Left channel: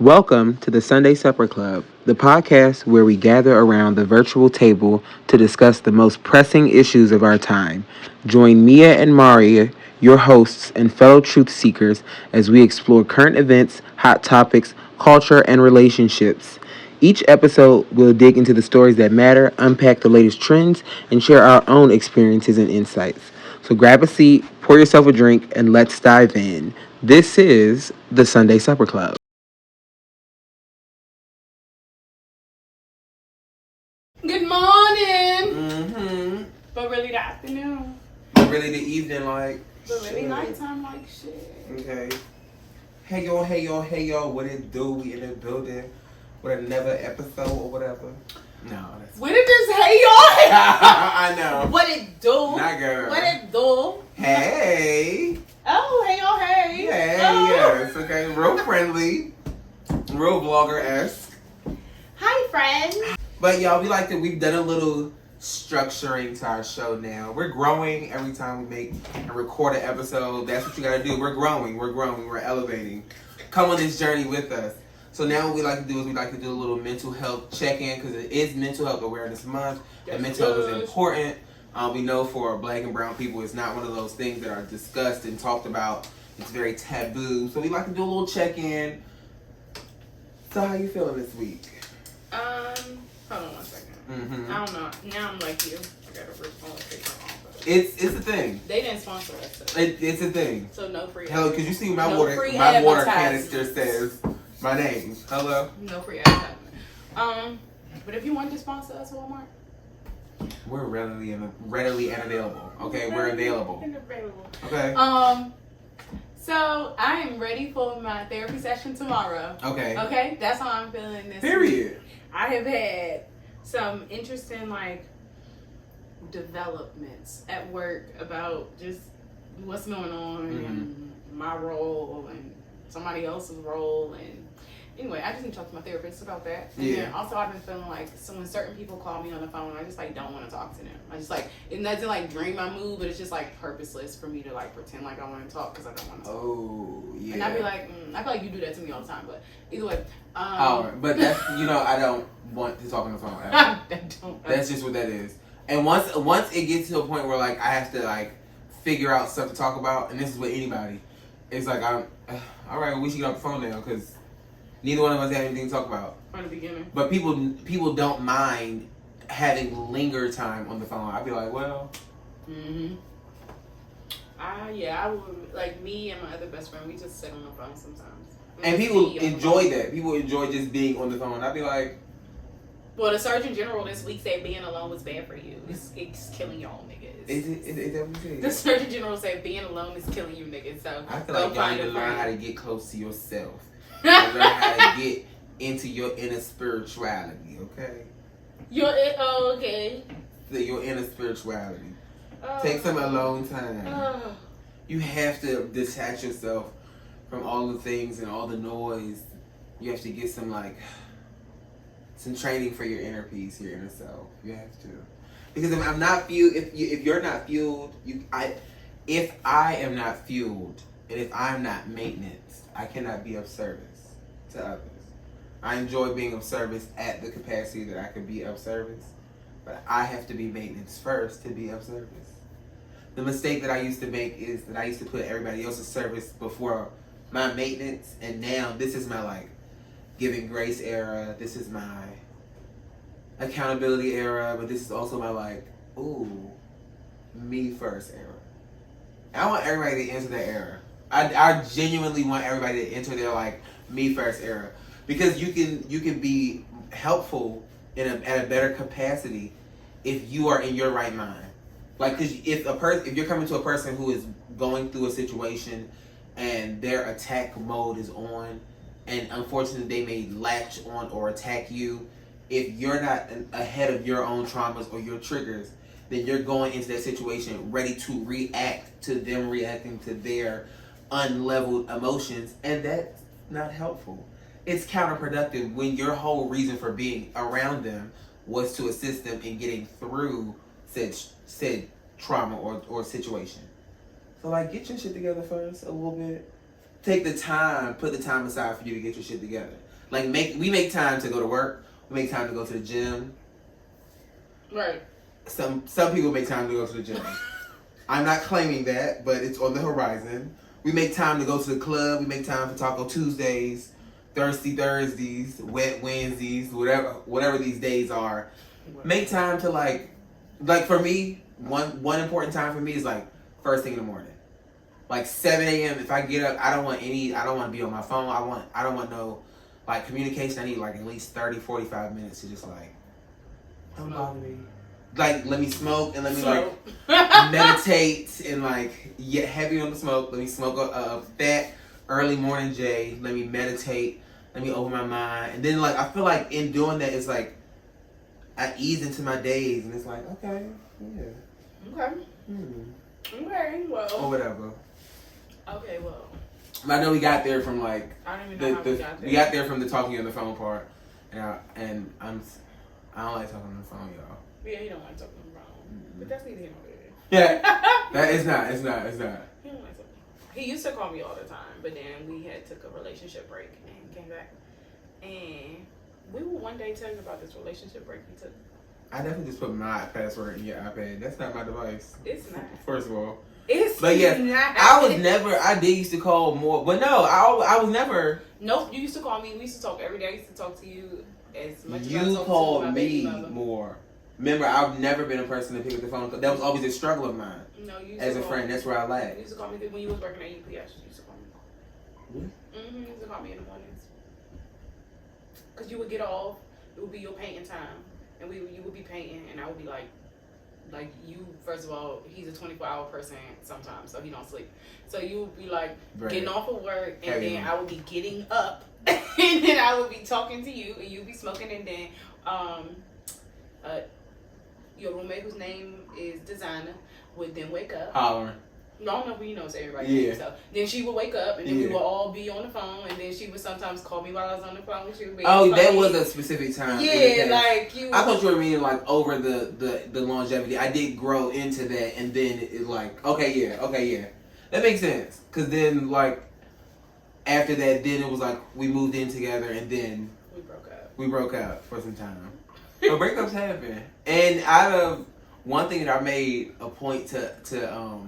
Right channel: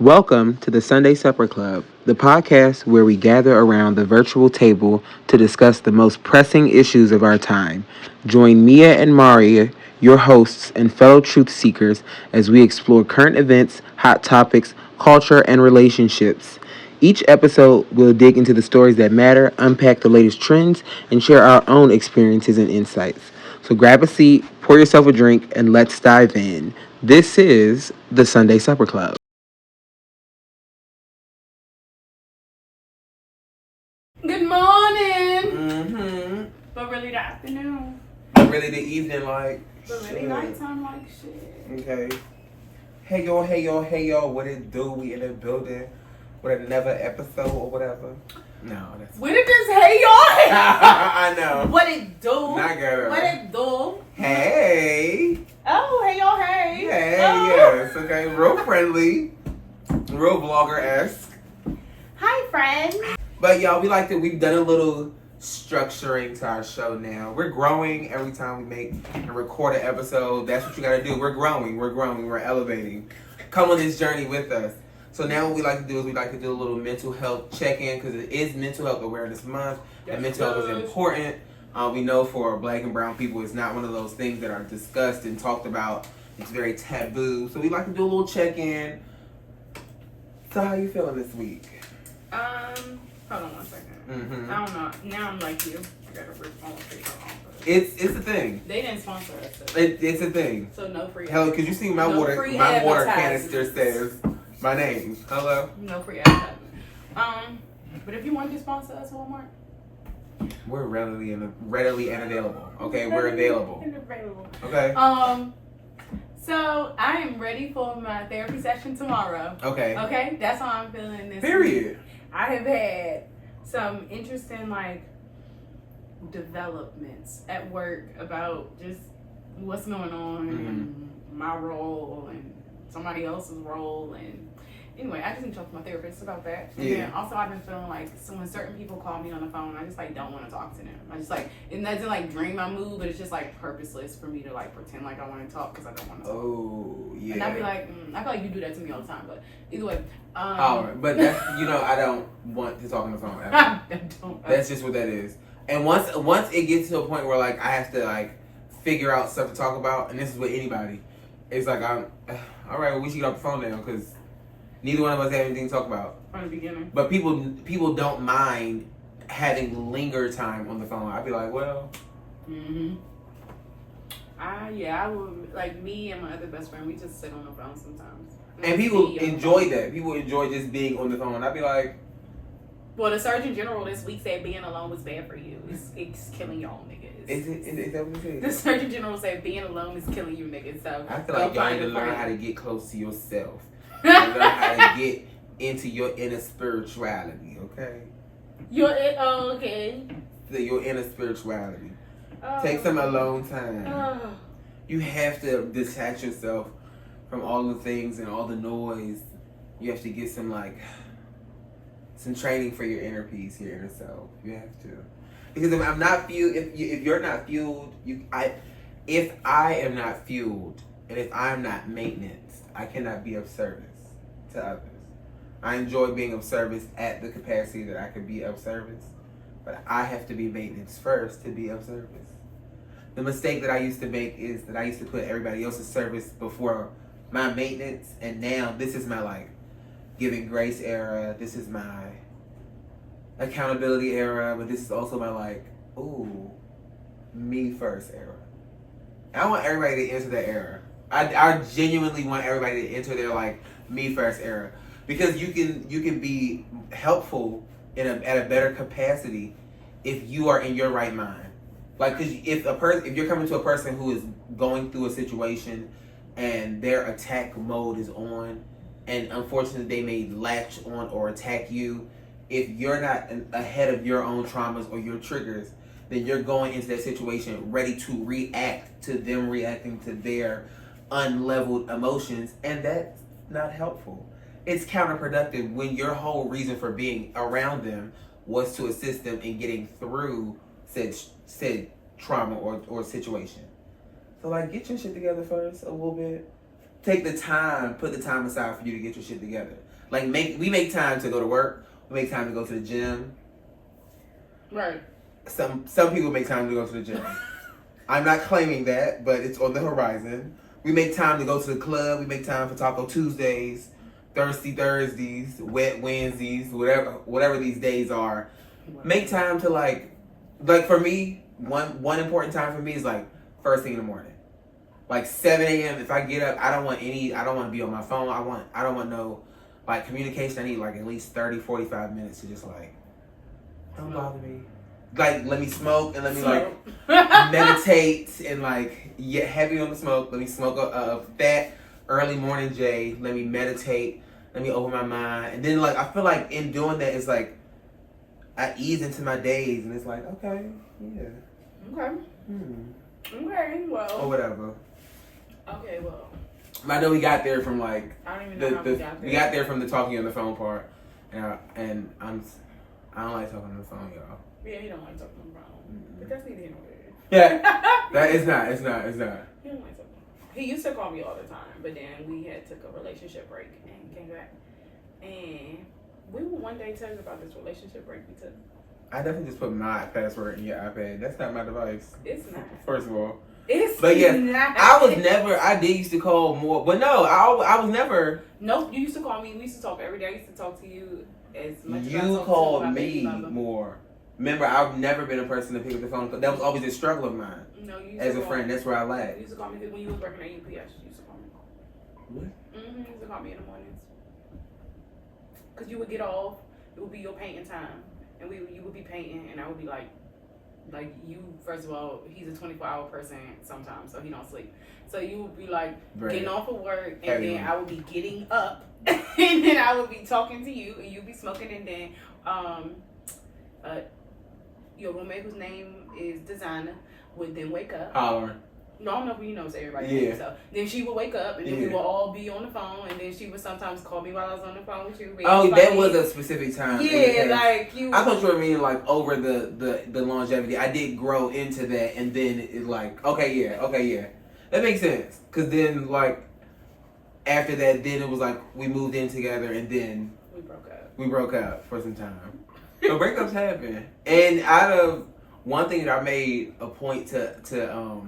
Welcome to the Sunday Supper Club, the podcast where we gather around the virtual table to discuss the most pressing issues of our time. Join Miah and Marii, your hosts and fellow truth seekers, as we explore current events, hot topics, culture, and relationships. Each episode will dig into the stories that matter, unpack the latest trends, and share our own experiences and insights. So grab a seat, pour yourself a drink, and let's dive in. This is the Sunday Supper Club. Good morning. Mm-hmm. But really the afternoon. But really the evening, like. But really nighttime, like shit. Okay. Hey y'all, what it do? We in the building with another episode or whatever. No, that's. What did this hey y'all? I know. What it do? Not girl. What it do? Hey. Oh, hey y'all, hey. Hey, Oh. yes, okay. Real friendly. Real vlogger-esque. Hi, friends. But y'all, we've done a little structuring to our show now. We're growing every time we make and record an episode. That's what you gotta do. We're growing, we're elevating. Come on this journey with us. So now what we like to do is we like to do a little mental health check-in because it is Mental Health Awareness Month. And mental health is important. We know for Black and brown people, it's not one of those things that are discussed and talked about. It's very taboo. So we like to do a little check-in. So how you feeling this week? Hold on one second. Mm-hmm. I don't know. Now I'm like you. I gotta rip all the paper off. It's a thing. They didn't sponsor us. So, It's a thing. so no free. Hell, because you see my no water free canister says my name. Hello? No free advertisement. But if you want to sponsor us, Walmart. We're readily and available. Okay, we're available. Okay. So I am ready for my therapy session tomorrow. Okay. Okay, that's how I'm feeling this Period. week. I have had some interesting developments at work about just what's going on and my role and somebody else's role, and anyway, I just need to talk to my therapist about that. And then also I've been feeling like when certain people call me on the phone, I just don't want to talk to them. I just it doesn't drain my mood, but it's just purposeless for me to pretend like I want to talk because I don't want to talk. Oh, yeah. And I'd be like, I feel like you do that to me all the time, but either way. Alright, but that's, I don't want to talk on the phone ever. I don't. That's just what that is. And once it gets to a point where I have to figure out stuff to talk about, and this is with anybody, it's I'm alright, well, we should get off the phone now because neither one of us have anything to talk about. From the beginning. But people don't mind having linger time on the phone. I'd be like, well. Mm-hmm. I would, me and my other best friend, we just sit on the phone sometimes. And people enjoy that. People enjoy just being on the phone. I'd be like. Well, the Surgeon General this week said being alone was bad for you. It's killing y'all niggas. Is that what you said? The Surgeon General said being alone is killing you niggas. So I feel like y'all need to learn how to get close to yourself. And learn how to get into your inner spirituality, okay? Okay. Your inner spirituality. Take some alone time. You have to detach yourself from all the things and all the noise. You have to get some training for your inner peace, your inner self. You have to, because if I'm not fueled, if you're not fueled, if I am not fueled, and if I'm not maintenance, I cannot be of service to others. I enjoy being of service at the capacity that I can be of service, but I have to be maintenance first to be of service. The mistake that I used to make is that I used to put everybody else's service before my maintenance, and now this is my giving grace era. This is my accountability era, but this is also my me first era. I want everybody to enter that era. I genuinely want everybody to enter their me first era, because you can be helpful at a better capacity if you are in your right mind. Because if you're coming to a person who is going through a situation and their attack mode is on, and unfortunately they may latch on or attack you, if you're not ahead of your own traumas or your triggers, then you're going into that situation ready to react to them reacting to their unleveled emotions, and that's not helpful. It's counterproductive when your whole reason for being around them was to assist them in getting through said trauma or situation. So get your shit together first a little bit. put the time aside for you to get your shit together. Like we make time to go to work. We make time to go to the gym. Right. Some people make time to go to the gym. I'm not claiming that, but it's on the horizon. We make time to go to the club. We make time for Taco Tuesdays, Thirsty Thursdays, Wet Wednesdays, whatever these days are. Make time to like for me, one important time for me is like first thing in the morning. Like 7 a.m. If I get up, I don't want to be on my phone. I don't want no like communication. I need like at least 30, 45 minutes to just like, don't bother me. Like, let me smoke and let me like meditate and like get heavy on the smoke. Let me smoke a fat early morning J. Let me meditate. Let me open my mind. And then like, I feel like in doing that, it's like, I ease into my days and it's like, okay, yeah. Okay. Okay, well. Or whatever. Okay, well. I know we got there from like, I don't even know how we got there. We got there from the talking on the phone part. And I don't like talking on the phone, y'all. Yeah, he don't like talking on the phone. But that's neither here nor there. Yeah. It's not. He don't like talking. He used to call me all the time, but then we took a relationship break and came back. And we will one day tell you about this relationship break we took. I definitely just put my password in your iPad. That's not my device. It's not. First of all. But yeah, not. I did used to call more, but no, I was never. Nope, you used to call me. We used to talk every day. I used to talk to you as much as I You talked called to my me baby mother. more. Remember, I've never been a person to pick up the phone. That was always a struggle of mine. No, you used as to a friend, that's where I lacked. You used to call me when you was working at UPS. You used to call me. What? You used to call me in the mornings. Because you would get off. It would be your painting time. And you would be painting, and I would be like you, first of all, he's a 24-hour person sometimes, so he don't sleep. So you would be like getting off of work, and then I would be getting up, and then I would be talking to you, and you'd be smoking, and then your roommate, whose name is Designer, would then wake up. Holler. No, I don't know if you knows everybody. Yeah. So then she would wake up, and then we would all be on the phone, and then she would sometimes call me while I was on the phone with you. That was a specific time. Yeah, like you. I thought you were meaning like over the longevity. I did grow into that, and then it like okay, yeah, that makes sense. Cause then like after that, then it was like we moved in together, and then we broke up for some time. But breakups happen, and out of one thing that I made a point to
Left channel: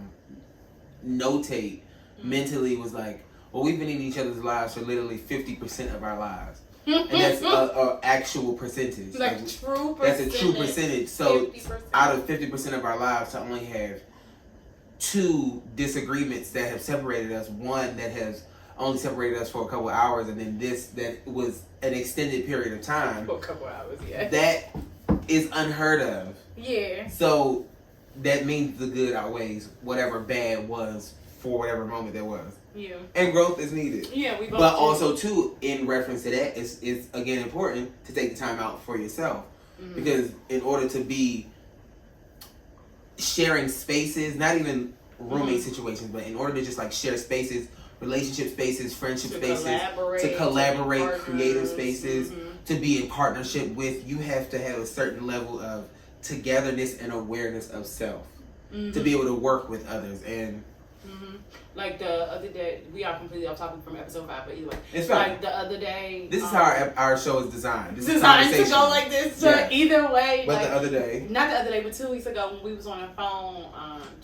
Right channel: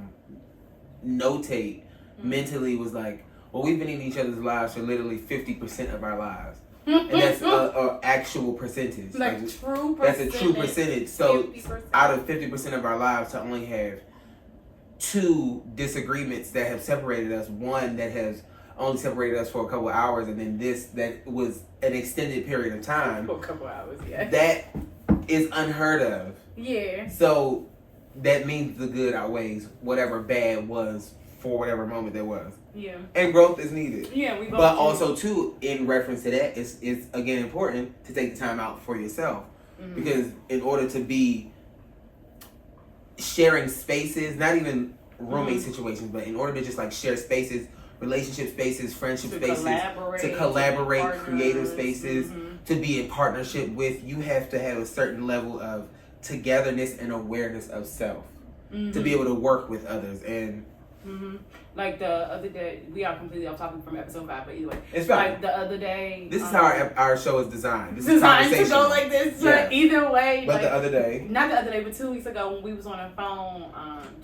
notate mentally was like, well, we've been in each other's lives for literally 50% of our lives, and that's a actual percentage. Like true percentage. That's a true percentage. So 50%. out of 50% of our lives, to only have 2 disagreements that have separated us, one that has only separated us for a couple hours, and then this that was an extended period of time. For a couple hours, yeah. That is unheard of. Yeah. So that means the good outweighs whatever bad was for whatever moment there was. Yeah. And growth is needed. Yeah, we both. But also too, in reference to that, it's again important to take the time out for yourself. Because in order to be sharing spaces, not even roommate situations, but in order to just like share spaces, relationship spaces, friendship spaces, to collaborate, creative spaces, to be in partnership with, you have to have a certain level of togetherness and awareness of self to be able to work with others. And like the other day, we are completely off topic from episode 5, but either way, it's fine. Like the other day, this is how our show is designed. This is designed to go like this. So either way, but like, the other day, not the other day, but 2 weeks ago when we was on the phone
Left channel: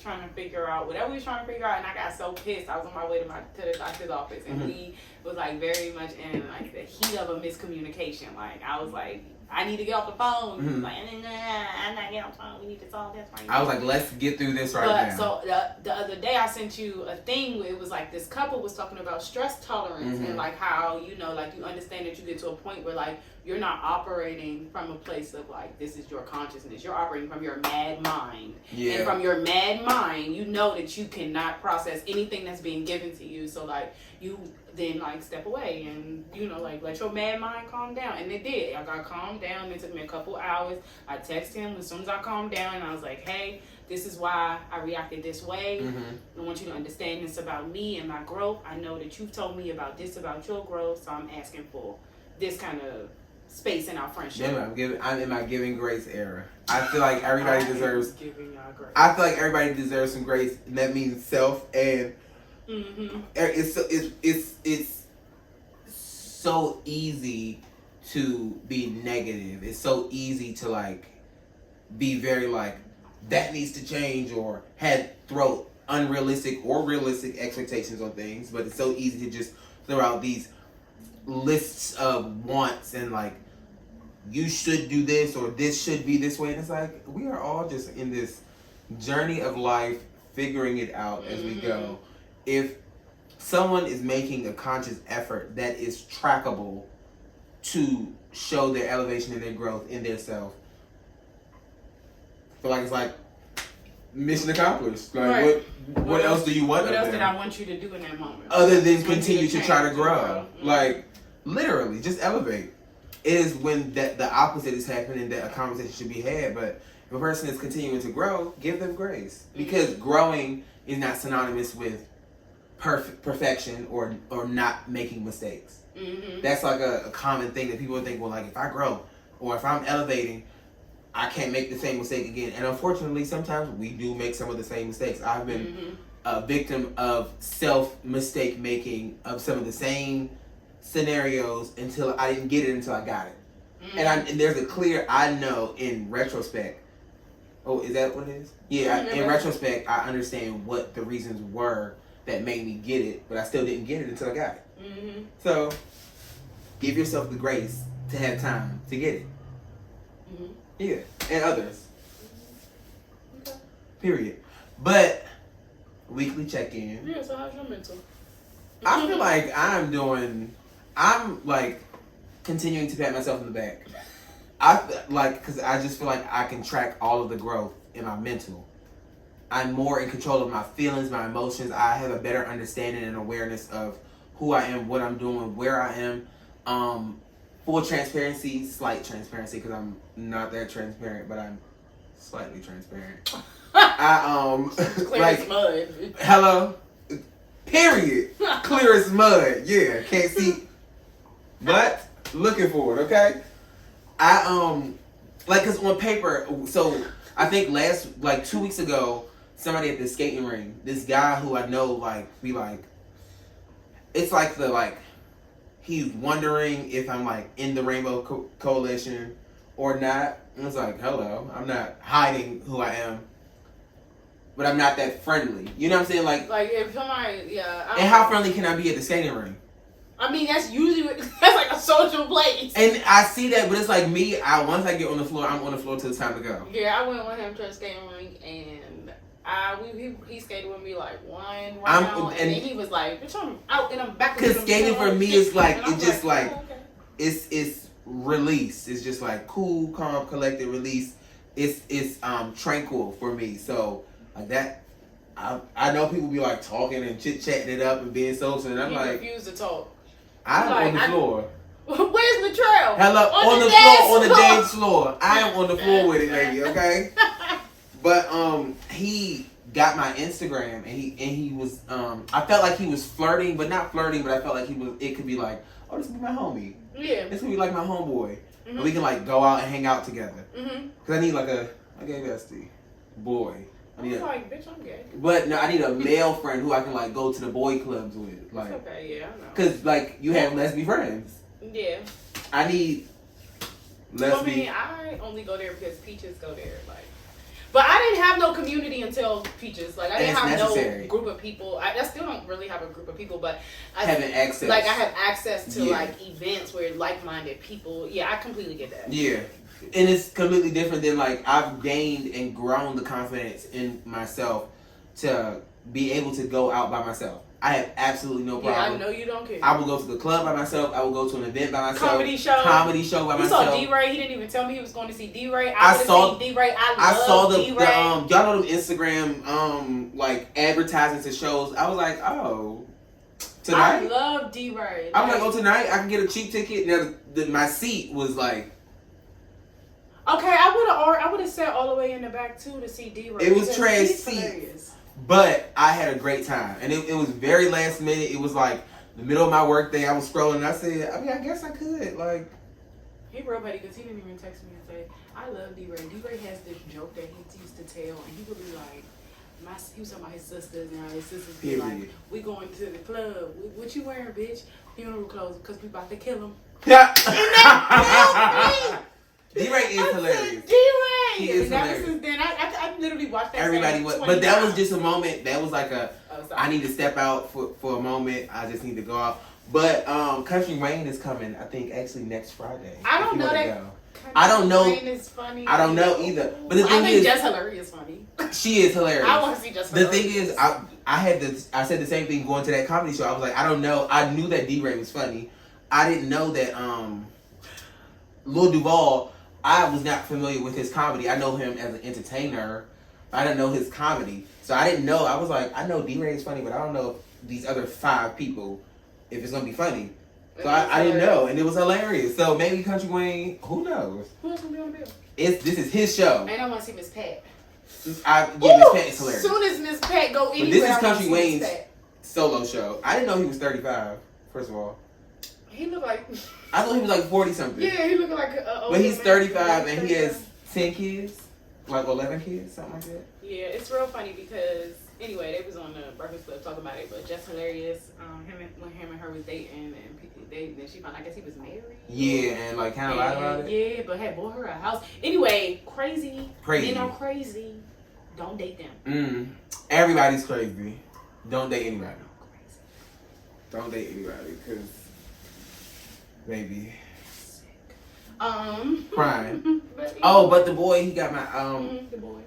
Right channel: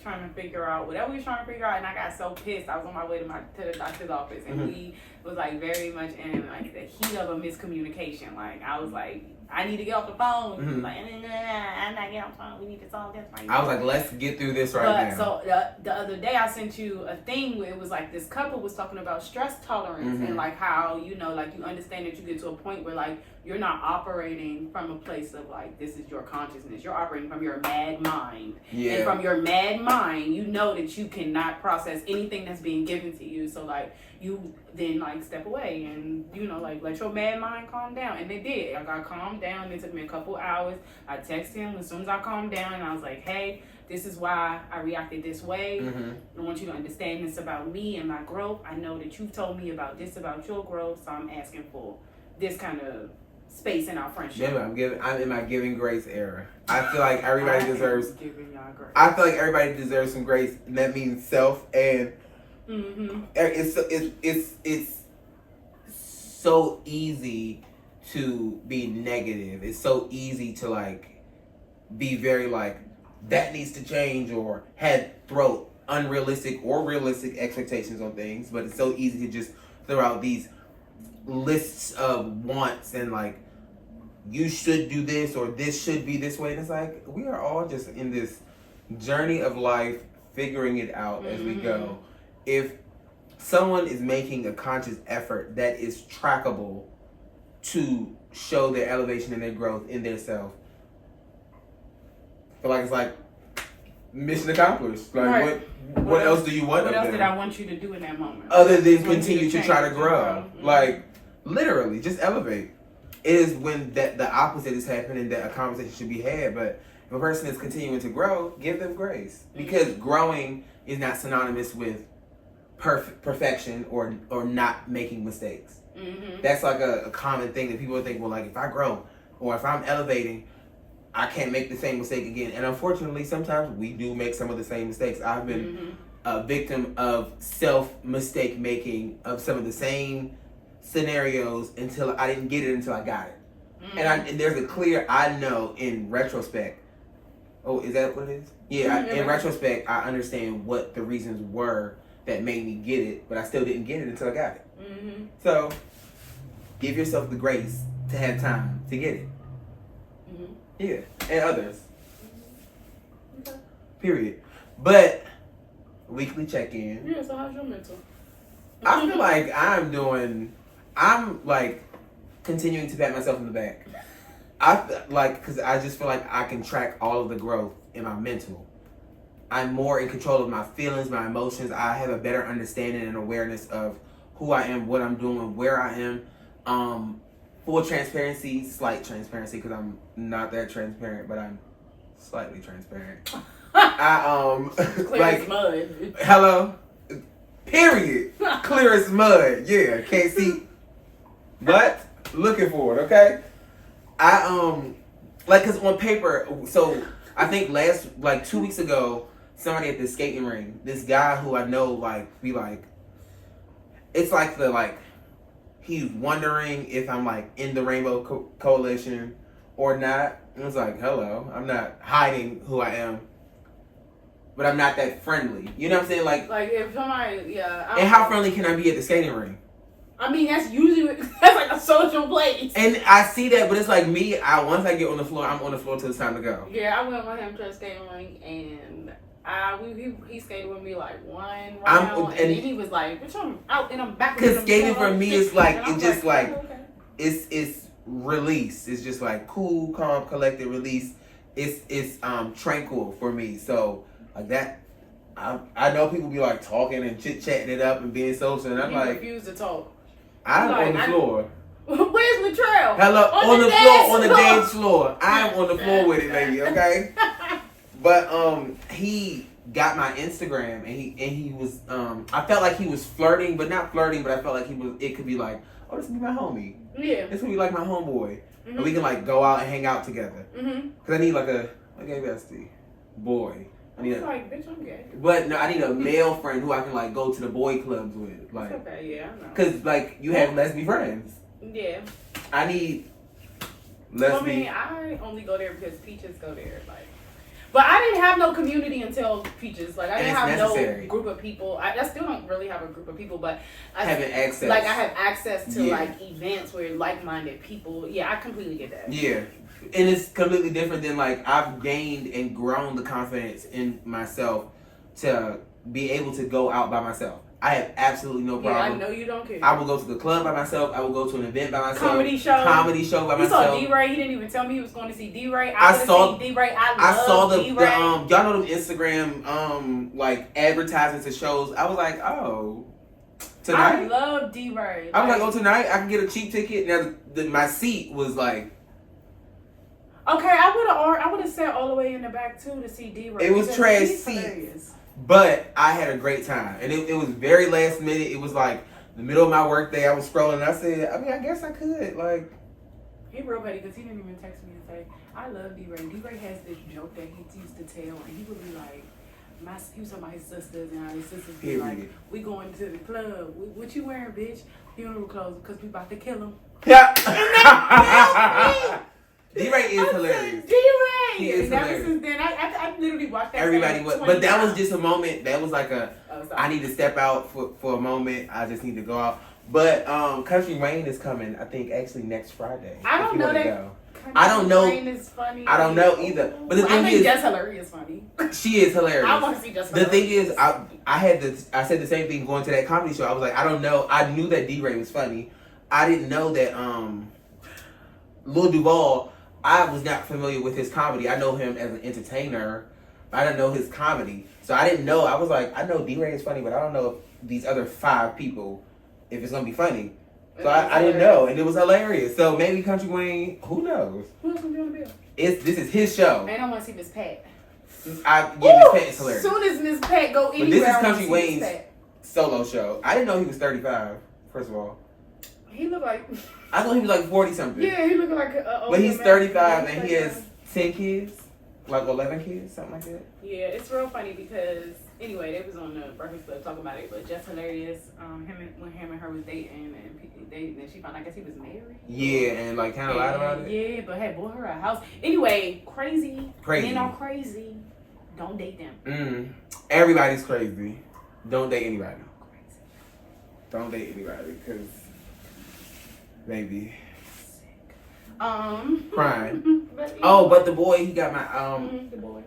trying to figure out whatever we was trying to figure out, and I got so pissed. I was on my way to the doctor's office, and we was like very much in like the heat of a miscommunication. Like I was like, I need to get off the phone. He was like, I'm not getting off the phone. We need to solve this right now. I was like, let's get through this now. So the other day I sent you a thing where it was like this couple was talking about stress tolerance and like how, you know, like you understand that you get to a point where like you're not operating from a place of like, this is your consciousness. You're operating from your mad mind. Yeah. And from your mad mind, you know that you cannot process anything that's being given to you. So like you then like step away and, you know, like let your mad mind calm down. And they did. I got calmed down. It took me a couple hours. I texted him as soon as I calmed down, and I was like, hey, this is why I reacted this way. I want you to understand this about me and my growth. I know that you've told me about this about your growth, so I'm asking for this kind of space in our friendship. I'm in my giving grace era. I feel like everybody deserves. Giving y'all grace. I feel like everybody deserves some grace, and that means self and Mm-hmm. It's so easy to be negative. It's so easy to like be very like that needs to change or throw unrealistic or realistic expectations on things. But it's so easy to just throw out these lists of wants and like you should do this or this should be this way. And it's like we are all just in this journey of life, figuring it out as we go. If someone is making a conscious effort that is trackable to show their elevation and their growth in their self, I feel like it's like mission accomplished. Like right. what else do you want? What else did I want you to do in that moment? Other than continue to try to grow. Like literally, just elevate. It is when the opposite is happening that a conversation should be had. But if a person is continuing to grow, give them grace, because growing is not synonymous with perfection or not making mistakes. That's like a common thing that people think, well, like if I grow or if I'm elevating, I can't make the same mistake again. And unfortunately, sometimes we do make some of the same mistakes. I've been a victim of self-mistake making of some of the same scenarios until I didn't get it until I got it. And there's a clear, I know in retrospect. Oh, is that what it is? Yeah, in retrospect, I understand what the reasons were that made me get it, but I still didn't get it until I got it. So, give yourself the grace to have time to get it. Yeah, and others. Okay. Period. But, weekly check-in. Yeah, so how's your mental? I feel like I'm like continuing to pat myself on the back. Because I just feel like I can track all of the growth in my mental. I'm more in control of my feelings, my emotions. I have a better understanding and awareness of who I am, what I'm doing, where I am. Full transparency, slight transparency, because I'm not that transparent, but I'm slightly transparent. Clear like as mud. Hello. Period. Clear as mud. Yeah, can't see, but looking for it. Okay. Cause on paper. So I think 2 weeks ago, somebody at the skating ring, this guy who I know, it's like he's wondering if I'm like in the Rainbow Coalition or not. And it's like, hello, I'm not hiding who I am, but I'm not that friendly. You know what I'm saying? Like if somebody, yeah. And how friendly can I be at the skating ring? I mean, that's usually that's like a social place. And I see that, but it's like me. Once I get on the floor, I'm on the floor till it's time to go. Yeah, I went with him to the skating ring, and he skated with me like one round, and then he was like, "Bitch, I'm out and I'm back." Because skating for me is like it's just like okay. it's release. It's just like cool, calm, collected release. It's tranquil for me. So like that. I know people be like talking and chit chatting it up and being social, and I'm like, refuse to talk. I'm on the floor. Where's Latrell? Hello, on the floor, on the dance floor. I am on the floor with it, baby. Okay. But he got my Instagram, and he was I felt like he was flirting, but not flirting. But I felt like he was. It could be like, oh, this could be my homie. Yeah. This could be like my homeboy, and we can like go out and hang out together. Cause I need like a gay bestie, boy. I need like, bitch, I'm gay. But no, I need a male friend who I can like go to the boy clubs with. Like, okay, yeah, I know. Cause like you have lesbian friends. Yeah. I need lesbian. I mean, I only go there because Peaches go there. Like, but I didn't have no community until Peaches. Like, I didn't have no group of people. I still don't really have a group of people, but having access. Like, I have access to like events where like-minded people. Yeah, I completely get that. Yeah. And it's completely different than like I've gained and grown the confidence in myself to be able to go out by myself. I have absolutely no problem. Yeah, I know you don't care. I will go to the club by myself. I will go to an event by myself. Comedy show by myself. You saw D-Ray. He didn't even tell me he was going to see D-Ray. I saw D-Ray. I saw the y'all know them Instagram like advertisements and shows. I was like, oh, tonight. I love D-Ray. I was like, oh, tonight I can get a cheap ticket. Now my seat was like. Okay, I would have sat all the way in the back too to see D-Ray. It was trash seats, but I had a great time, and it was very last minute. It was like the middle of my work day. I was scrolling, and I said, I mean, I guess I could. Like, he real petty because he didn't even text me and say, I love D-Ray. D-Ray has this joke that he used to tell, and he would be like, he was talking about his sisters now. His sisters be like, we going to the club. What you wearing, bitch? Funeral clothes, because we about to kill him. Yeah. D-Ray is hilarious. D-Ray! He is Ever hilarious. since then, I literally watched that. Everybody was, but that was just a moment. That was like I need to step out for a moment. I just need to go off. But Country Rain is coming, I think, actually next Friday. I don't know that. I don't know. Rain is funny. I don't know either. But the thing I think is, Just Hilarious funny. She is hilarious. I want to see Just Hilarious. Hilarious. The thing is, I said the same thing going to that comedy show. I was like, I don't know. I knew that D-Ray was funny. I didn't know that Lil Duval, I was not familiar with his comedy. I know him as an entertainer. I didn't know his comedy. So I didn't know. I was like, I know D-Ray is funny, but I don't know if these other 5 people, if it's going to be funny. So I didn't know. And it was hilarious. So maybe Country Wayne, who knows? Who's going to be on the bill? This is his show. And I want to see Miss Pat. Miss Pat is hilarious. As soon as Miss Pat go anywhere, but this is Country Wayne's solo show. I didn't know he was 35, first of all. He looked like... I thought he was like 40 something. Yeah, he looked like a but he's 35 and he has 10 kids. Like 11 kids, something like that. Yeah, it's real funny because... Anyway, they was on the Breakfast Club talking about it, but Just Hilarious, when him and her was dating, and then she found, I guess he was married. Yeah, and like kind of lied about it. Yeah, but hey, bought her a house. Anyway, crazy. Men are crazy. Don't date them. Everybody's crazy. Don't date anybody. Don't date anybody, because maybe. Crying. But the boy, he got my the boy.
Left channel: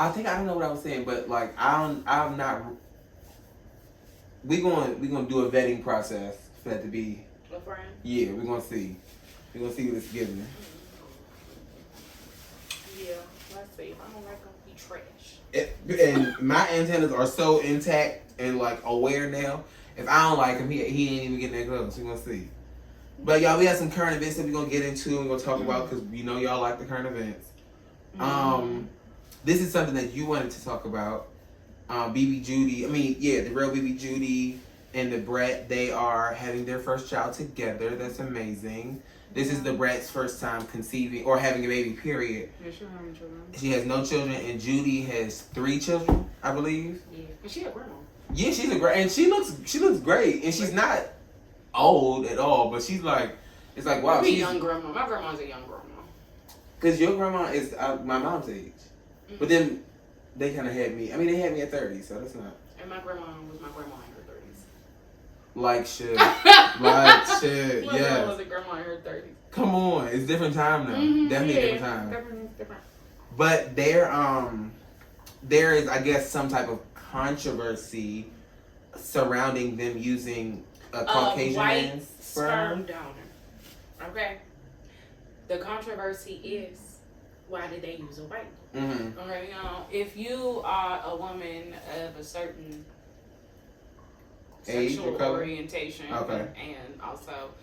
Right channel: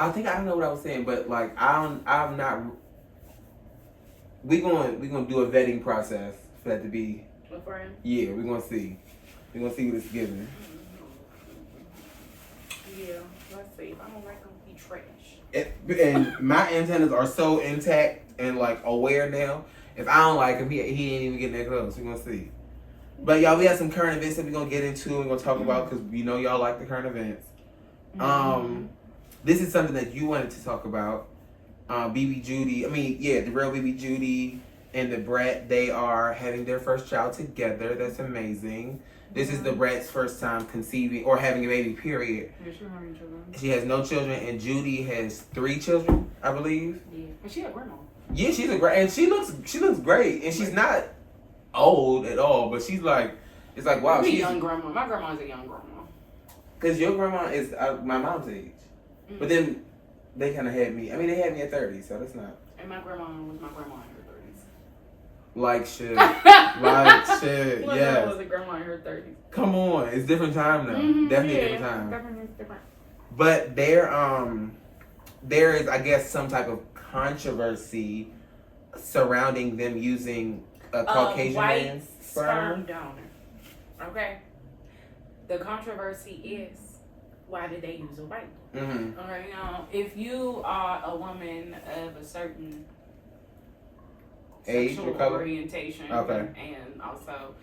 I don't know what I was saying, but like I'm not. We gonna do a vetting process for that to be. A friend. Yeah, we're gonna see. We're gonna see what it's giving. Yeah, let's see. If I don't like them, he trash. And my antennas are so intact and like aware now. If I don't like him, he ain't even getting that close. We're gonna see. But y'all, we have some current events that we're gonna get into and we're gonna talk about because we know y'all like the current events. This is something that you wanted to talk about. BB Judy, the real BB Judy and the Brett, they are having their first child together. That's amazing. This is the Brett's first time conceiving or having a baby, period. Yeah, she don't have any children. She has no children, and Judy has 3 children, I believe. Yeah, and she a grandma. Yeah, she's a great, and she looks great, and she's not old at all, but she's like, it's like, wow. She's a young grandma. My grandma's a young grandma. Because your grandma is my mom's age. But then they kind of had me. They had me at 30, so that's not. And my grandma was my grandma in her 30s. Like shit. Like shit. My yes. grandma was a grandma in her 30s. Come on, it's different time now. Definitely a different time. Definitely different. But there is, I guess, some type of controversy surrounding them using a Caucasian man's sperm donor. Okay. The controversy is, why did they use a white one? Okay, now, if you are a woman of a certain age sexual orientation and also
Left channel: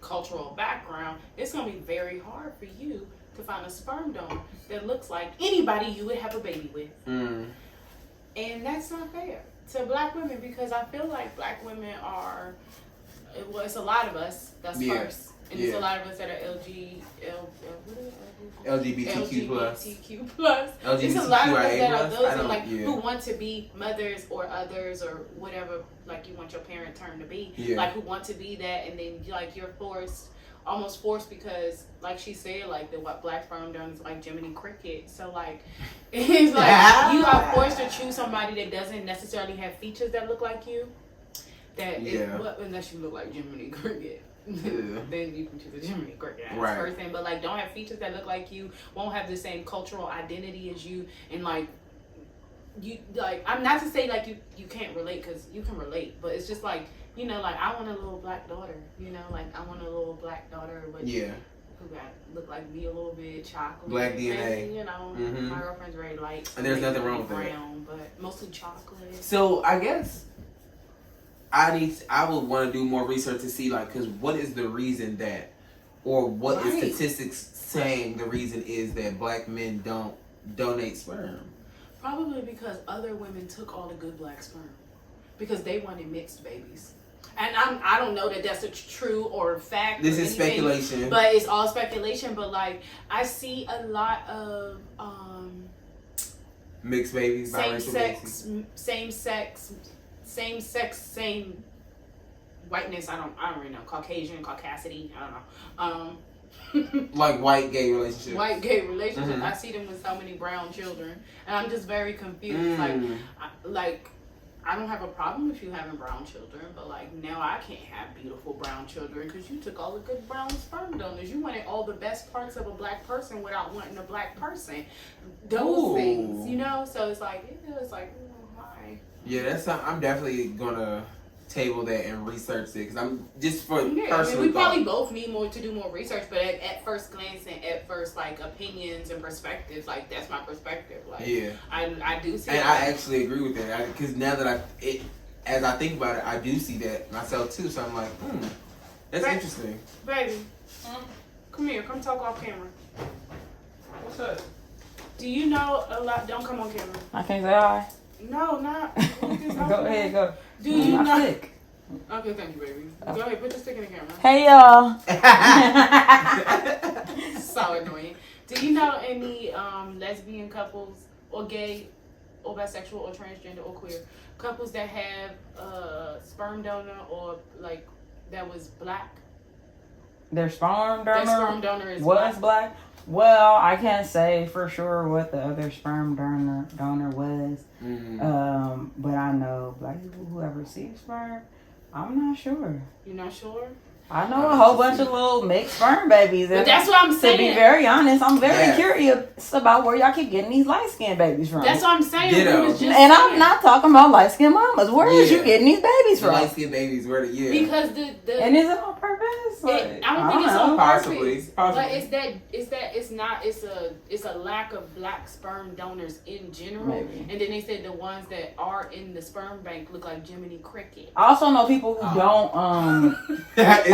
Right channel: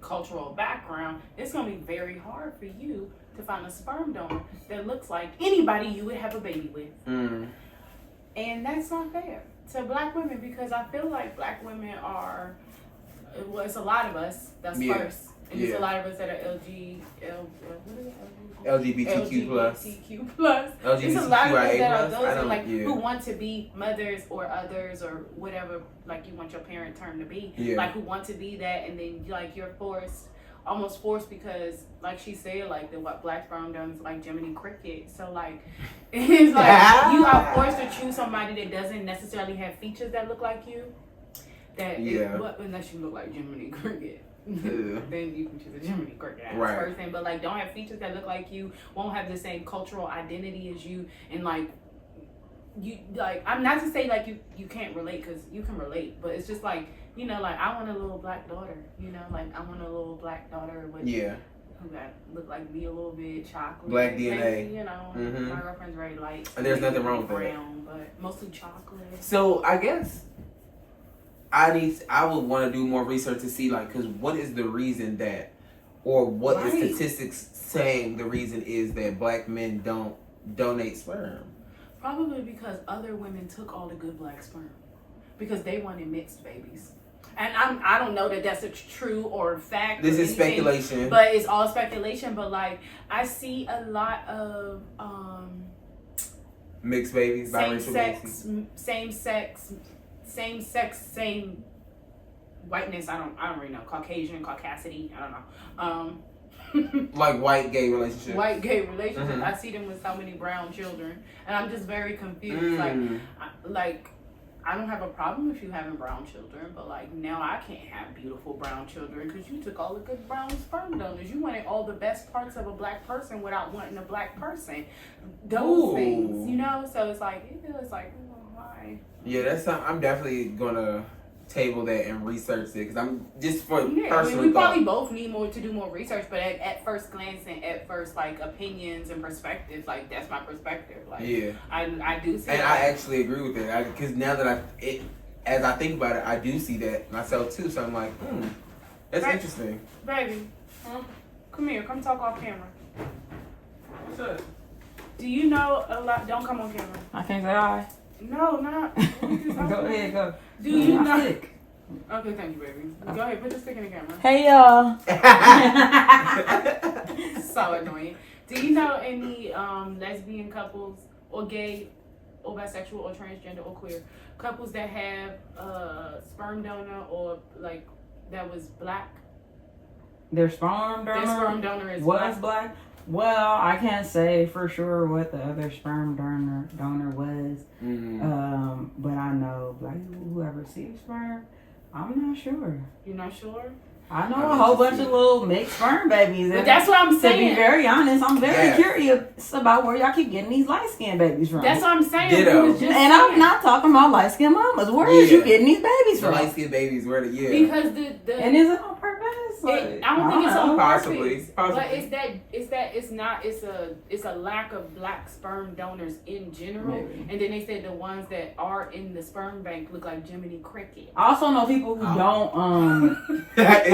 cultural background, it's going to be very hard for you to find a sperm donor that looks like anybody you would have a baby with. And that's not fair to black women, because I feel like black women are, it's a lot of us that's first. And there's a lot of us that are LGBTQ plus. There's a lot of us that are those who want to be mothers or others or whatever, like you want your parent term to be. Like who want to be that, and then like you're almost forced because, like she said, like the black sperm donor is like Jiminy Cricket. So like it's like you are forced to choose somebody that doesn't necessarily have features that look like you. Unless you look like Jiminy Cricket. Then you can choose a Jiminy Cricket person, but like don't have features that look like you, won't have the same cultural identity as you, and like you, like I'm not to say like you can't relate, because you can relate, but it's just like, you know, like I want a little black daughter, you know, like I want a little black daughter with who got look like me a little bit, chocolate, black DNA, you know. My girlfriend's very light, and there's nothing wrong with brown, but mostly chocolate. So I guess I would want to do more research to see, like, because what is the reason that, or what is statistics saying the reason is that black men don't donate sperm? Probably because other women took all the good black sperm because they wanted mixed babies. And I don't know that that's a true or fact. This is speculation. But it's all speculation. But like I see a lot of Mixed babies, same biracial sex, babies. same sex, same whiteness. I don't really know. Caucasian, caucasity. I don't know. Like white gay relationships. White gay relationships. I see them with so many brown children, and I'm just very confused. Like I don't have a problem with you having brown children, but like now I can't have beautiful brown children because you took all the good brown sperm donors. You wanted all the best parts of a black person without wanting a black person. Those things, you know. So it's like why? Yeah, that's I'm definitely gonna table that and research it because I'm just for personal. I mean, we probably both need to do more research, but at first glance and at first like opinions and perspectives, like that's my perspective. Like I do see. And that. I actually agree with that because now that as I think about it, I do see that myself too. So I'm like, that's interesting. Baby, come here, come talk off camera. What's up? Do you know a lot? Don't come on camera. I can't say hi. No, not. Go ahead, go. Do you know? Stick. Okay, thank you, baby. Go ahead, put your stick in the camera. Hey y'all. So annoying. Do you know any lesbian couples or gay or bisexual or transgender or queer couples that have sperm donor or like that was black? Their sperm donor. Their sperm donor is was black. Well, I can't say for sure what the other sperm donor was. But I know black people who have received sperm. I'm not sure. You're not sure? I know a whole bunch of little mixed sperm babies. But that's what I'm saying. To be very honest, I'm very curious about where y'all keep getting these light skinned babies from. That's what I'm saying. I'm not talking about light skinned mamas. Where is you getting these babies from? Light skinned babies, where because the and is it on purpose? I don't think it's on purpose. Possibly. But it's a lack of black sperm donors in general. Maybe. And then they said the ones that are in the sperm bank look like Jiminy Cricket. I also know people who don't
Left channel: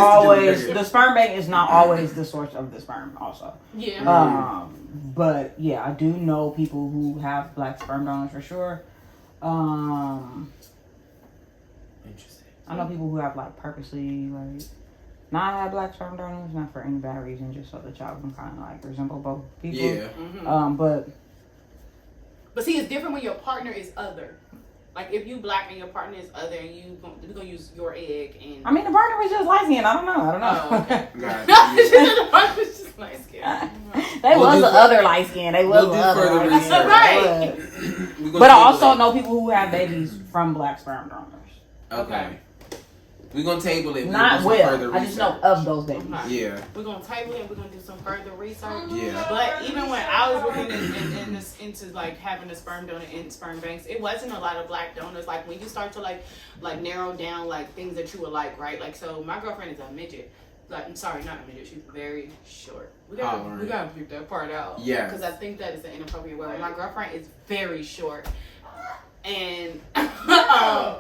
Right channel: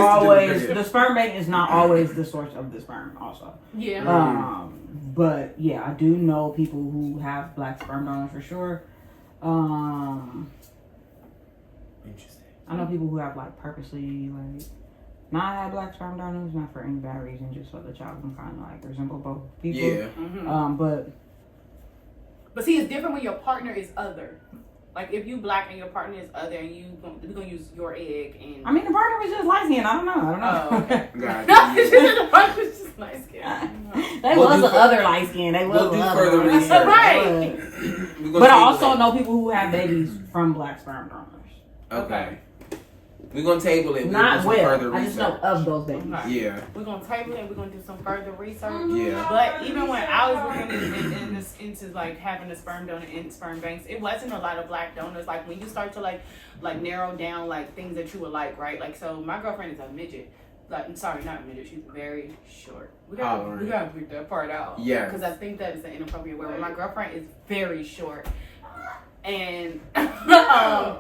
always the sperm bank is not always the source of the sperm also. Yeah. But yeah, I do know people who have black sperm donors for sure. Interesting. I know people who have like purposely like not have black sperm donors, not for any bad reason, just so the child can kind of like resemble both people. Yeah. But see, it's different when your partner is other. Like if you black and your partner is other, and we're gonna use your egg and. I mean, the partner was just light skinned. I don't know. Oh, okay. The partner was just light skinned. They was the other light skinned. They was do further research. Right. But I also know people who have babies from black sperm donors. Okay. We're gonna table it. Not well. I just know of those babies. Yeah. We're gonna table it and we're gonna do some further research. Yeah. But even when I was looking into like having a sperm donor in sperm banks, it wasn't a lot of black donors. Like when you start to like narrow down like things that you would like, right? Like so my girlfriend is a midget. Like I'm sorry, not a midget, she's very short. We gotta pick that part out. Yeah. Because I think that is an inappropriate word. My girlfriend is very short. And I'm finna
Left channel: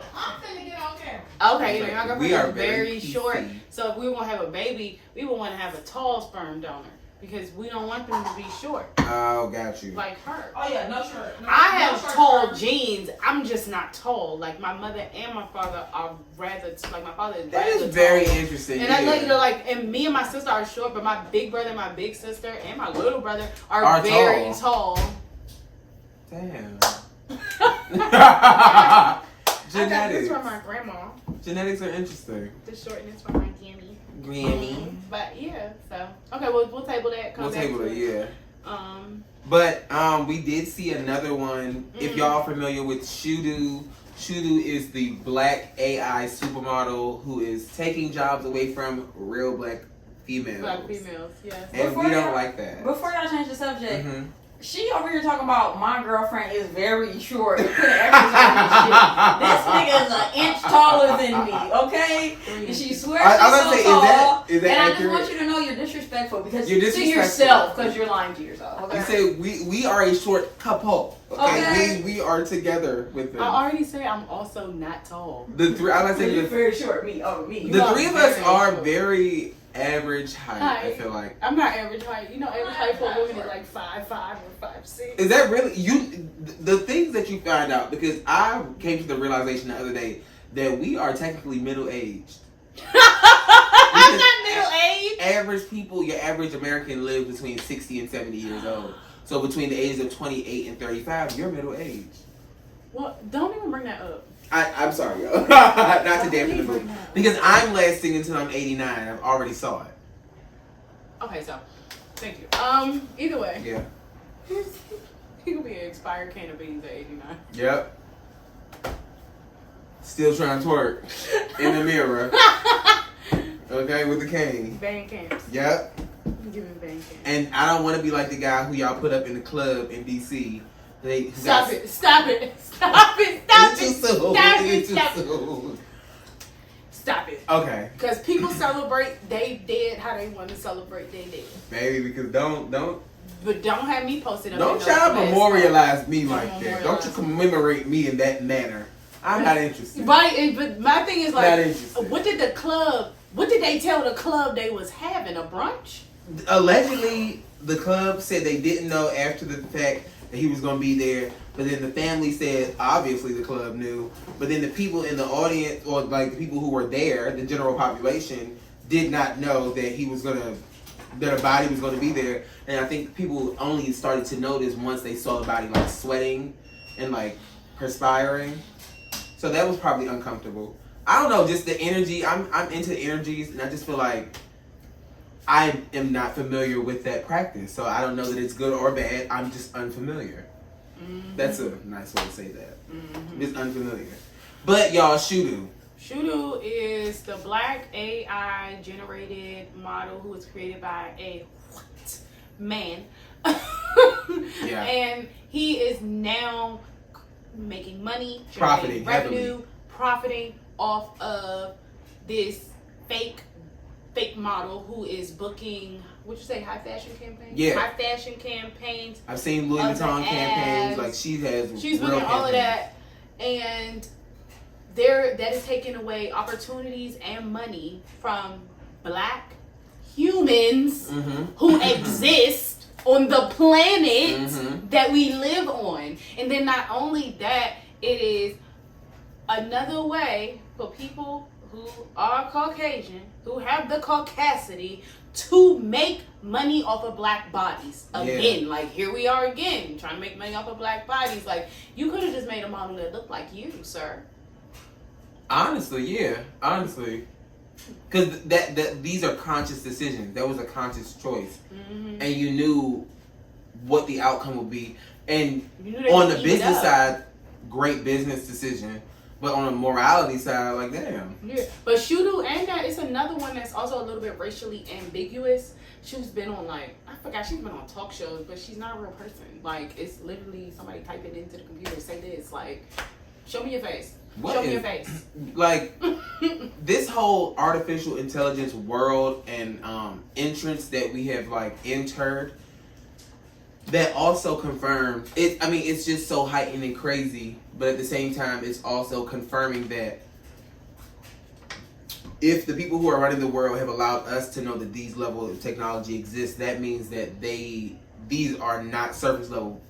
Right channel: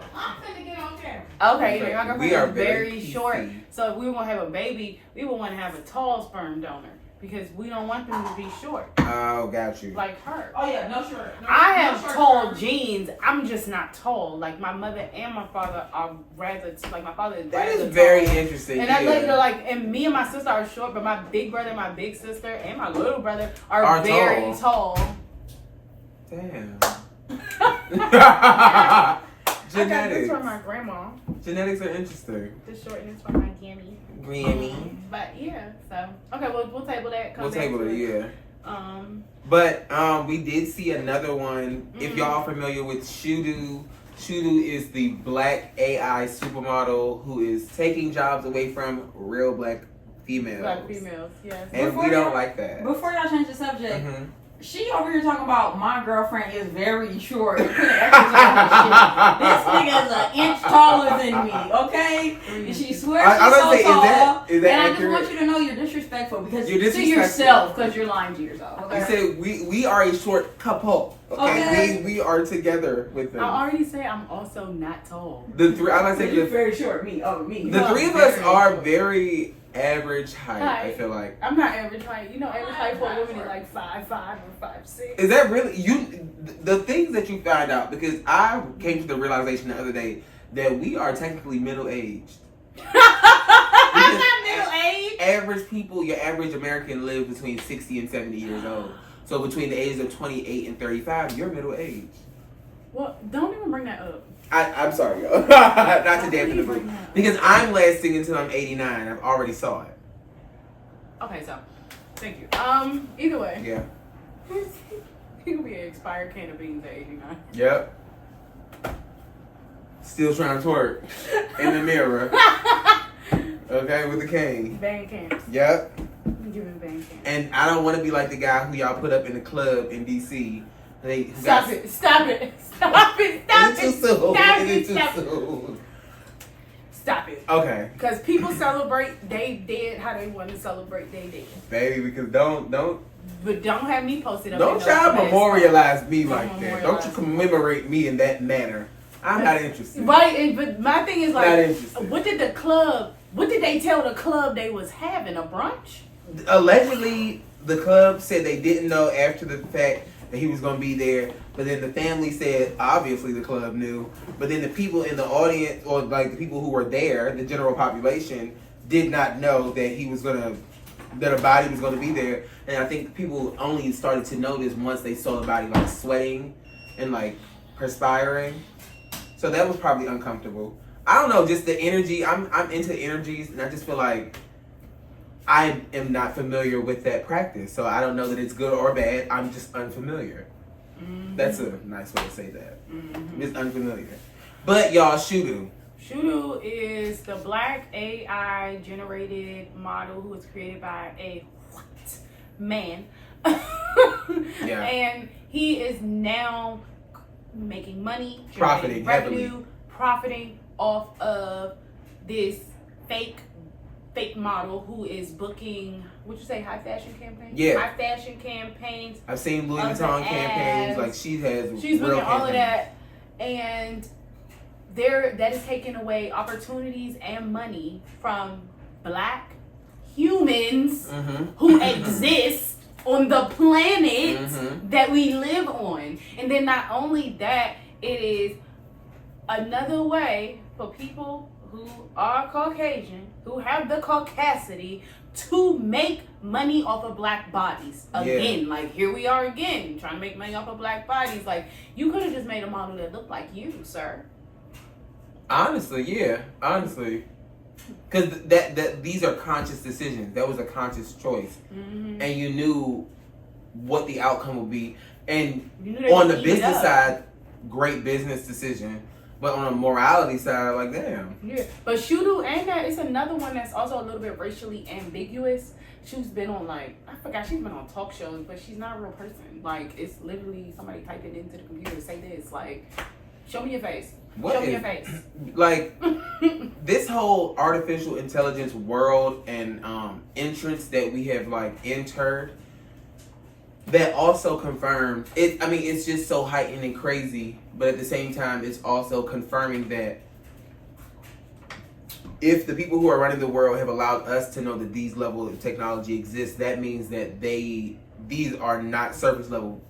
get on camera. okay, my girlfriend is very PC. short. So if we were gonna have a baby, we would want to have a tall sperm donor because we don't want them to be short. Oh, got you. Like her. Oh yeah, no shirt. I have tall genes. I'm just not tall. Like my mother and my father are rather. Like my father is That rather is very tall. interesting. And I look at like, and me and my sister are short, but my big brother, and my big sister, and my little brother are very tall. Damn. I got this Genetics. from my grandma. Genetics are interesting. The shortness from my Grammy. But yeah, so okay, we'll table that. We'll table it, yeah. But we did see another one. If y'all familiar with Shudu is the black AI supermodel who is taking jobs away from real black females. Black females, yes. And we don't like that. Before y'all change the subject, she over here talking about my girlfriend is very short. Put an X on this shit. This nigga is an inch taller than me, okay? And she swears she's so tall. Is that and accurate? I just want you to know you're disrespectful because You're to disrespectful. yourself because you're lying to yourself. Okay? You say we are a short couple. Okay, we are together with them. I already say I'm also not tall. The three, I like to say You're very short, me. the three of us are very average height. I feel like I'm not average height. You know, average height for a woman is like 5'5" or 5'6". Is that really you? The things that you find out, because I came to the realization the other day that we are technically middle aged. I'm not middle aged. Average people, your average American lives between 60 and 70 years old. So between the ages of 28 and 35, you're middle age. Well, don't even bring that up. I'm sorry, y'all. Not to dampen the Don't mood. bring that up. Because I'm lasting until I'm 89. I've already saw it. Okay, so thank you. Either way, Yeah. he could be an expired can of beans at 89. Yep. Still trying to twerk in the mirror. Okay, with the cane. Bang cans. Yep. I'm giving bang cans. And I don't want to be like the guy who y'all put up in the club in DC. Stop it! Stop it! Stop it! Stop it! It's too soon. Stop It's it! too Stop it! soon. Stop it! Okay. Because people celebrate they dead how they want to celebrate they dead. Baby, because don't But don't have me posted up. try to class. memorialize me Don't like that. memorialize Don't you commemorate me in that manner. I'm not interested. Right, but my thing is Not like, interested. what did they tell the club they was having? A brunch? Allegedly, the club said they didn't know after the fact that he was going to be there. But then the family said, obviously the club knew. But then the people in the audience, or like the people who were there, the general population, did not know that that a body was going to be there. And I think people only started to notice once they saw the body like sweating and like perspiring. So that was probably uncomfortable. I don't know, just the energy. I'm into energies, and I just feel like I am not familiar with that practice. So I don't know that it's good or bad. I'm just unfamiliar. Mm-hmm. That's a nice way to say that. Mm-hmm. Just unfamiliar. But y'all, Shudu. Shudu is the black AI generated model who was created by a white man. Yeah. And he is now making money, Profiting generating revenue, heavily. profiting off of this fake model who is booking, would you say high fashion campaigns? Yeah. High fashion campaigns. I've seen Louis Of the Vuitton campaigns. ads. Like she's She's real booking all of campaigns. that. And that is taking away opportunities and money from black humans Mm-hmm. who exist on the planet Mhm. that we live on. And then not only that, it is another way for people who are Caucasian, who have the caucasity to make money off of black bodies. Again, like here we are again, trying to make money off of black bodies. Like you could have just made a model that looked like you, sir. Honestly, yeah. Honestly. Because that these are conscious decisions. That was a conscious choice. Mm-hmm. And you knew what the outcome would be. And You knew they on would the eat it business up. side, great business decision. But on the morality side, like, damn. Yeah, but Shudu and that is another one that's also a little bit racially ambiguous. She's been on she's been on talk shows, but she's not a real person. Like it's literally somebody typing into the computer, say this, like, show me your face. What Show me is- your face. Like, this whole artificial intelligence world and entrance that we have, like, entered, that also confirmed it. I mean, it's just so heightened and crazy, but at the same time, it's also confirming that if the people who are running the world have allowed us to know that these levels of technology exist, that means that these are not surface level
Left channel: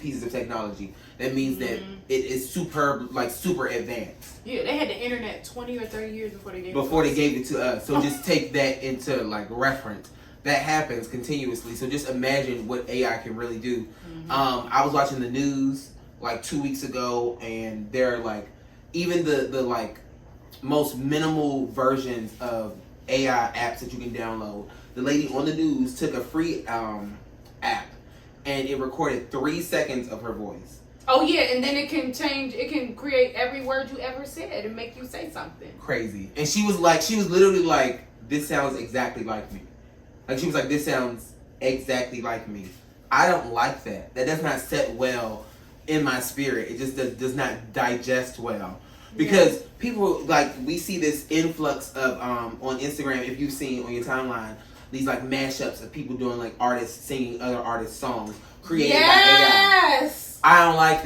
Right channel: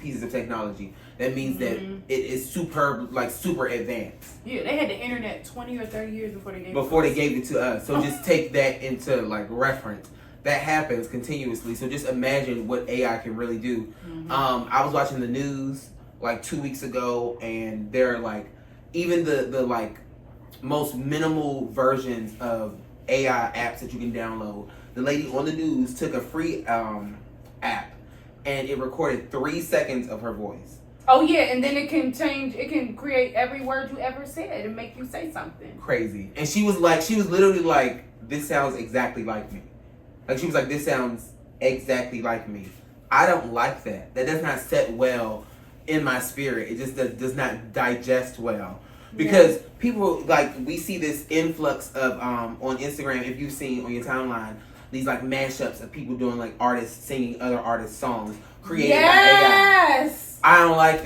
pieces of technology. That means that it is superb, like super advanced. Yeah, they had the internet 20 or 30 years before they gave it to us. So just take that into like reference. That happens continuously. So just imagine what AI can really do. I was watching the news like 2 weeks ago, and they're like, even the like most minimal versions of AI apps that you can download. The lady on the news took a free app, and it recorded 3 seconds of her voice. Oh yeah, and then it can create every word you ever said and make you say something. Crazy. And she was literally like, this sounds exactly like me. Like she was like, this sounds exactly like me. I don't like that. That does not set well in my spirit. It just does not digest well. Because people, like, we see this influx of, on Instagram, if you've seen on your timeline, these like mashups of people doing like artists singing other artists' songs created by AI. I don't like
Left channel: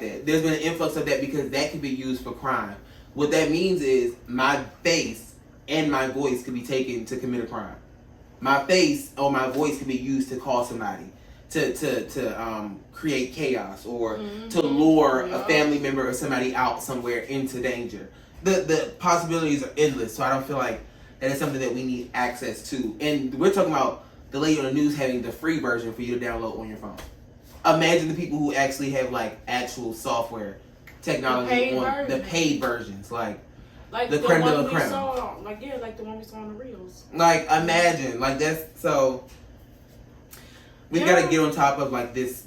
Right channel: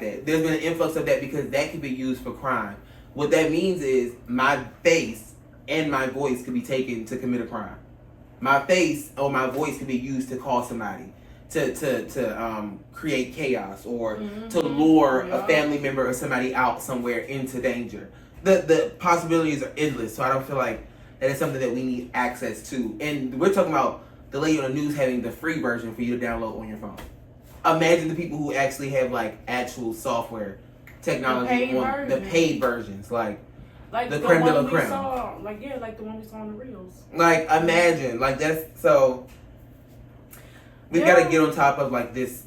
that. There's been an influx of that because that can be used for crime. What that means is my face and my voice could be taken to commit a crime. My face or my voice could be used to call somebody, to create chaos or to lure a family member or somebody out somewhere into danger. The possibilities are endless, so I don't feel like that is something that we need access to. And we're talking about the lady on the news having the free version for you to download on your phone. Imagine the people who actually have like actual software technology on the paid versions, like the creme de la creme. Like the one we saw on the reels. Like imagine, like that's so. We've got to get on top of like this.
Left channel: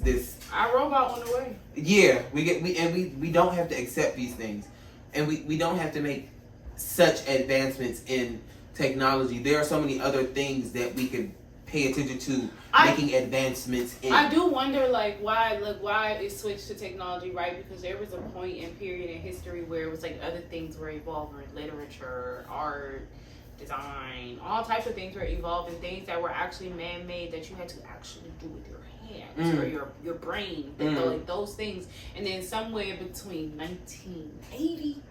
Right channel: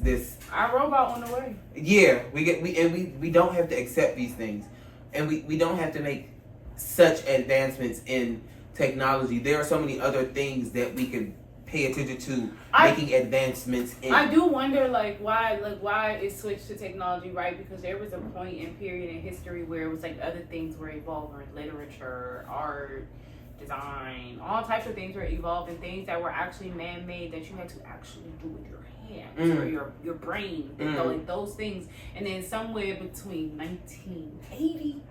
iRobot on the way. Yeah, we don't have to accept these things, and we don't have to make such advancements in technology. There are so many other things that we could pay attention to making advancements in. I do wonder why it switched to technology, right? Because there was a point in period in history where it was like other things were evolving, literature, art, design, all types of things were evolving, things that were actually man-made that you had to actually do with your hands or your brain, like those things. And then somewhere between 1980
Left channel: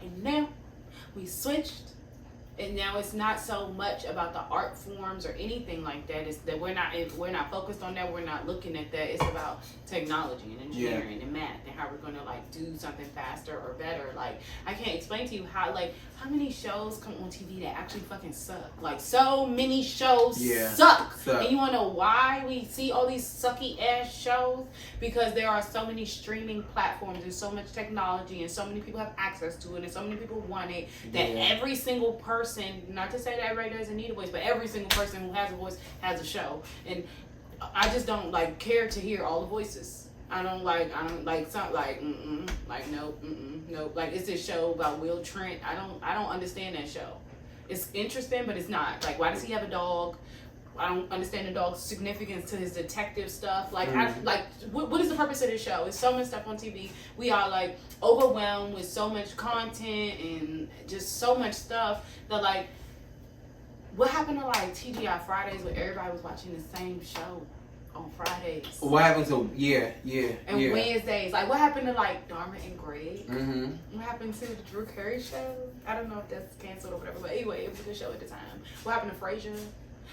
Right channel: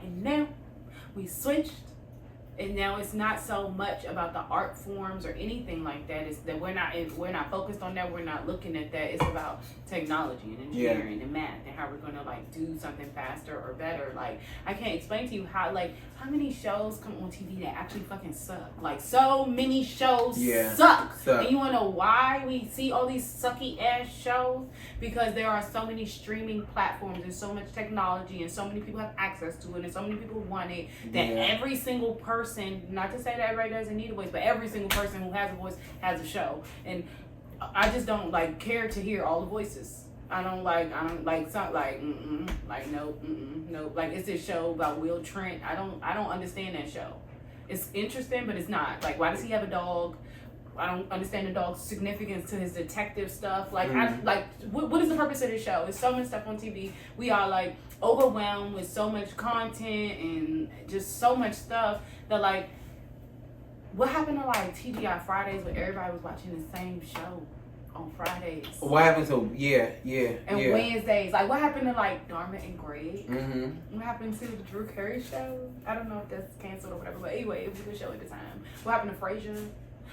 and now, we switched. And now it's not so much about the art forms or anything like that. It's that we're not focused on that. We're not looking at that. It's about technology and engineering and math and how we're gonna like do something faster or better. Like I can't explain to you how many shows come on TV that actually fucking suck. Like so many shows suck. And you wanna know why we see all these sucky ass shows? Because there are so many streaming platforms and so much technology and so many people have access to it and so many people want it that every single person, not to say that everybody doesn't need a voice, but every single person who has a voice has a show. And I just don't care to hear all the voices. Nope. Like it's this show about Will Trent. I don't understand that show. It's interesting, but it's not. Like, why does he have a dog? I don't understand the dog's significance to his detective stuff. Like, what is the purpose of this show? It's so much stuff on TV. We are like overwhelmed with so much content and just so much stuff that what happened to like TGI Fridays where everybody was watching the same show on Fridays? What happened to Wednesdays? Like, what happened to like Dharma and Greg? Mm-hmm. What happened to the Drew Carey show? I don't know if that's canceled or whatever, but anyway, it was a good show at the time. What happened to Frasier?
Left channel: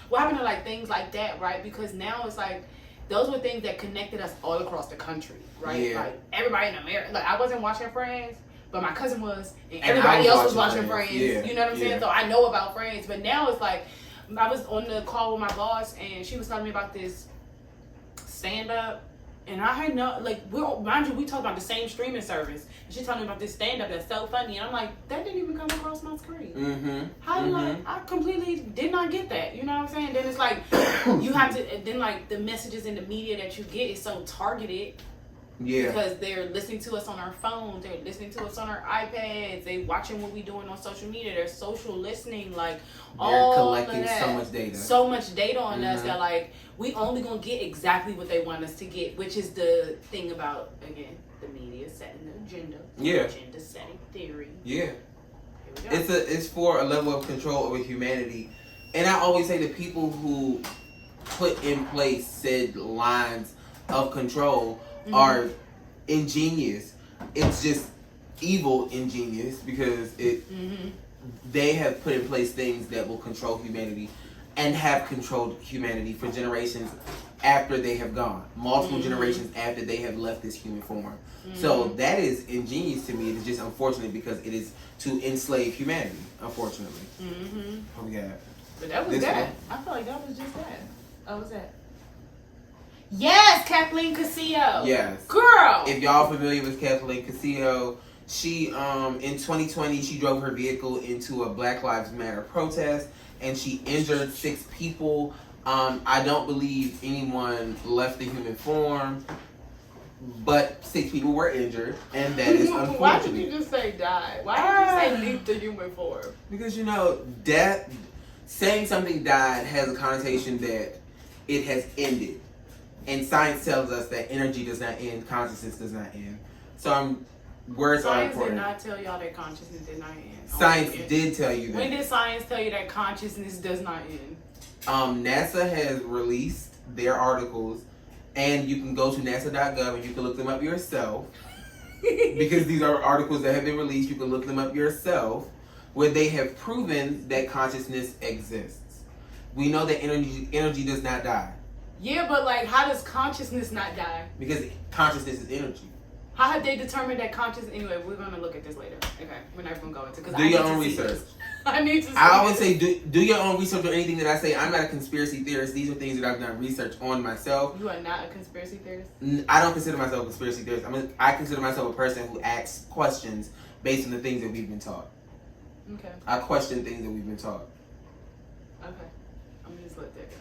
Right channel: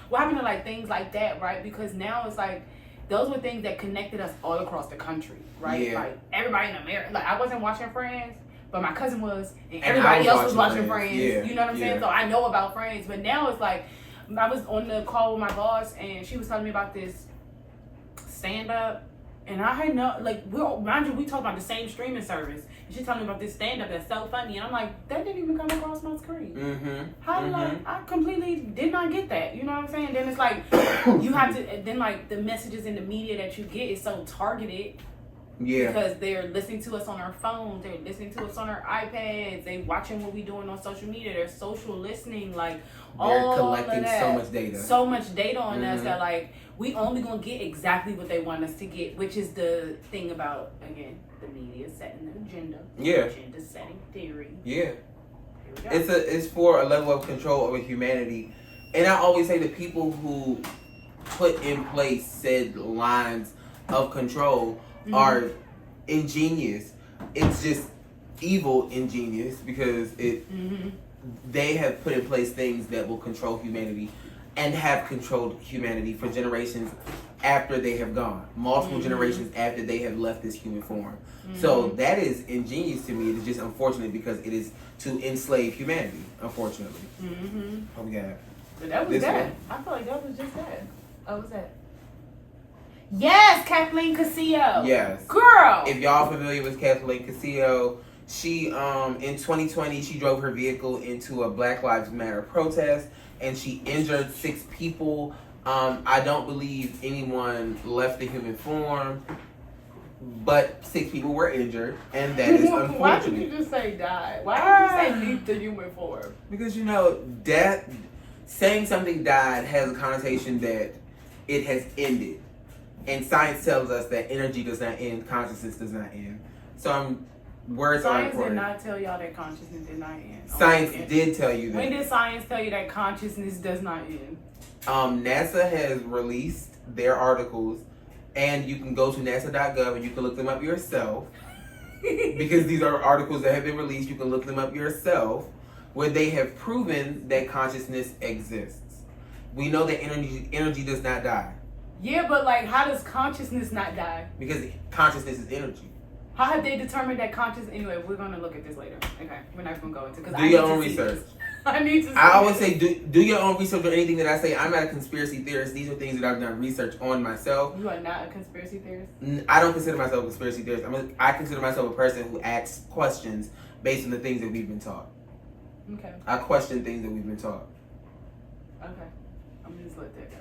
What happened to like things like that, right? Because now it's like those were things that connected us all across the country, right? Yeah. Like everybody in America. Like I wasn't watching Friends, but my cousin was, and everybody else was watching Friends. Yeah. You know what I'm saying? So I know about Friends, but now it's like I was on the call with my boss, and she was telling me about this stand up. And I had mind you, we talk about the same streaming service. And she's telling me about this stand-up that's so funny. And I'm like, that didn't even come across my screen. Mm-hmm. How did I completely did not get that. You know what I'm saying? Then it's like, you have to, then like the messages in the media that you get is so targeted. Yeah. Because they're listening to us on our phones. They're listening to us on our iPads. They watching what we doing on social media. They're social listening. Like, they're collecting so much data. So much data on us that like, we only gonna get exactly what they want us to get, which is the thing about, again, the media setting the agenda. Yeah. Agenda setting theory. Yeah. It's for a level of control over humanity. And I always say the people who put in place said lines of control are ingenious. It's just evil ingenious because they have put in place things that will control humanity and have controlled humanity for generations after they have gone. Multiple generations after they have left this human form. So that is ingenious to me. It is just unfortunate because it is to enslave humanity, unfortunately. What we got? But that was that. I feel like that was just that. Oh, what's that? Yes, Kathleen Casillo. Yes. Girl. If y'all familiar with Kathleen Casillo, she in 2020 she drove her vehicle into a Black Lives Matter protest and she injured 6 people. I don't believe anyone left the human form, but 6 people were injured, and that is unfortunate. Why did you just say die? Why did you say leave the human form? Because death, saying something died has a connotation that it has ended. And science tells us that energy does not end, consciousness does not end. So words are important. Science did not tell y'all that consciousness did not end. Science did tell you that. When did science tell you that consciousness does not end? NASA has released their articles, and you can go to nasa.gov and you can look them up yourself. Because these are articles that have been released, you can look them up yourself, where they have proven that consciousness exists. We know that energy does not die. Yeah, but how does consciousness not die? Because consciousness is energy. How have they determined that consciousness? Anyway, we're going to look at this later. Okay, we're not going to go into it. Do your own research. I need to. I always say do your own research on anything that I say. I'm not a conspiracy theorist. These are things that I've done research on myself. You are not a conspiracy theorist? I don't consider myself a conspiracy theorist. I consider myself a person who asks questions based on the things that we've been taught. Okay. I question things that we've been taught. Okay. I'm gonna just let that go.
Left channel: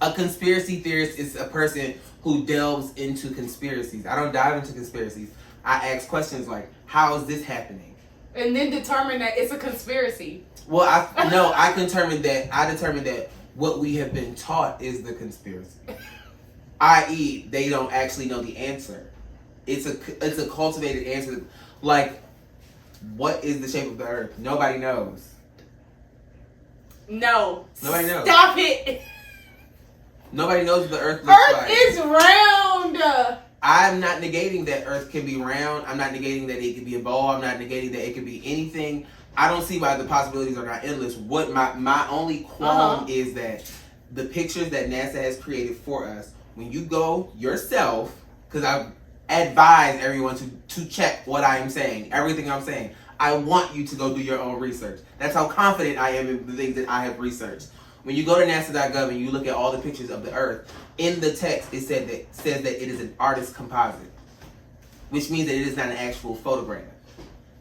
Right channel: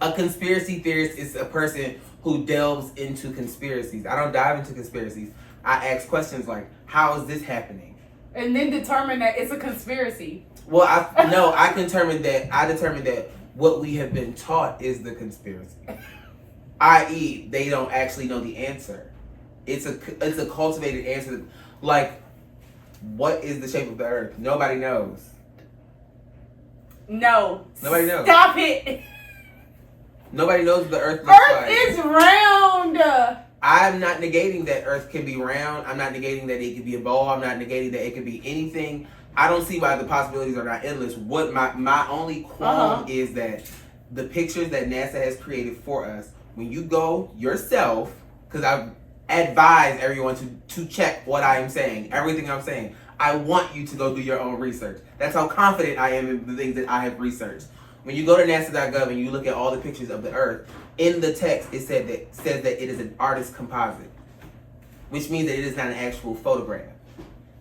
A conspiracy theorist is a person who delves into conspiracies. I don't dive into conspiracies. I ask questions like, how is this happening? And then determine that it's a conspiracy. Well, I determined that what we have been taught is the conspiracy. I.e., they don't actually know the answer. It's a cultivated answer. Like, what is the shape of the earth? Nobody knows. No. Nobody knows. Stop it. Nobody knows what the earth looks like. Earth is round. I'm not negating that earth can be round. I'm not negating that it can be a ball. I'm not negating that it can be anything. I don't see why the possibilities are not endless. What my only qualm is that the pictures that NASA has created for us, when you go yourself, because I advise everyone to check what I am saying, everything I'm saying. I want you to go do your own research. That's how confident I am in the things that I have researched. When you go to NASA.gov and you look at all the pictures of the Earth, in the text it says that it is an artist composite, which means that it is not an actual photograph.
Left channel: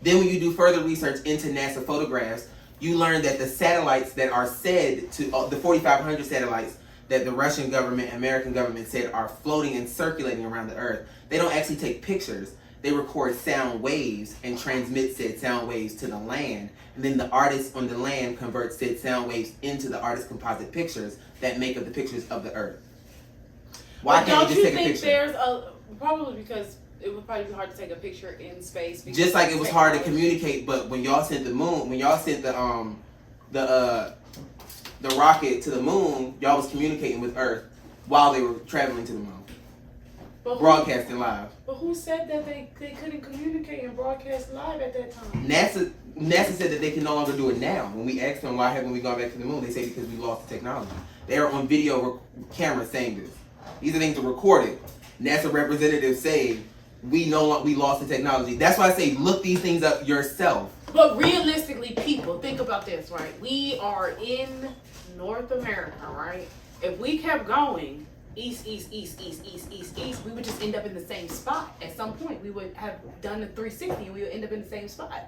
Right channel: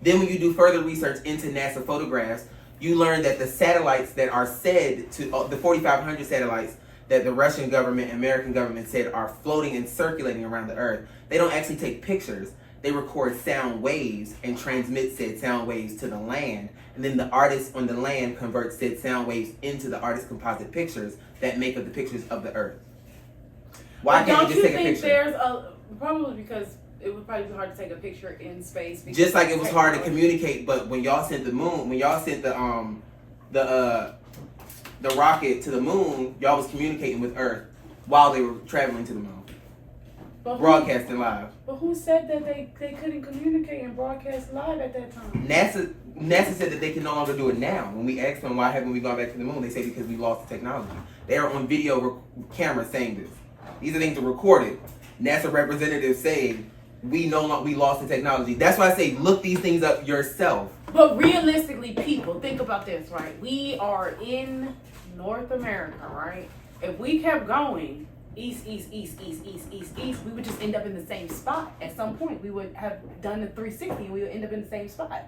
Then when you do further research into NASA photographs, you learn that the satellites that are said to, the 4,500 satellites that the Russian government, American government said are floating and circulating around the Earth, they don't actually take pictures. They record sound waves and transmit said sound waves to the land. And then the artist on the land converts said sound waves into the artist composite pictures that make up the pictures of the Earth. Why can't you just take a picture? There's probably because it would probably be hard to take a picture in space. Just like it was hard to communicate, but when y'all sent the moon, when y'all sent the rocket to the moon, y'all was communicating with Earth while they were traveling to the moon. Broadcasting live. But who said that they couldn't communicate and broadcast live at that time? NASA said that they can no longer do it now. When we asked them why haven't we gone back to the moon, they say because we lost the technology. They are on video camera saying this. These are things that are recorded. NASA representatives say we lost the technology. That's why I say look these things up yourself. But realistically, people, think about this, right? We are in North America, right? If we kept going east, we would just end up in the same spot. At some point, we would have done the 360 and we would end up in the same spot.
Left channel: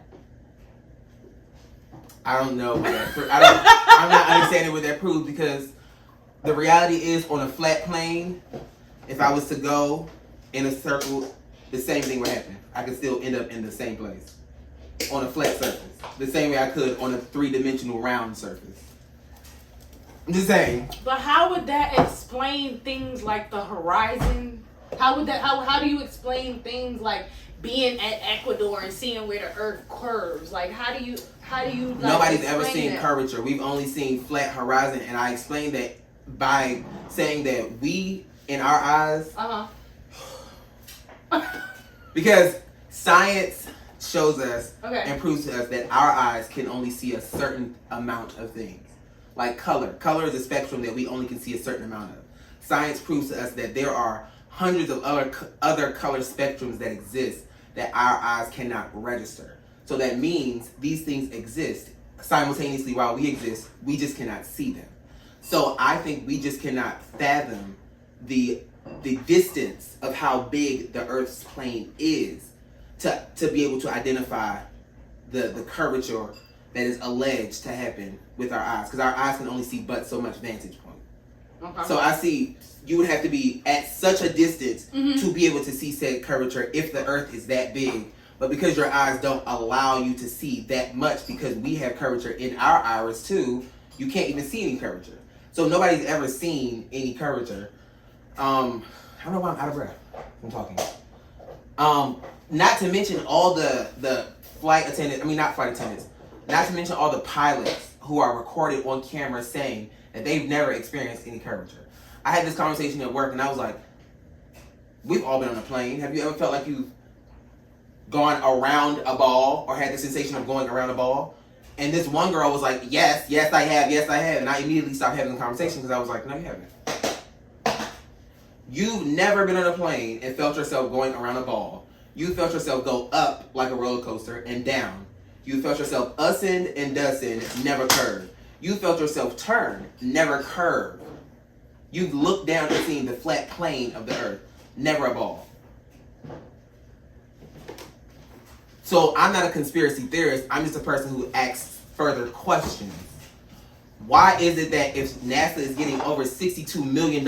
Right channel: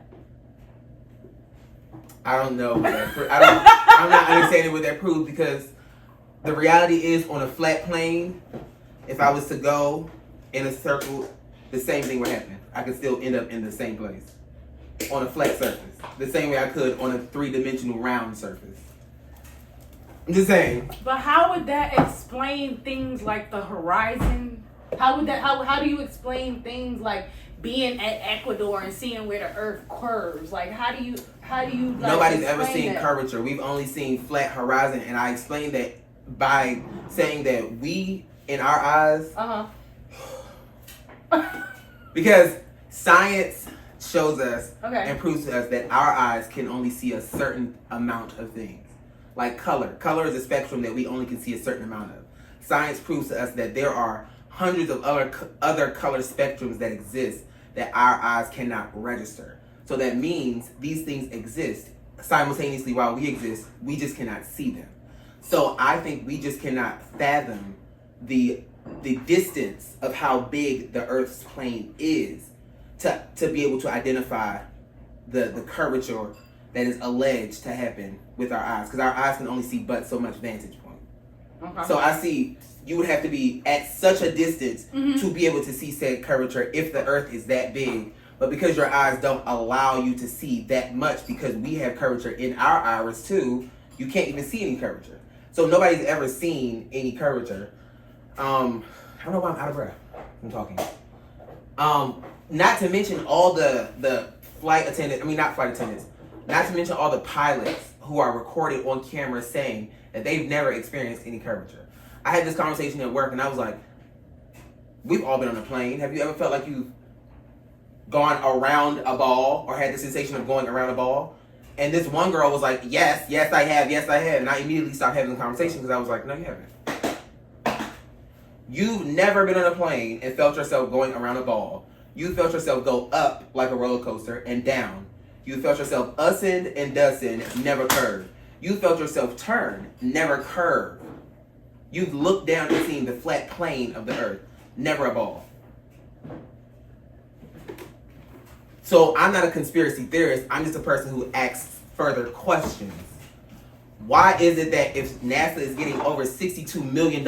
I don't know. I'm not understanding what that proves, because the reality is on a flat plane, if I was to go in a circle, the same thing would happen. I could still end up in the same place on a flat surface. The same way I could on a 3-dimensional round surface. I'm just saying. But how would that explain things like the horizon? How do you explain things like being at Ecuador and seeing where the Earth curves? Like how do you like, nobody's ever seen that? curvature. We've only seen flat horizon, and I explained that by saying that we, in our eyes, because science shows us and proves to us that our eyes can only see a certain amount of things. Like color. Color is a spectrum that we only can see a certain amount of. Science proves to us that there are hundreds of other color spectrums that exist that our eyes cannot register. So that means these things exist simultaneously while we exist. We just cannot see them. So I think we just cannot fathom the distance of how big the Earth's plane is to be able to identify the curvature that is alleged to happen with our eyes, because our eyes can only see but so much vantage point. Okay. So I see you would have to be at such a distance to be able to see said curvature if the Earth is that big. But because your eyes don't allow you to see that much, because we have curvature in our iris too, you can't even see any curvature. So nobody's ever seen any curvature. I don't know why I'm out of breath from talking. Not to mention all the flight attendants, not to mention all the pilots who are recorded on camera saying that they've never experienced any curvature. I had this conversation at work and I was like, we've all been on a plane. Have you ever felt like you've gone around a ball or had the sensation of going around a ball? And this one girl was like, yes, I have. And I immediately stopped having the conversation because I was like, no, you haven't. You've never been on a plane and felt yourself going around a ball. You felt yourself go up like a roller coaster and down. You felt yourself usend and dusend, never curve. You felt yourself turn, never curve. You've looked down and seen the flat plane of the earth, never a ball. So I'm not a conspiracy theorist. I'm just a person who asks further questions. Why is it that if NASA is getting over $62 million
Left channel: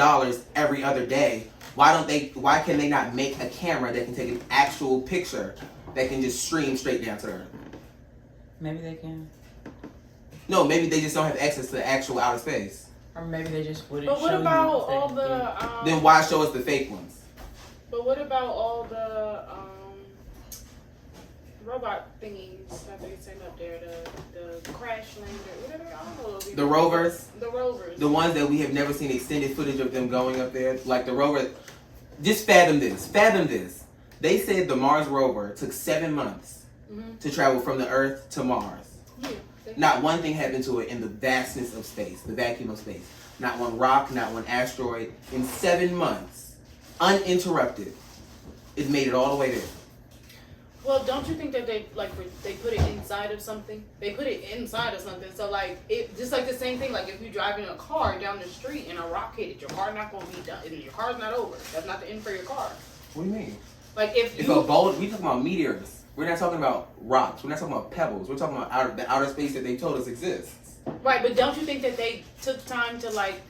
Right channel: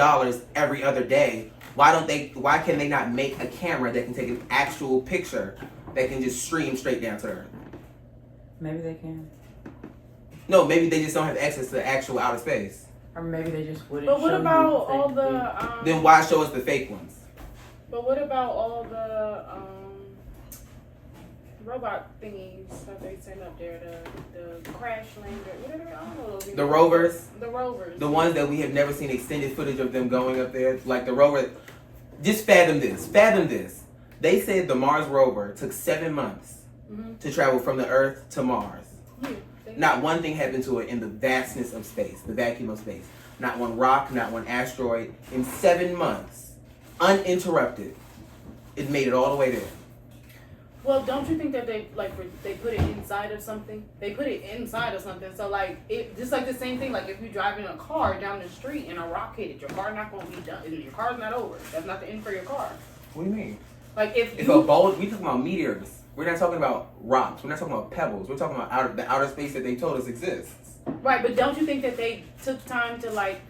every other day, why can they not make a camera that can take an actual picture that can just stream straight down to Earth? Maybe they can. No, maybe they just don't have access to actual outer space. Or maybe they just wouldn't. But what show about you all the? Then why show us the fake ones? But what about all the robot thingies that they send up there? The crash lander. What are they? I don't know those. The rovers. The rovers. The ones that we have never seen extended footage of them going up there, like the rover. Just fathom this. Fathom this. They said the Mars rover took 7 months to travel from the Earth to Mars. Yeah. Not one thing happened to it in the vastness of space, the vacuum of space. Not one rock, not one asteroid. In 7 months, uninterrupted, it made it all the way there. Well, don't you think that they put it inside of something? They put it inside of something. So like it just like the same thing. Like if you're driving a car down the street and a rock hit it, your car not gonna be done. Your car's not over. That's not the end for your car. What do you mean? Like if a bolt, we talking about meteors. We're not talking about rocks. We're not talking about pebbles. We're talking about the outer space that they told us exists. Right, but don't you think that they took time to like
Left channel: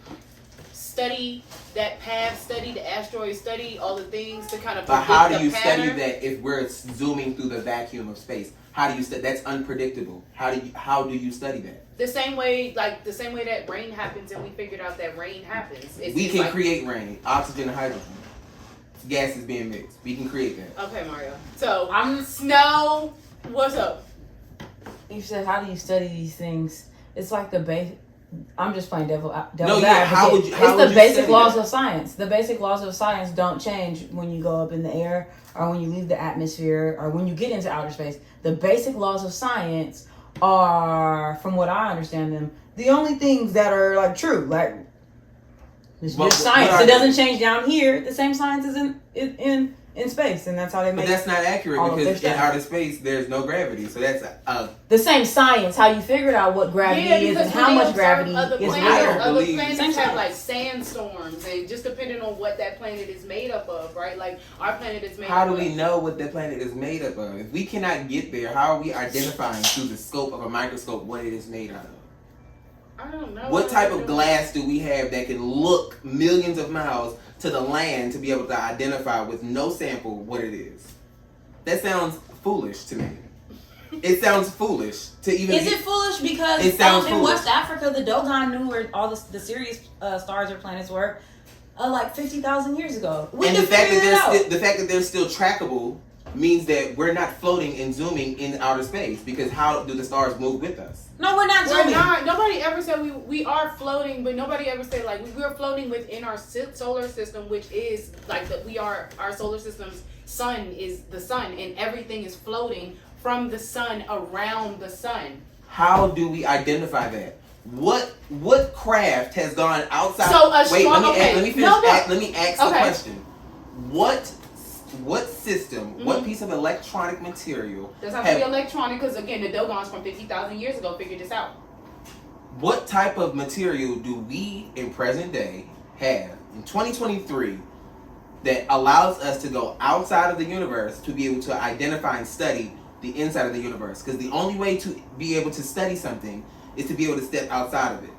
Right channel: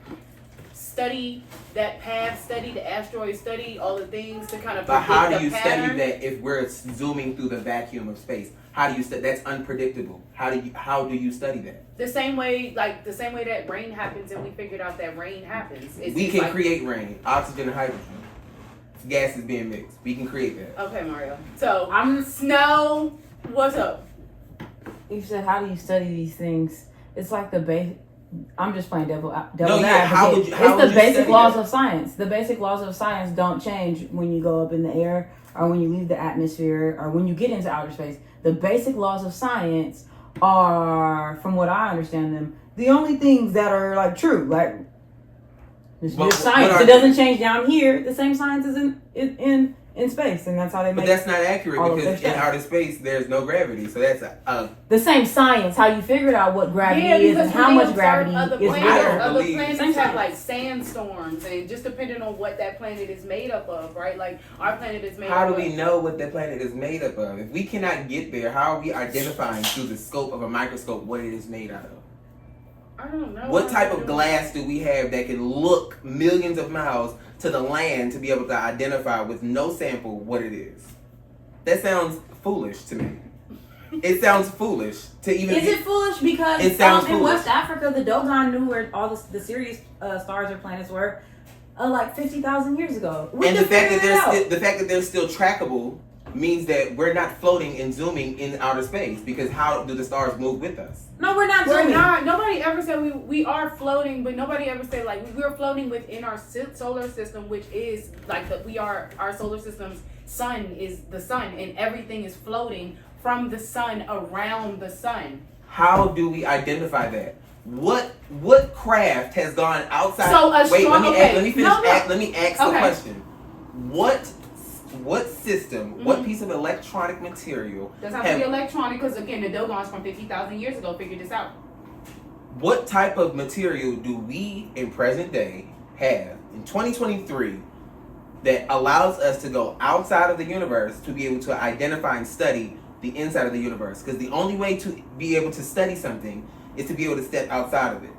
study that path, study the asteroid, study all the things to kind of But how do you pattern? study that if we're zooming through the vacuum of space? How do you study? That's unpredictable. How do you study that? The same way that rain happens, and we figured out that rain happens. We can create rain, oxygen and hydrogen. Gas is being mixed. We can create that. Okay, Mario. So Snow. What's up? You said, how do you study these things? It's like the base. I'm just playing devil advocate. No, yeah. How would you? It's the basic study laws that? of science. The basic laws of science don't change when you go up in the air, or when you leave the atmosphere, or when you get into outer space. The basic laws of science are, from what I understand them, the only things that are like true. Like it's just science. It doesn't change down here. The same science is in space, and that's how they make. But that's not accurate because in outer space there's no gravity. So that's the same science. How you figured out what gravity is and how much gravity is. Other planets have like sandstorms, and just depending on what that planet is made up of, right? Like our planet is made. How do we know what that planet is made up of? If we cannot get there, how are we identifying through the scope of a microscope what it is made out of? I don't know. What type of glass do we have that can look millions of miles to the land to be able to identify with no sample what it is? That sounds foolish to me. It sounds foolish to even. Is it foolish because it sounds in foolish. West Africa the Dogon knew where all the Sirius stars or planets were like 50,000 years ago. And the fact that they're still trackable means that we're not floating and zooming in outer space, because how do the stars move with us? No, we're not We're zooming. not. Nobody ever said we are floating, but nobody ever said like we're floating within our solar system, which is like that we are our solar system's sun is the sun, and everything is floating from the sun around the sun. How do we identify that? What craft has gone outside? So let me finish. Let me ask the Okay. question. What system, what piece of electronic material? Doesn't have to be electronic, because again, the Dogons from 50,000 years ago figured this out. What type of material do we in present day have in 2023 that allows us to go outside of the universe to be able to identify and study the inside of the universe? Because the only way to be able to study something is to be able to step outside of it.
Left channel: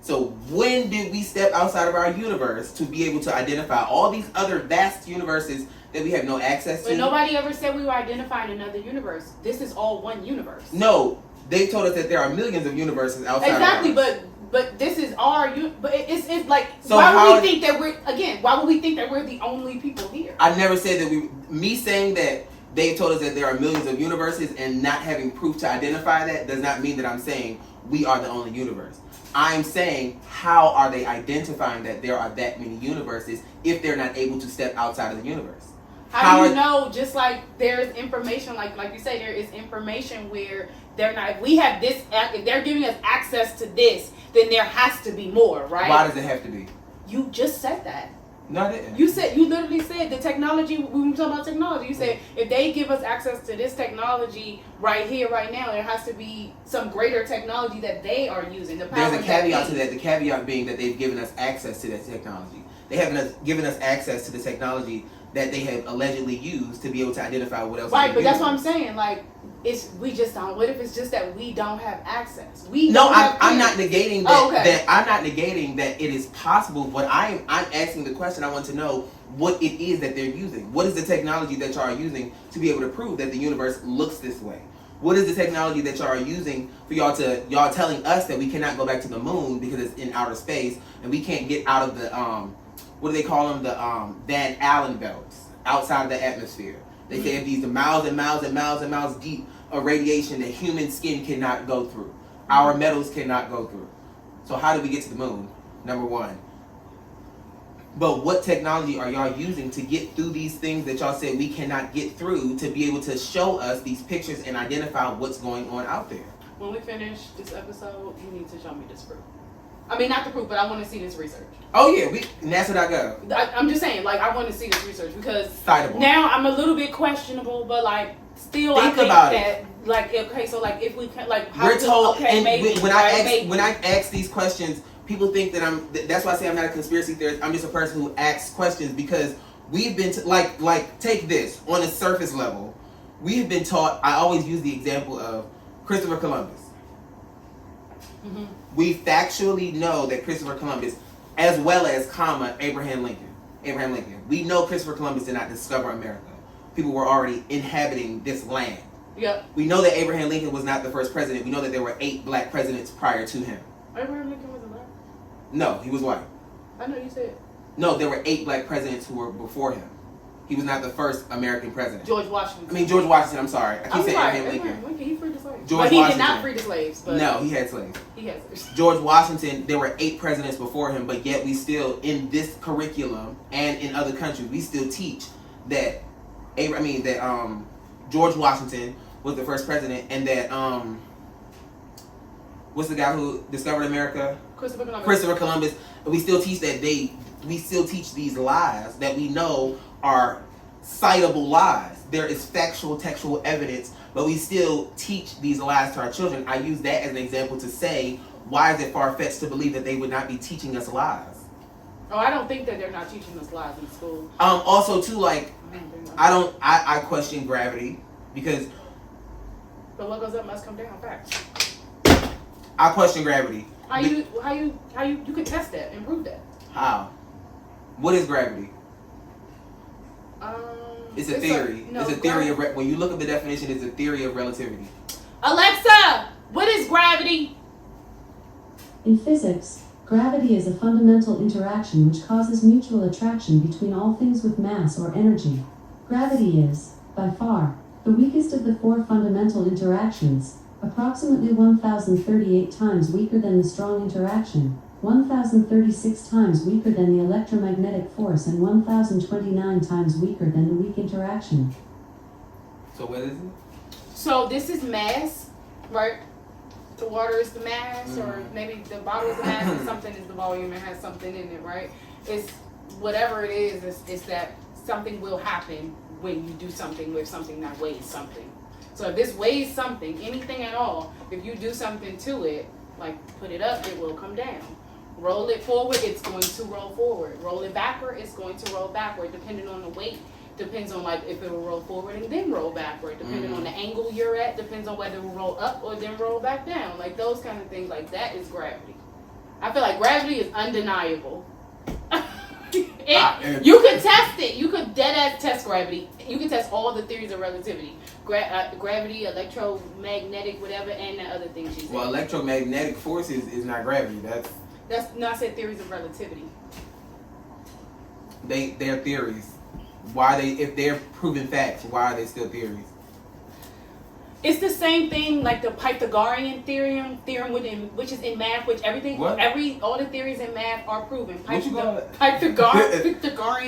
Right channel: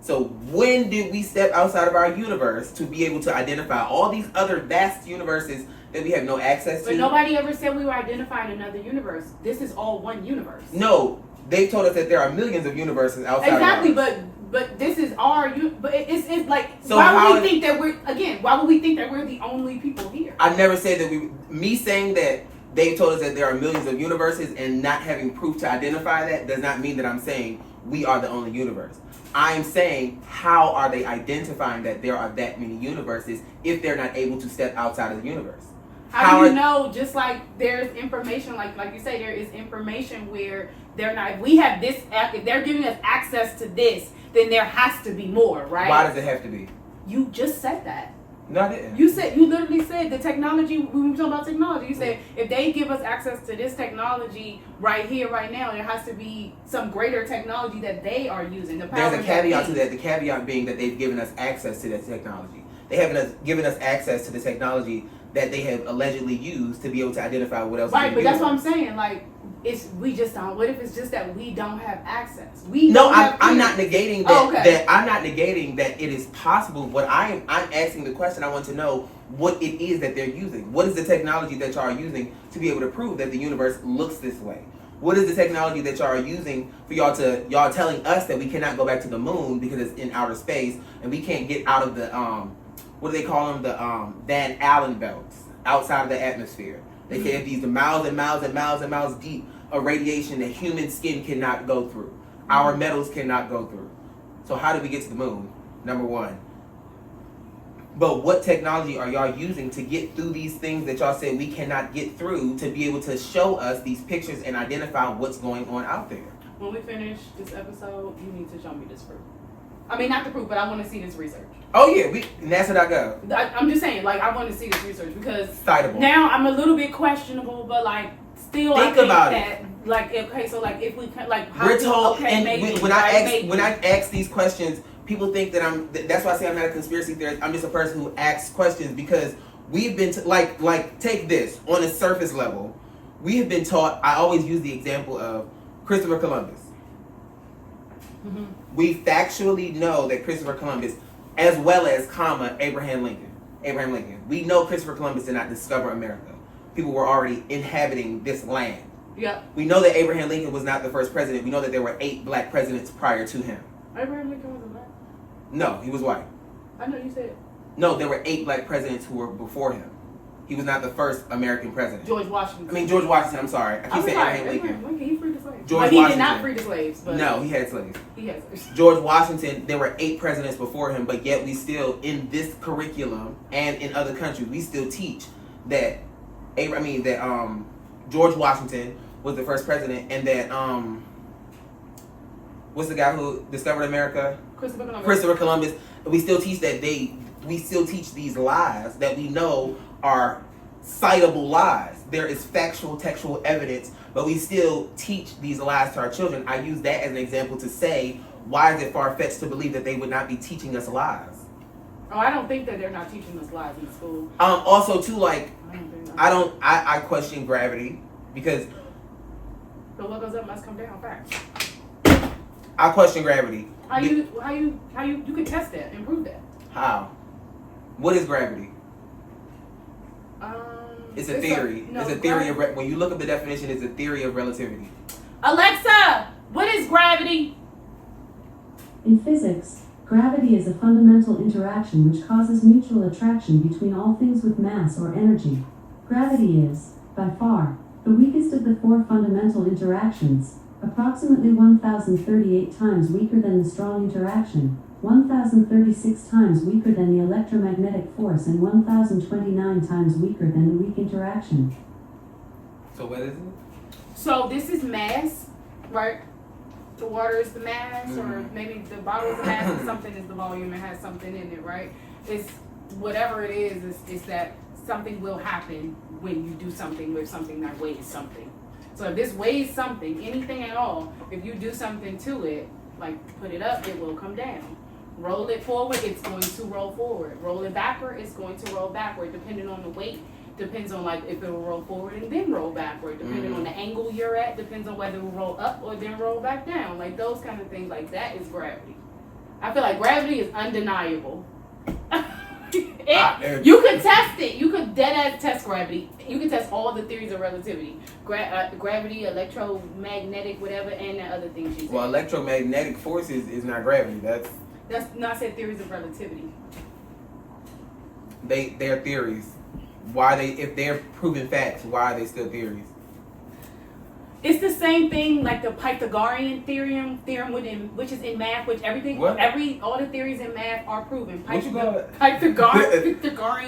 So when did we step outside of our universe to be able to identify all these other vast universes that we have no access to? But nobody ever said we were identifying another universe. This is all one universe. No, they told us that there are millions of universes outside exactly, of ours. but this is our but it's like, so why would we think that we're the only people here? I never said that me saying that they told us that there are millions of universes and not having proof to identify that does not mean that I'm saying we are the only universe. I'm saying, how are they identifying that there are that many universes if they're not able to step outside of the universe? How do you know? Just like there's information, like you say, there is information where they're not. If we have this, if they're giving us access to this, then there has to be more, right? Why does it have to be? You just said that. No, I didn't. You literally said the technology. We were talking about technology. You said if they give us access to this technology right here, right now, there has to be some greater technology that they are using. There's a caveat to that. The caveat being that they've given us access to that technology. They haven't given us access to the technology that they have allegedly used to be able to identify what else. Right, but that's what I'm saying. Like, we just don't. What if it's just that we don't have access? I'm not negating that. Oh, okay. That I'm not negating that it is possible. But I'm asking the question. I want to know what it is that they're using. What is the technology that y'all are using to be able to prove that the universe looks this way? What is the technology that y'all are using for y'all telling us that we cannot go back to the moon because it's in outer space and we can't get out of the what do they call them, the Van Allen belts outside of the atmosphere? They say these the miles and miles and miles and miles deep of radiation that human skin cannot go through. Our metals cannot go through. So how do we get to the moon? Number one. But what technology are y'all using to get through these things that y'all said we cannot get through to be able to show us these pictures and identify what's going on out there? When we finish this episode, you need to show me this proof. I mean, not the proof, but I want to see this research. Oh yeah, NASA.gov. I'm just saying, like, I want to see this research because Citable. Now I'm a little bit questionable, but like, still, Think I think about that, it. Like, okay, so like, if we can, like, how We're told, okay, and maybe when I ask these questions, people think that that's why I say I'm not a conspiracy theorist. I'm just a person who asks questions because we've been like take this on a surface level. We have been taught. I always use the example of Christopher Columbus. Mm-hmm. We factually know that Christopher Columbus, as well as Abraham Lincoln. We know Christopher Columbus did not discover America. People were already inhabiting this land. Yep. We know that Abraham Lincoln was not the first president. We know that there were 8 black presidents prior to him. Abraham Lincoln wasn't black. No, he was white. I know you said. No, there were 8 black presidents who were before him. He was not the first American president. George Washington. George Washington. I'm sorry. I keep saying Abraham Lincoln. He freed the slaves. George He Washington. did not free the slaves. But No, he had slaves. He had slaves. George Washington, there were 8 presidents before him, but yet we still, in this curriculum and in other countries, we still teach that George Washington was the first president, and that what's the guy who discovered America? Christopher Columbus. We still teach that we still teach these lies that we know are citable lies. There is factual, textual evidence, but we still teach these lies to our children. I use that as an example to say, why is it far-fetched to believe that they would not be teaching us lies? Oh, I don't think that they're not teaching us lies in school. Also, too, like, I question gravity because. But what goes up must come down. Facts. I question gravity. How you can test that and prove that? How? What is gravity? It's a theory. It's a theory of when you look at the definition, it's a theory of relativity. Alexa, what is gravity? In physics, gravity is a fundamental interaction which causes mutual attraction between all things with mass or energy. Gravity is, by far, the weakest of the 4 fundamental interactions, approximately 1,038 times weaker than the strong interaction, 1,036 times weaker than the electromagnetic force, and 1,029 times weaker than the weak interaction. So what is it? So this is mass, right? The water is the mass, or maybe the bottle is the mass, and something is the volume and has something in it, right? It's whatever it is, it's that something will happen when you do something with something that weighs something. So if this weighs something, anything at all, if you do something to it, like put it up, it will come down. Roll it forward, it's going to roll forward. Roll it backward, it's going to roll backward, depending on the weight. Depends on like if it will roll forward and then roll backward. Depending on the angle you're at, depends on whether it will roll up or then roll back down. Like those kind of things, like that is gravity. I feel like gravity is undeniable. You could test it. You could dead-ass test gravity. You can test all the theories of relativity. Gravity, electromagnetic, whatever, and the other things you said. Well, electromagnetic forces is not gravity. That's not said theories of relativity. They're theories. If they're proven facts, why are they still theories? It's the same thing like the Pythagorean theorem which is in math, which all the theories in math are proven. Pythagorean,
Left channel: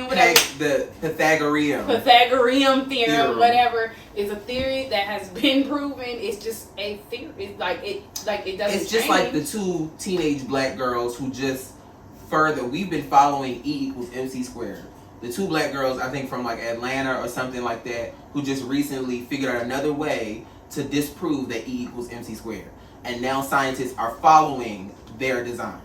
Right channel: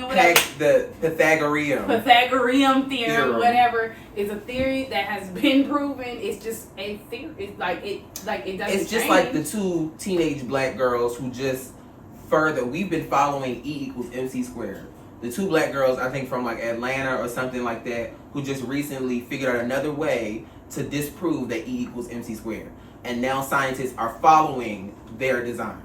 whatever. The Pythagorean theorem, whatever, is a theory that has been proven. It's just a theory. It doesn't. It's just like the 2 teenage black girls who just further. We've been following E equals MC squared. The two black girls, I think from like Atlanta or something like that, who just recently figured out another way to disprove that E equals MC squared. And now scientists are following their design.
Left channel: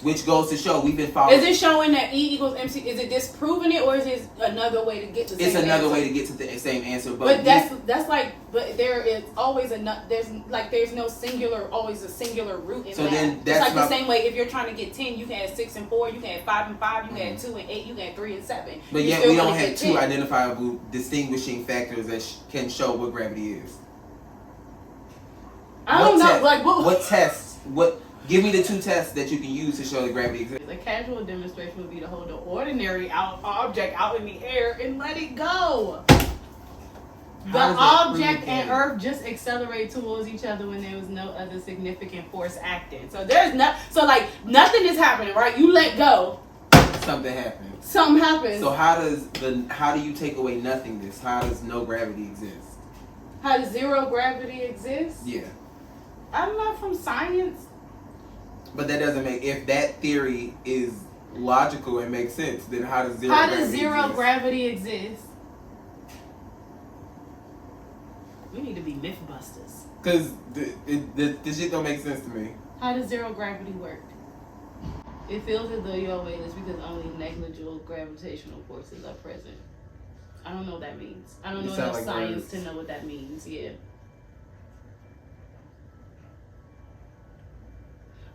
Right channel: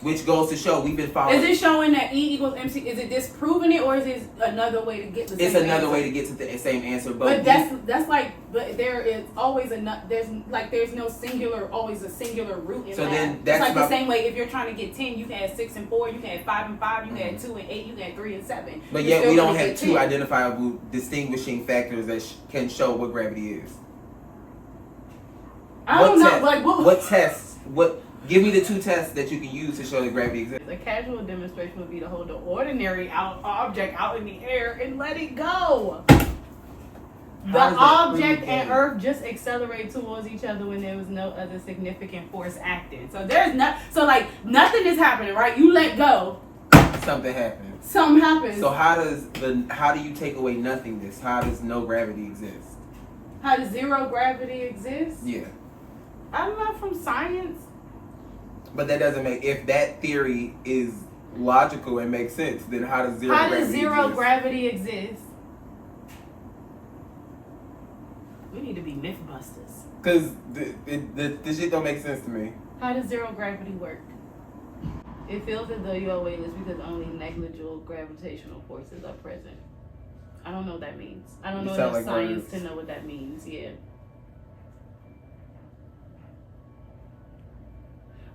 Which goes to show we've been following. Is it showing that E equals MC? Is it disproving it, or is it another way to get the same answer? It's another way to get to the same answer. But that's like, but there is always there's no singular, always a singular root in so that. Then it's that's like the same way if you're trying to get 10, you can add 6 and 4, you can add 5 and 5, you can add 2 and 8, you can add 3 and 7. But yet we don't have two identifiable distinguishing factors that can show what gravity is. I don't know, like what tests? Give me the 2 tests that you can use to show that gravity exists. A casual demonstration would be to hold the ordinary object out in the air and let it go. The object and Earth just accelerate towards each other when there was no other significant force acting. So nothing is happening, right? You let go. Something happens. Something happens. So how do you take away nothingness? How does no gravity exist? How does zero gravity exist? Yeah. I'm not from science. But that doesn't make, if that theory is logical and makes sense, then how does zero gravity exist? We need to be mythbusters. Because this shit don't make sense to me. How does zero gravity work? It feels as though you're weightless because only negligible gravitational forces are present. I don't know what that means. I don't know enough science to know what that means. Yeah.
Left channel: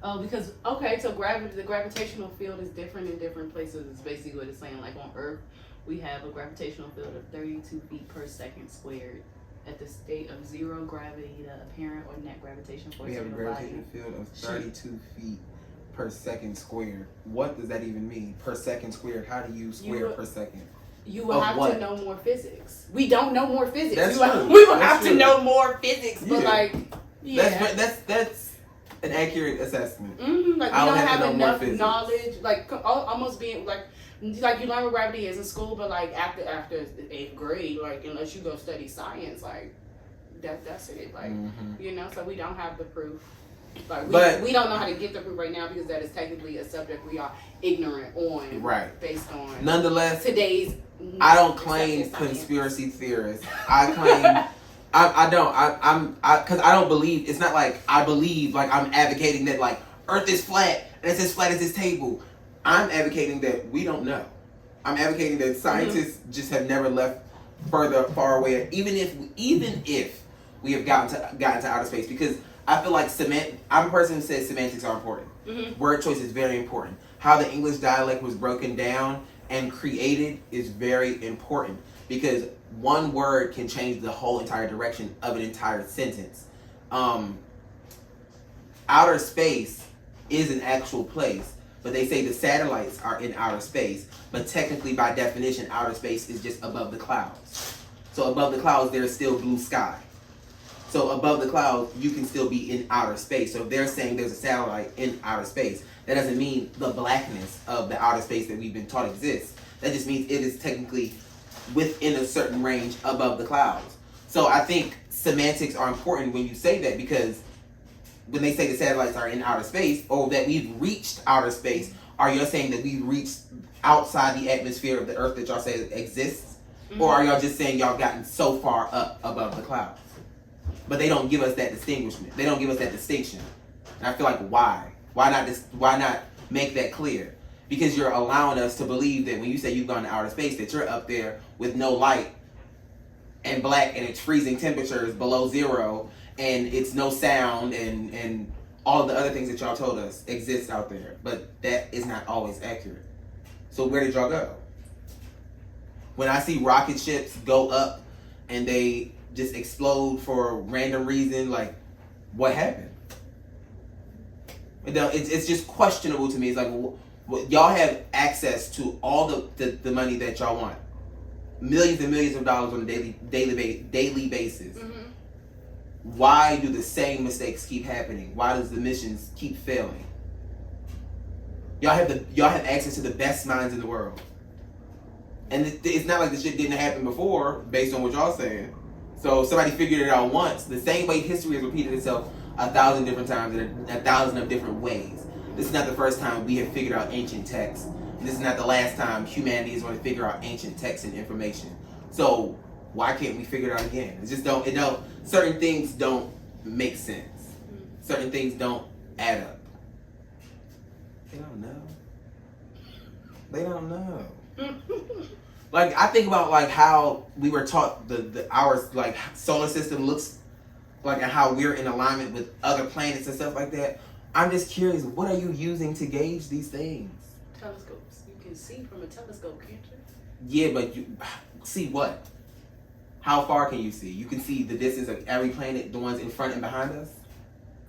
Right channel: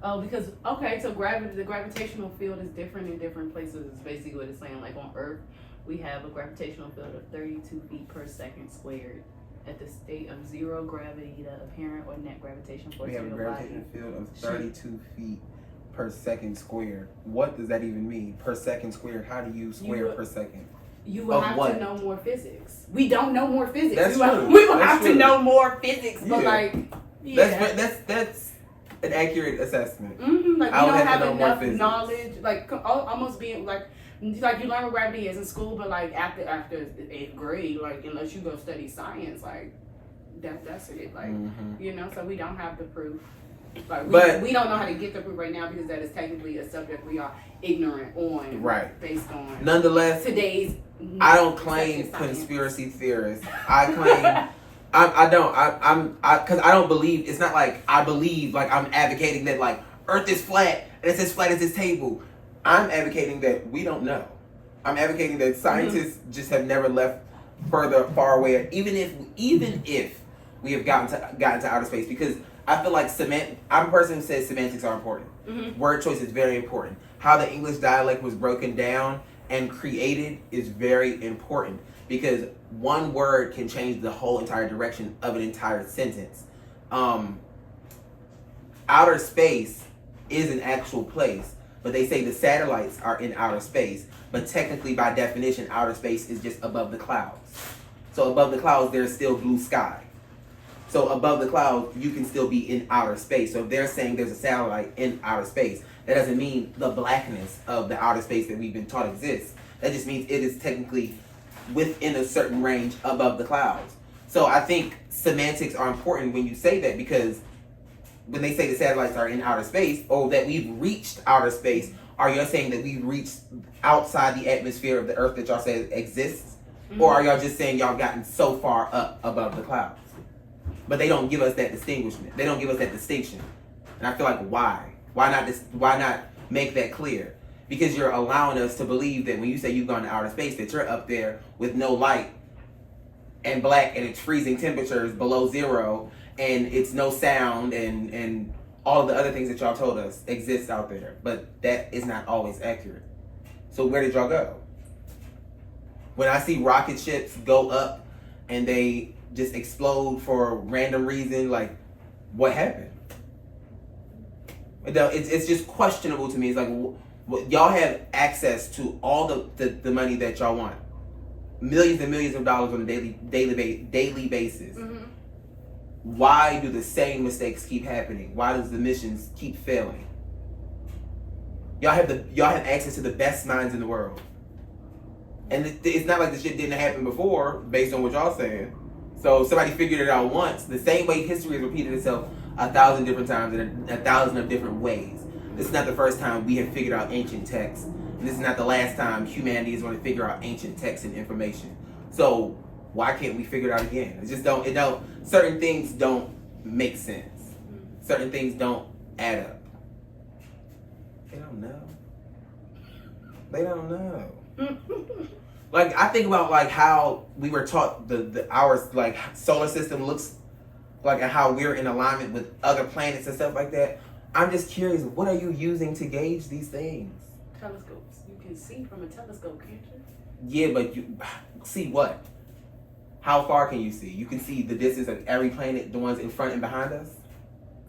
Oh, because, okay, so the gravitational field is different in different places. It's basically what it's saying. Like on Earth, we have a gravitational field of 32 feet per second squared. At the state of zero gravity, the apparent or net gravitation force. We have a gravitational field of 32 feet per second squared. What does that even mean? Per second squared? How do you square per second? You will have to know more physics. We don't know more physics. That's true. We will have to know more physics. But That's an accurate assessment. Mm-hmm. Like we don't have enough knowledge. Like almost being like you learn what gravity is in school, but like after 8th grade, like unless you go study science, like that's it. Like so we don't have the proof. Like we don't know how to get the proof right now because that is technically a subject we are ignorant on. Right. Based on nonetheless today's. I don't claim conspiracy theorists. I claim. Because I don't believe, it's not like I believe, like I'm advocating that like Earth is flat and it's as flat as this table. I'm advocating that we don't know. I'm advocating that scientists just have never left far away, even if we have gotten to outer space, because I feel like I'm a person who says semantics are important. Mm-hmm. Word choice is very important. How the English dialect was broken down and created is very important. Because one word can change the whole entire direction of an entire sentence. Outer space is an actual place, but they say the satellites are in outer space. But technically, by definition, outer space is just above the clouds. So above the clouds, there's still blue sky. So above the clouds, you can still be in outer space. So if they're saying there's a satellite in outer space, that doesn't mean the blackness of the outer space that we've been taught exists. That just means it is technically within a certain range above the clouds. So I think semantics are important when you say that, because when they say the satellites are in outer space or that we've reached outer space, are you saying that we've reached outside the atmosphere of the Earth that y'all say exists? Mm-hmm. Or are y'all just saying y'all gotten so far up above the clouds? But they don't give us that distinguishment. They don't give us that distinction. And I feel like why? Why not make that clear? Because you're allowing us to believe that when you say you've gone to outer space, that you're up there with no light and black and it's freezing temperatures below zero and it's no sound and all of the other things that y'all told us exist out there. But that is not always accurate. So where did y'all go? When I see rocket ships go up and they just explode for a random reason, like, what happened? It's just questionable to me. It's like, y'all have access to all the money that y'all want, millions and millions of dollars on a daily basis. Mm-hmm. Why do the same mistakes keep happening? Why does the missions keep failing? Y'all have access to the best minds in the world, and it's not like the shit didn't happen before, based on what y'all saying. So somebody figured it out once. The same way history has repeated itself 1,000 different times in 1,000 of different ways. This is not the first time we have figured out ancient texts. And this is not the last time humanity is going to figure out ancient texts and information. So why can't we figure it out again? Certain things don't make sense. Certain things don't add up. They don't know. They don't know. Like, I think about like how we were taught our like solar system looks like, and how we're in alignment with other planets and stuff like that. I'm just curious, what are you using to gauge these things? Telescopes. You can see from a telescope, can't you? Yeah, but you see what? How far can you see? You can see the distance of every planet, the ones in front and behind us?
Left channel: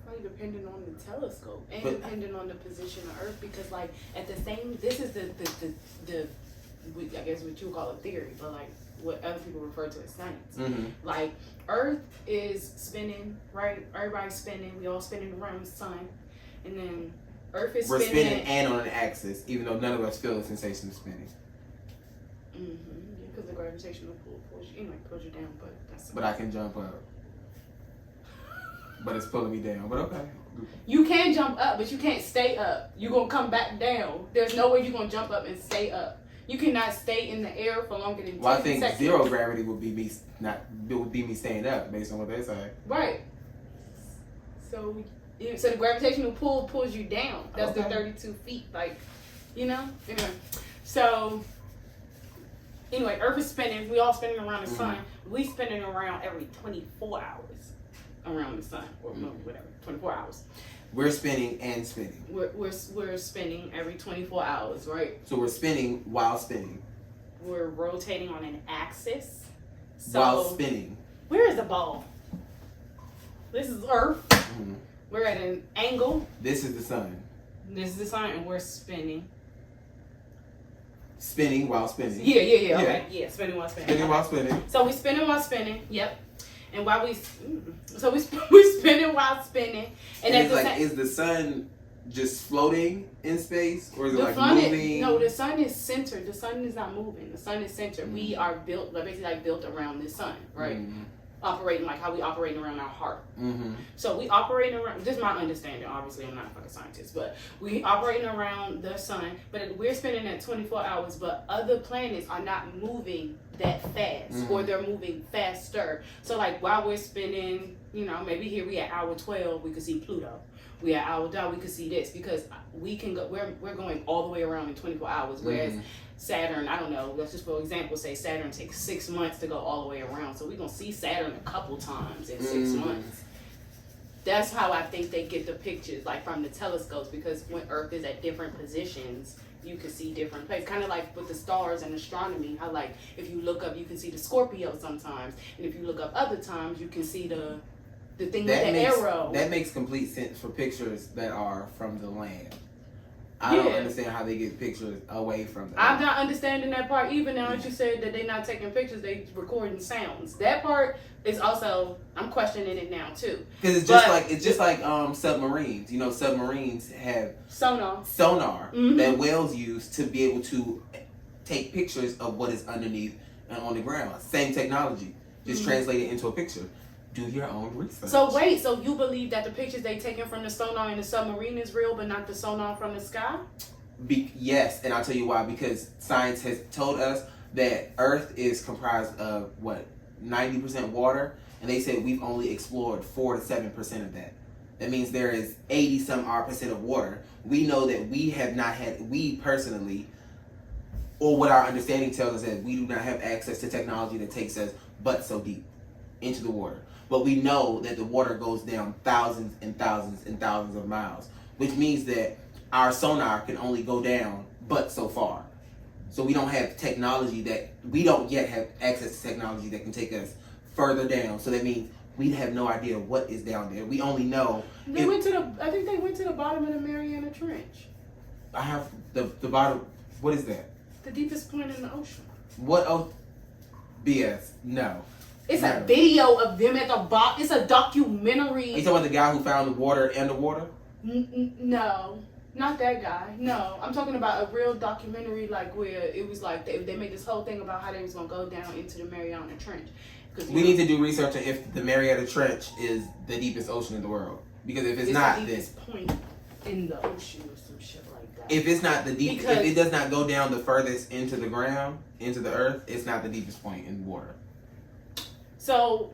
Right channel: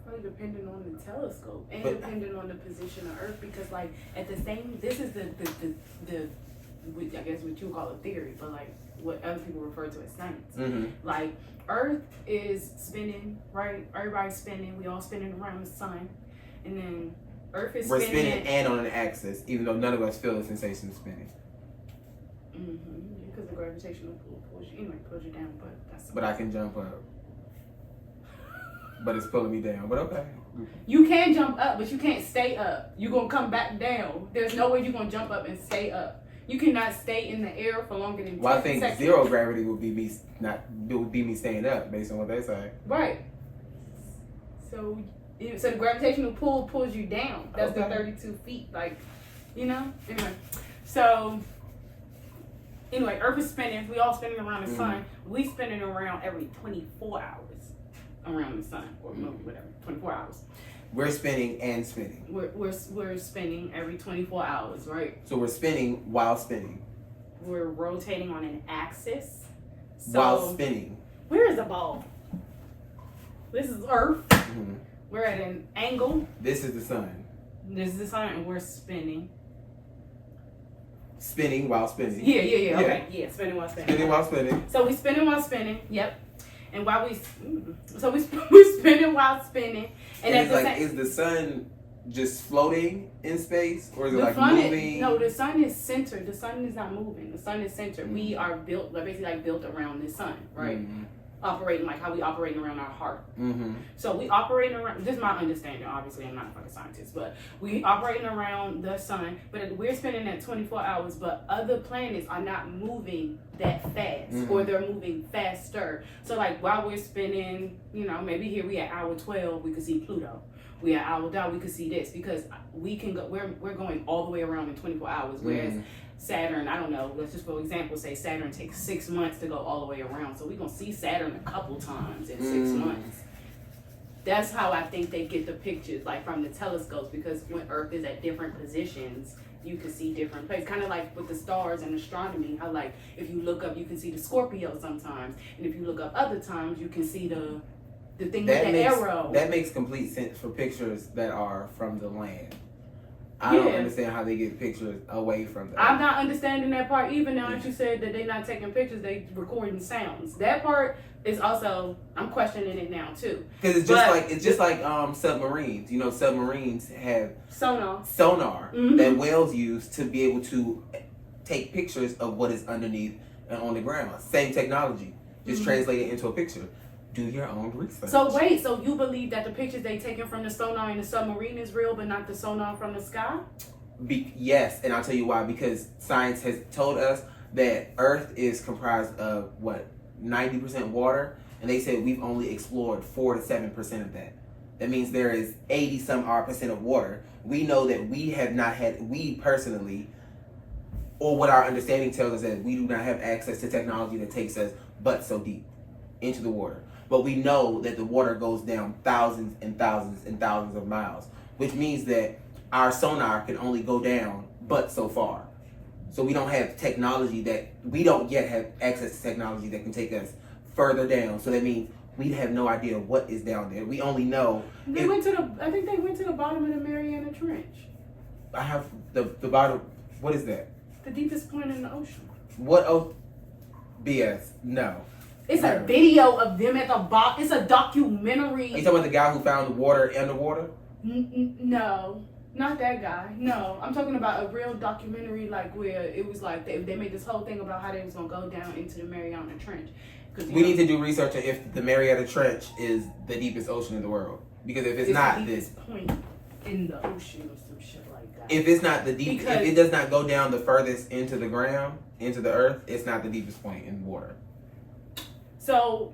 Probably depending on the telescope and depending on the position of Earth, because like at the same, this is the I guess what you would call a theory, but like what other people refer to as science. Mm-hmm. Like Earth is spinning, right? Everybody's spinning. We all spinning around the sun, and then Earth is We're spinning. spinning and on an axis, even though none of us feel the sensation of spinning. Because the gravitational pull pulls you down, but that's. But I can jump up. But it's pulling me down. But okay. You can jump up, but you can't stay up. You're gonna come back down. There's no way you're gonna jump up and stay up. You cannot stay in the air for longer than 10 Well, I think seconds. zero gravity would be me staying up, based on what they say. Right. So the gravitational pull pulls you down. That's the 32 feet. Like, Anyway. So Earth is spinning. We all spinning around the sun. We spinning around every 24 hours around the sun, or whatever. 24 hours. We're spinning and spinning. We're spinning every 24 hours, right? So we're spinning while spinning. We're rotating on an axis. While spinning. Where is the ball? This is Earth. Mm-hmm. We're at an angle. This is the sun. This is the sun, and we're spinning. Spinning while spinning. Yeah. Okay. Yeah, spinning while spinning. Spinning while spinning. So we spinning while spinning. Yep. And while we spinning while spinning. And it's like, is the sun just floating in space, or is it like moving? No, the sun is centered. The sun is not moving. The sun is centered. Mm-hmm. We are basically built around the sun, right? Mm-hmm. Operating like how we operate around our heart. Mm-hmm. So we operating around. This is my understanding. Obviously, I'm not a fucking scientist, but we operating around the sun. But we're spinning at 24 hours. But other planets are not moving that fast, or they're moving faster. So like while we're spinning, maybe here we at hour 12, we could see Pluto. We at hour down, we could see this, because we can go. We're going all the way around in 24 hours, whereas Saturn, I don't know, let's just for example say Saturn takes 6 months to go all the way around. So we're going to see Saturn a couple times in 6 months. That's how I think they get the pictures, like from the telescopes, because when Earth is at different positions, you can see different places. Kind of like with the stars and astronomy, how like if you look up, you can see the Scorpio sometimes. And if you look up other times, you can see the thing with the arrow. That makes complete sense for pictures that are from the land. I don't understand how they get pictures away from that. I'm not understanding that part either. Now that you said that they're not taking pictures, they recording sounds. That part is also, I'm questioning it now too. Because it's just like submarines. Submarines have sonar that whales use to be able to take pictures of what is underneath and on the ground. Same technology, just translate it into a picture. Do your own research. So wait, so you believe that the pictures they taken from the sonar in the submarine is real, but not the sonar from the sky? Yes, and I'll tell you why. Because science has told us that Earth is comprised of 90% water, and they said we've only explored 4 to 7% of that. That means there is 80% of water. We know that we personally, or what our understanding tells us, that we do not have access to technology that takes us but so deep into the water. But we know that the water goes down thousands and thousands and thousands of miles, which means that our sonar can only go down but so far. So we don't have technology we don't yet have access to technology that can take us further down. So that means we have no idea what is down there. We only know. I think they went to the bottom of the Mariana Trench. I have the bottom. What is that? The deepest point in the ocean. What? Oh, BS. No. It's a video of them at the bottom. It's a documentary. Are you talking about the guy who found the water underwater? No, not that guy. No, I'm talking about a real documentary, like where it was like they made this whole thing about how they was gonna go down into the Mariana Trench. We need to do research on if the Mariana Trench is the deepest ocean in the world. Because if it's not, the deepest point. in the ocean or some shit like that. If it's not the deep, Because- if it does not go down the furthest into the ground, into the earth, it's not the deepest point in water. So,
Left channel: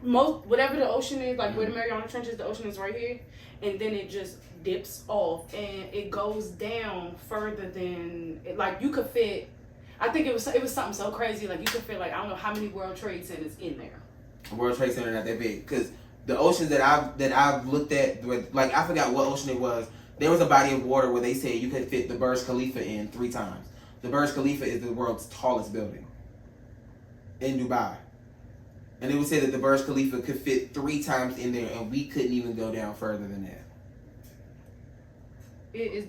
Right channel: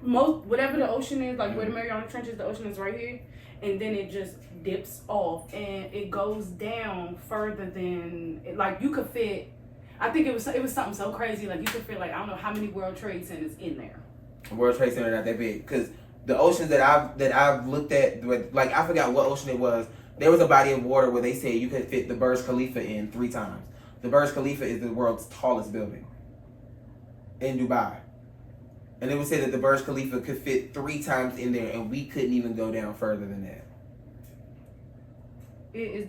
whatever the ocean is, like where the Mariana Trench is, the ocean is right here, and then it just dips off and it goes down further than like you could fit. I think it was something so crazy, like you could fit like I don't know how many World Trade Centers in there. World Trade Center not that big, because the oceans that I've looked at, like I forgot what ocean it was. There was a body of water where they said you could fit the Burj Khalifa in 3 times. The Burj Khalifa is the world's tallest building in Dubai. And it would say that the Burj Khalifa could fit 3 times in there, and we couldn't even go down further than that. It is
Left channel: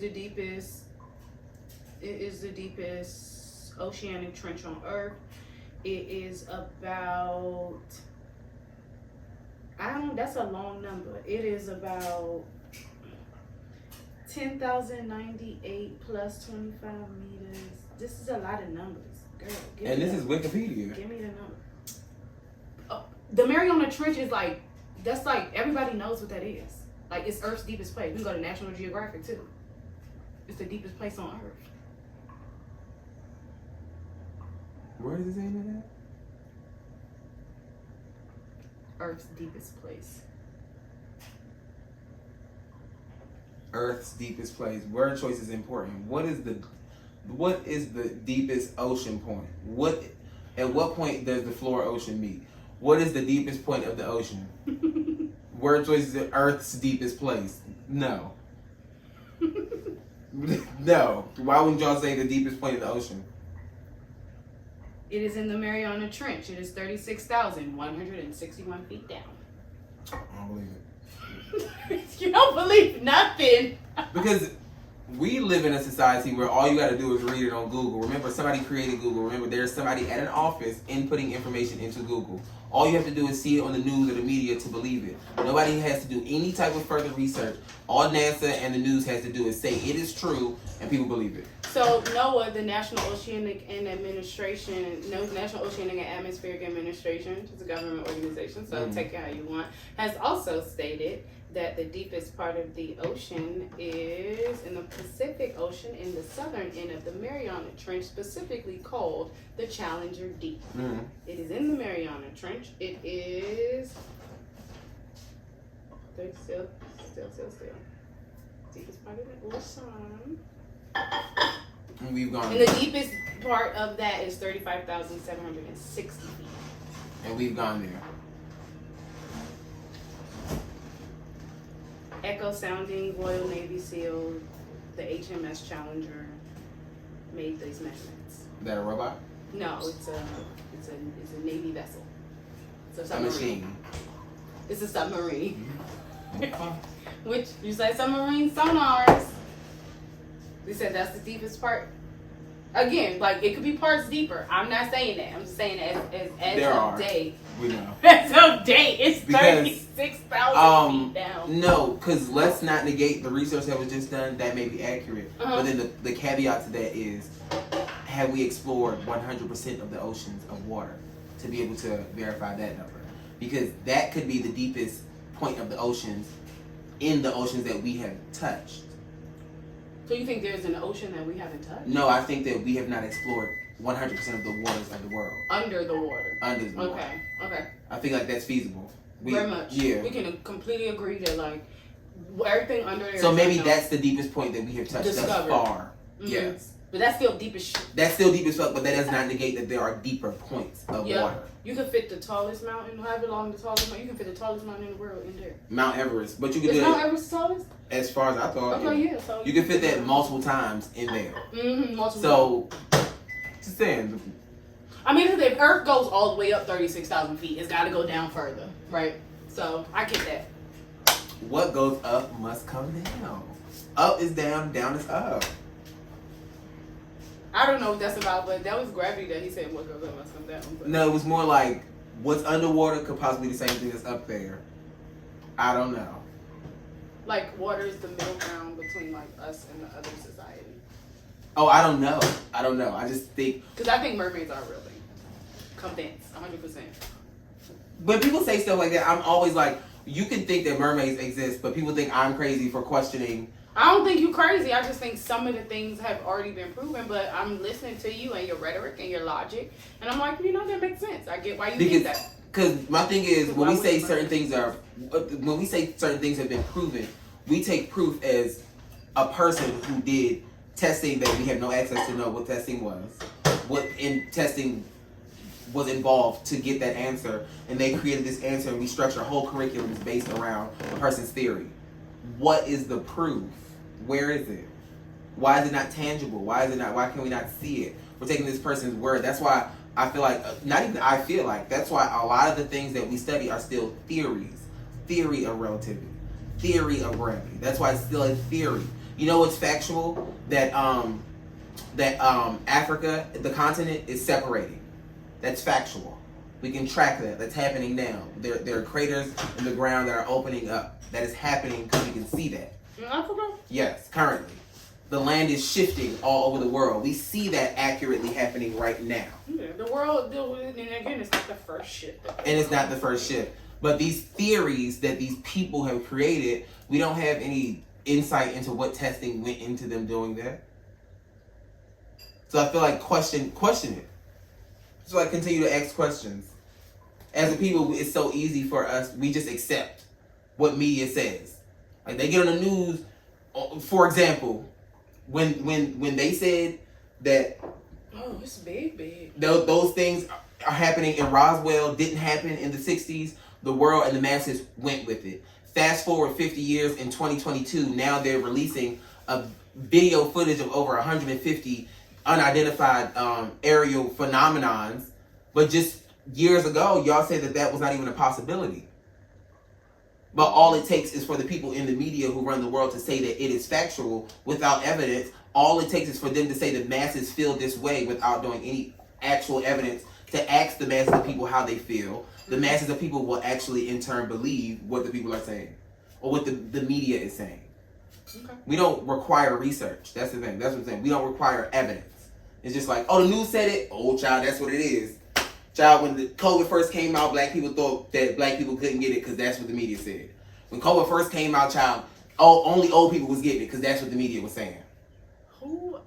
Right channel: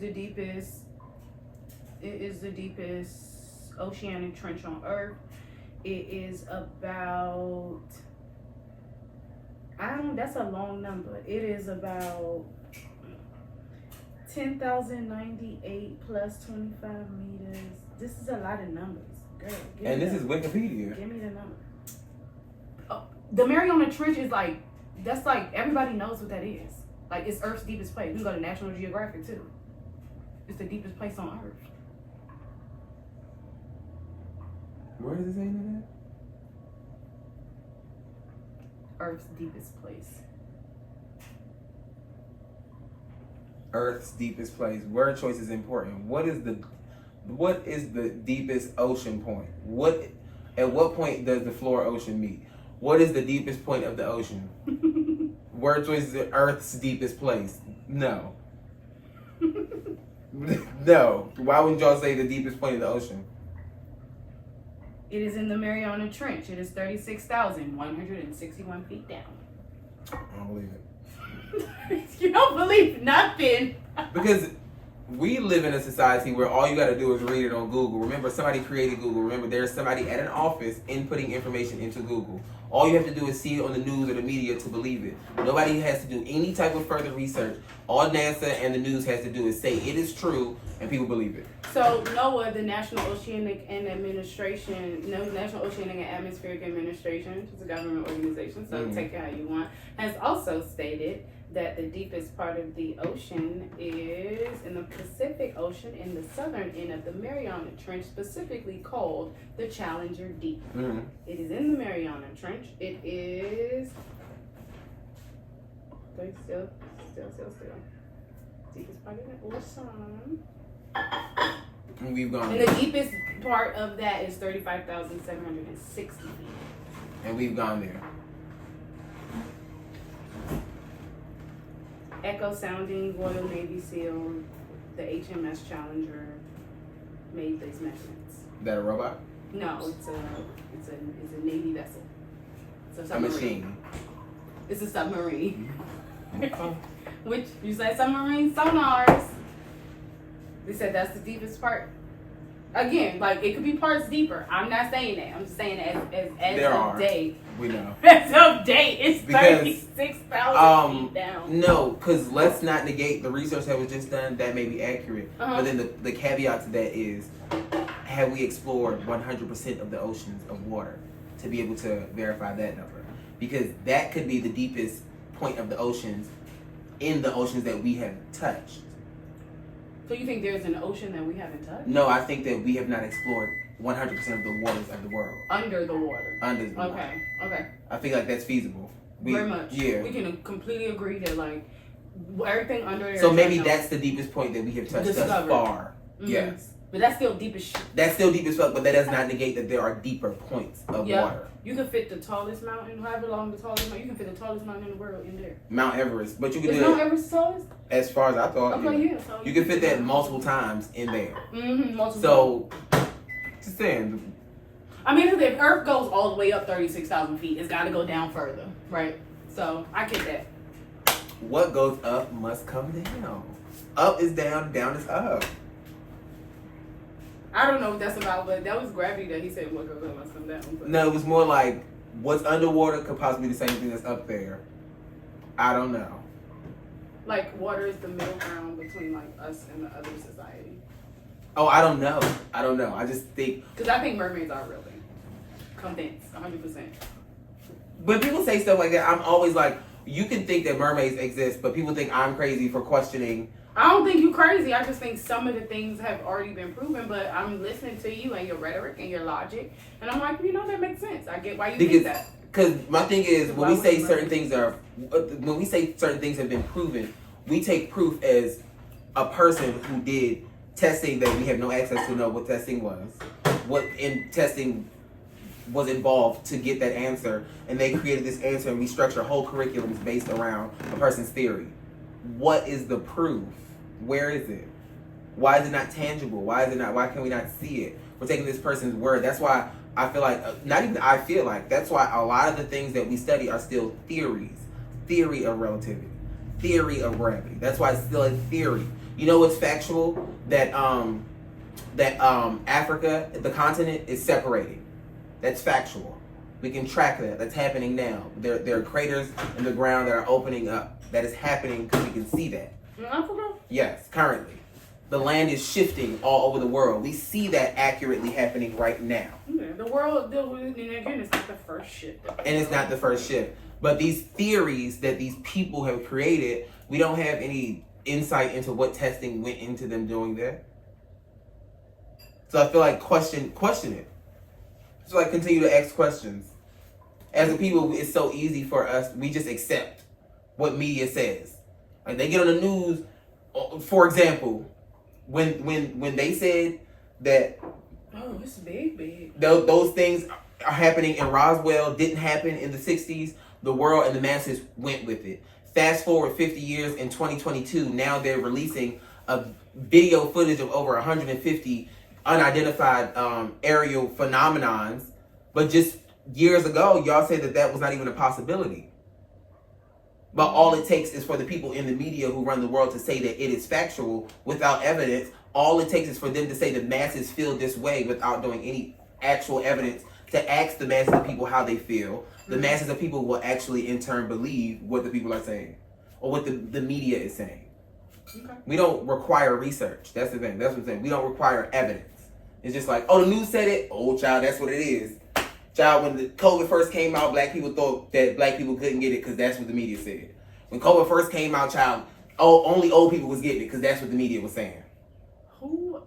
the deepest oceanic trench on Earth. It is about, that's a long number. It is about 10,098 plus 25 meters. This is a lot of numbers, girl. And this is Wikipedia. Give me the number. The Mariana Trench is like, that's like, everybody knows what that is. Like, it's Earth's deepest place. We can go to National Geographic, too. It's the deepest place on Earth. Where is it saying that? Earth's deepest place. Earth's deepest place. Word choice is important. What is the deepest ocean point? At what point does the floor ocean meet? What is the deepest point of the ocean? Word choice is Earth's deepest place. No. No. Why wouldn't y'all say the deepest point of the ocean? It is in the Mariana Trench. It is 36,161 feet down. I don't believe it. You don't believe nothing. Because we live in a society where all you got to do is read it on Google. Remember, somebody created Google. Remember, there's somebody at an office inputting information into Google. All you have to do is see it on the news or the media to believe it. Nobody has to do any type of further research. All NASA and the news has to do is say it is true, and people believe it. So NOAA, the National Oceanic and Atmospheric Administration, which is a government organization, so take it how you want, has also stated that the deepest part of the ocean is in the Pacific Ocean in the southern end of the Mariana Trench, specifically called the Challenger Deep. It is in the Mariana Trench. It is still. Deepest part of the ocean. And we've gone And the deepest part of that is 35,760 feet. And we've gone there. Echo Sounding, Royal Navy SEAL, the HMS Challenger made these measurements. Is that a robot? No, it's a Navy vessel. It's a A submarine. machine. It's a submarine. Okay. Which you say submarine sonars. They said that's the deepest part. Again, like it could be parts deeper. I'm not saying that. I'm just saying as There of are. date. We know. As of date, it's Because, 36,000 feet down. No, because let's not negate the research that was just done. That may be accurate. But then the caveat to that is, have we explored 100% of the oceans of water to be able to verify that number? Because that could be the deepest point of the oceans in the oceans that we have touched. So you think there's an ocean that we haven't touched? No, I think that we have not explored 100% of the waters of the world. Under the water. Under the water. Okay. I think like that's feasible. Very much. Yeah. We can completely agree that like everything under there. So is maybe unknown. that's the deepest point that we have touched thus Discovered. far. Mhm. Yes. But that's still deep as shit. That's still deep as fuck, but that does not negate that there are deeper points of water. You can fit the tallest mountain, however long the tallest mountain, you can fit the tallest mountain in the world in there. Mount Everest. But you can Is do Mount it Everest the tallest? as far as I thought. Okay, yeah. So You can fit that multiple times in there. multiple. So, just saying. I mean, if Earth goes all the way up 36,000 feet, it's got to go down further, right? So I get that. What goes up must come down. Up is down, down is up. I don't know what that's about, but that was gravity that he said what goes up must come down. But. No, it was more like what's underwater could possibly be the same thing that's up there. I don't know. Like water is the middle ground between like us and the other society. Oh, I don't know. I just think. Because I think mermaids are a real thing. Convinced, 100%. When people say stuff like that, I'm always like, you can think that mermaids exist, but people think I'm crazy for questioning. I don't think you crazy. I just think some of the things have already been proven, but I'm listening to you and your rhetoric and your logic, and I'm like, that makes sense. I get why you think that. Because my thing is, when we say certain things have been proven, we take proof as a person who did testing that we have no access to know what testing was, what in testing was involved to get that answer, and they created this answer, and we structure whole curriculums based around a person's theory. What is the proof? Where is it? Why is it not tangible? Why can we not see it? We're taking this person's word. That's why I feel like, that's why a lot of the things that we study are still theories. Theory of relativity. Theory of gravity. That's why it's still a theory. You know what's factual? That Africa, the continent, is separating. That's factual. We can track that. That's happening now. There are craters in the ground that are opening up. That is happening because we can see that. In Africa? Yes, currently. The land is shifting all over the world. We see that accurately happening right now. Yeah, the world, and again, it's not the first shift. And it's not the first shift. But these theories that these people have created, we don't have any insight into what testing went into them doing that. So I feel like question it. So like continue to ask questions. As a people, it's so easy for us, we just accept what media says. Like they get on the news, for example, when they said that it's big. Those things are happening in Roswell, didn't happen in the 60s, the world and the masses went with it. Fast forward 50 years in 2022, now they're releasing a video footage of over 150 unidentified aerial phenomenons, but just years ago, y'all said that was not even a possibility. But all it takes is for the people in the media who run the world to say that it is factual without evidence. All it takes is for them to say the masses feel this way without doing any actual evidence to ask the masses of people how they feel. The masses of people will actually in turn believe what the people are saying or what the media is saying. Okay. We don't require research. That's the thing. That's what I'm saying. We don't require evidence. It's just like, the news said it. Oh, child, that's what it is. Child, when the COVID first came out, black people thought that black people couldn't get it because that's what the media said. When COVID first came out, child, only old people was getting it because that's what the media was saying.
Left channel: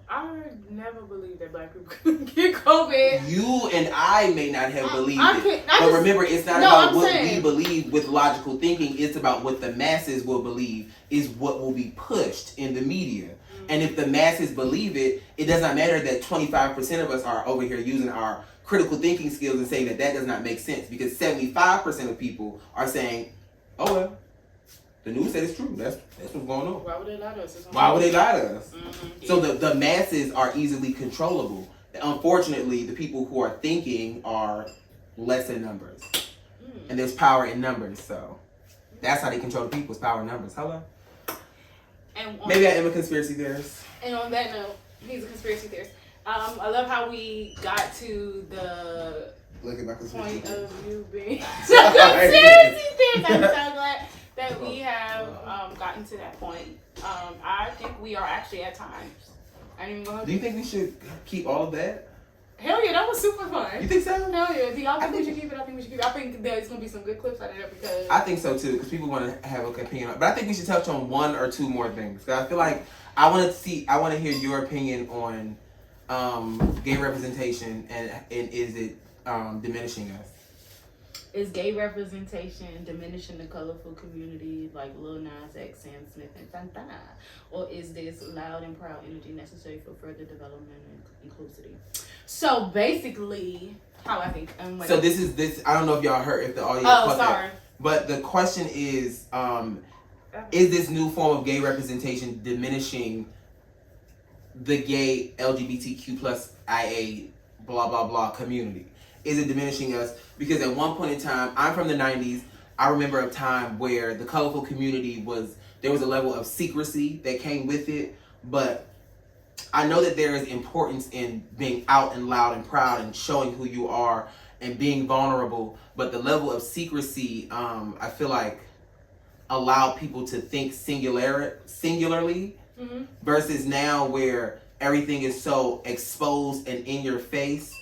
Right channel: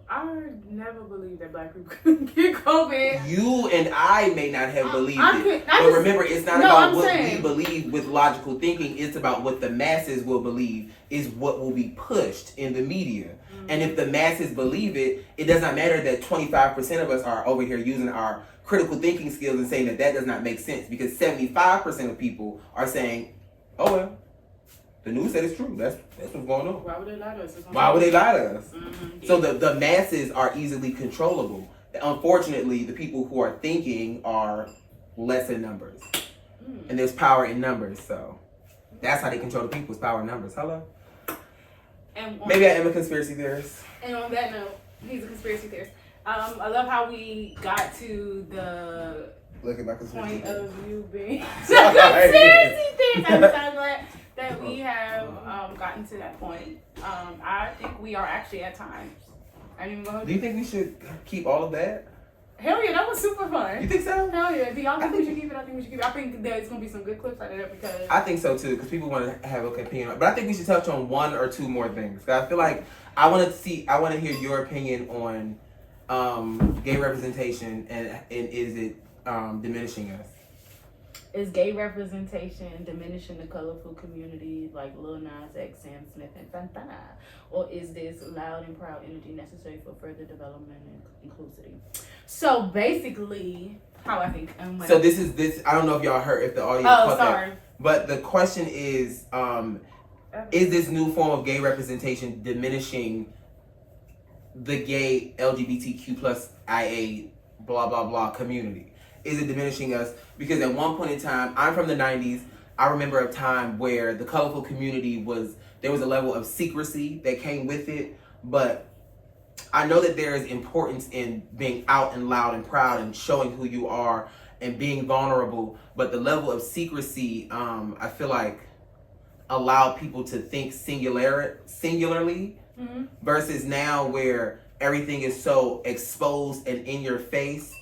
I never believed that black people couldn't get COVID. You and I may not have believed it. But remember, it's not about what we believe with logical thinking. It's about what the masses will believe is what will be pushed in the media. Mm-hmm. And if the masses believe it, it does not matter that 25% of us are over here using our critical thinking skills and saying that does not make sense, because 75% of people are saying, oh well, the news said it's true. That's what's going on. Why would they lie to us? Why would they lie to us? Mm-hmm. So the masses are easily controllable. Unfortunately, the people who are thinking are less in numbers. Mm. And there's power in numbers, so that's how they control the people, is power in numbers. Hello? And maybe I am a conspiracy theorist. And on that note, he's a conspiracy theorist. I love how we got to the point of you being a conspiracy theorist. I'm so glad that we have gotten to that point. I think we are actually at times. I didn't even go. Do you think we should keep all of that? Hell yeah, that was super fun. You think so? Hell yeah. Do y'all think we should keep it? I think we should keep it. I think there's going to be some good clips out of that because... I think so too, because people want to have an opinion. But I think we should touch on one or two more things. I feel like I want to hear your opinion on gay representation and is it diminishing us? Is gay representation diminishing the colorful community like Lil Nas X, Sam Smith, and Fanta? Or is this loud and proud energy necessary for further development and inclusivity? So basically, how I think. So this. I don't know if y'all heard, if the audience. Oh, sorry. But the question is this new form of gay representation diminishing the gay LGBTQ plus IA blah blah blah community? Is it diminishing us? Because at one point in time, I'm from the 90s. I remember a time where the colorful community there was a level of secrecy that came with it. But I know that there is importance in being out and loud and proud and showing who you are and being vulnerable. But the level of secrecy, I feel like, allowed people to think singularly mm-hmm. versus now where everything is so exposed and in your face.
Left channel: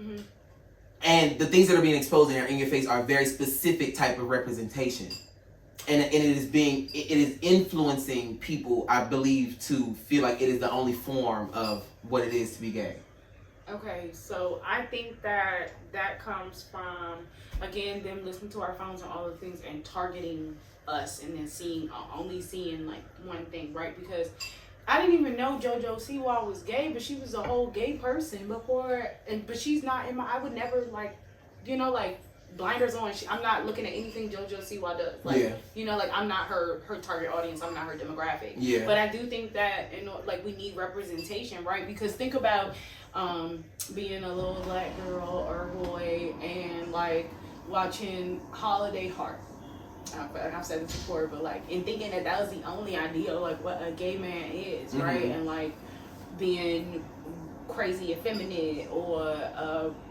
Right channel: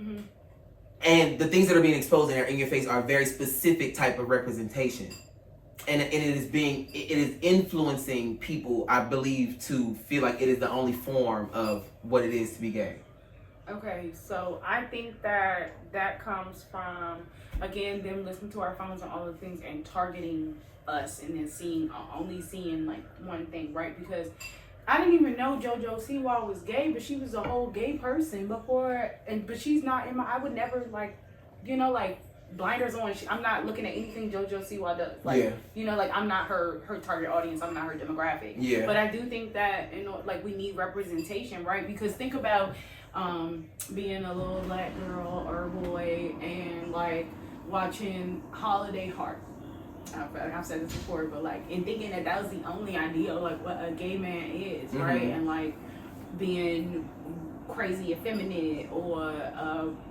Mm-hmm. And the things that are being exposed in your face are a very specific type of representation. And it is influencing people, I believe, to feel like it is the only form of what it is to be gay. Okay, so I think that comes from, again, them listening to our phones and all the things and targeting us and then only seeing like one thing, right? Because I didn't even know JoJo Siwa was gay, but she was a whole gay person before, but she's not in I would never like, blinders on. I'm not looking at anything JoJo Siwa does. Like, I'm not her target audience. I'm not her demographic. Yeah. But I do think that, we need representation, right? Because think about being a little black girl or boy and like watching Holiday Heart. I've said this before, but and thinking that was the only idea of what a gay man is, right? And being crazy effeminate, or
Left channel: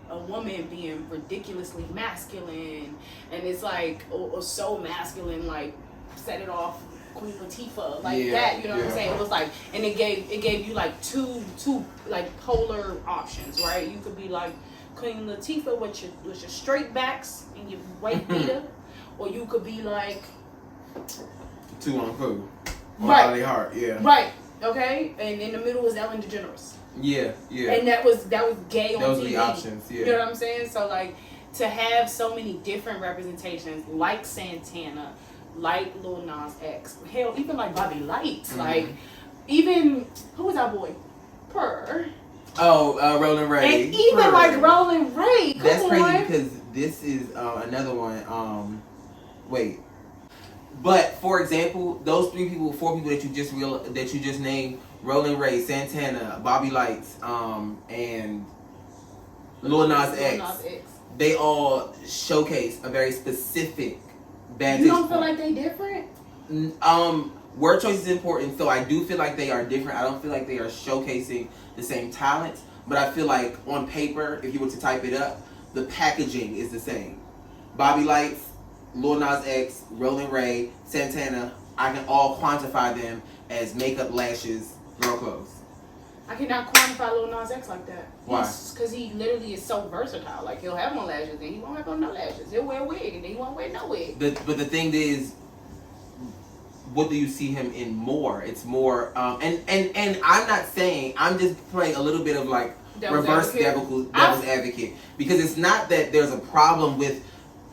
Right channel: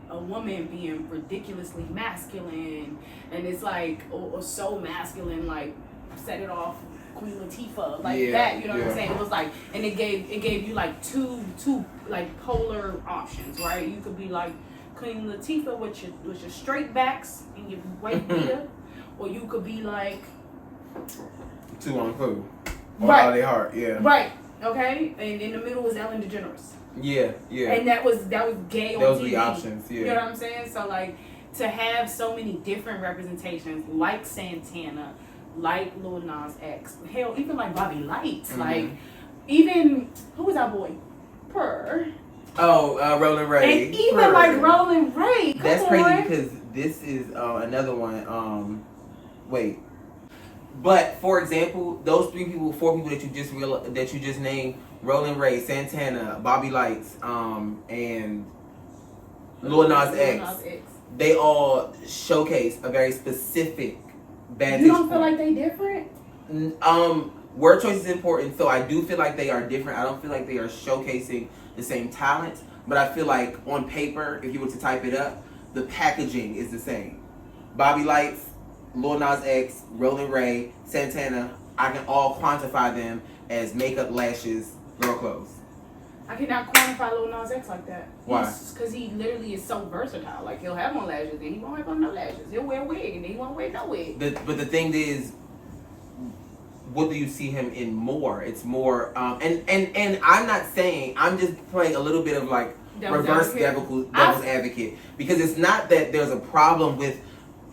a woman being ridiculously masculine, and it's or so masculine, set it off Queen Latifah, that, you know what I'm saying? It was and it gave you two polar options, right? You could be Queen Latifah with your straight backs and your white beater. Or you could be Two on Pooh. Right. Holiday Heart, yeah. Right. Okay. And in the middle was Ellen DeGeneres. Yeah. And that was gay on TV. Those were the options, yeah. You know what I'm saying? So to have so many different representations, like Santana, like Lil Nas X, hell, even Bobby Lights, even who was our boy? Purr. Oh, Roland Ray. And even Roland Ray. That's crazy because this is another one. Wait, but for example, those four people that you just named, Roland Ray, Santana, Bobby Lights, and Lil Nas X, they all showcase a very specific vantage. You don't feel like they different? Word choice is important, so I do feel like they are different. I don't feel like they are showcasing the same talents, but I feel like on paper, if you were to type it up, the packaging is the same. Bobby Lights, Lil Nas X, Roland Ray, Santana, I can all quantify them as makeup, lashes, girl clothes. I cannot quantify Lil Nas X like that. Why? Because he literally is so versatile. He'll have on lashes, then he won't have on no lashes. He'll wear a wig, and then he won't wear no wig. But the thing is, what do you see him in more? It's more, and I'm not saying, I'm just playing a little bit of devil's advocate, because it's not that there's a problem with,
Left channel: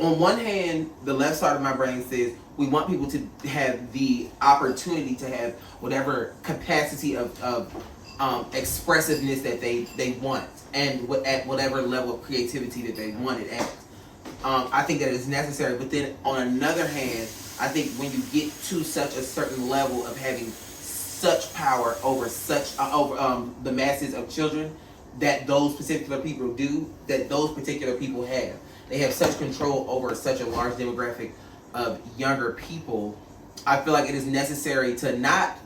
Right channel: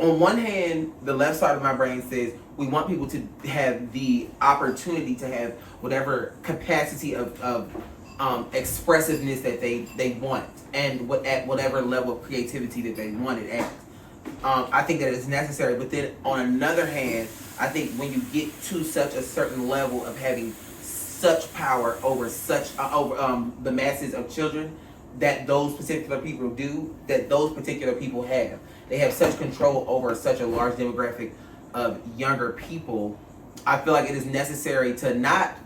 on one hand, the left side of my brain says we want people to have the opportunity to have whatever capacity of expressiveness that they want, and at whatever level of creativity that they want it at. I think that is necessary, but then on another hand, I think when you get to such a certain level of having such power over the masses of children that those particular people have. They have such control over such a large demographic of younger people. I feel like it is necessary to not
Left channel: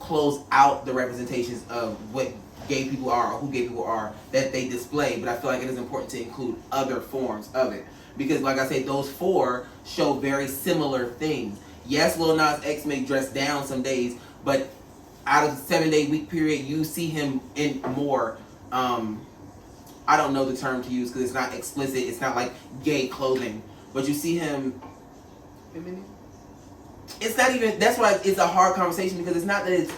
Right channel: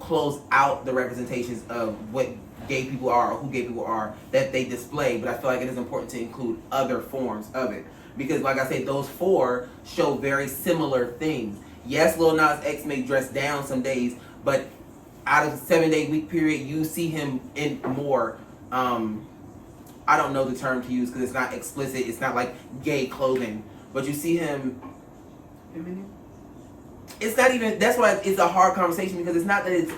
close out the representations of what gay people are or who gay people are that they display, but I feel like it is important to include other forms of it. Because like I say, those four show very similar things. Yes, Lil Nas X may dress down some days, but out of the 7-day week period, you see him in more, I don't know the term to use because it's not explicit, it's not like gay clothing, but you see him... Feminine? It's not even, that's why it's a hard conversation, because it's not that it's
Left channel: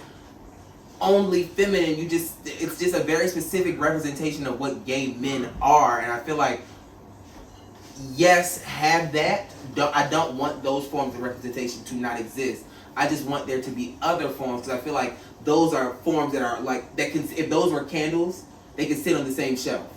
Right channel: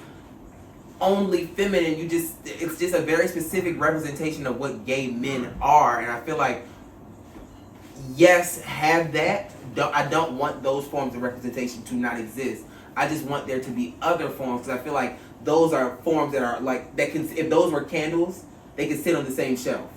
only feminine, it's just a very specific representation of what gay men are, and I feel like, yes, have that. I don't want those forms of representation to not exist. I just want there to be other forms, because I feel like those are forms that are that can, if those were candles, they could sit on the same shelf.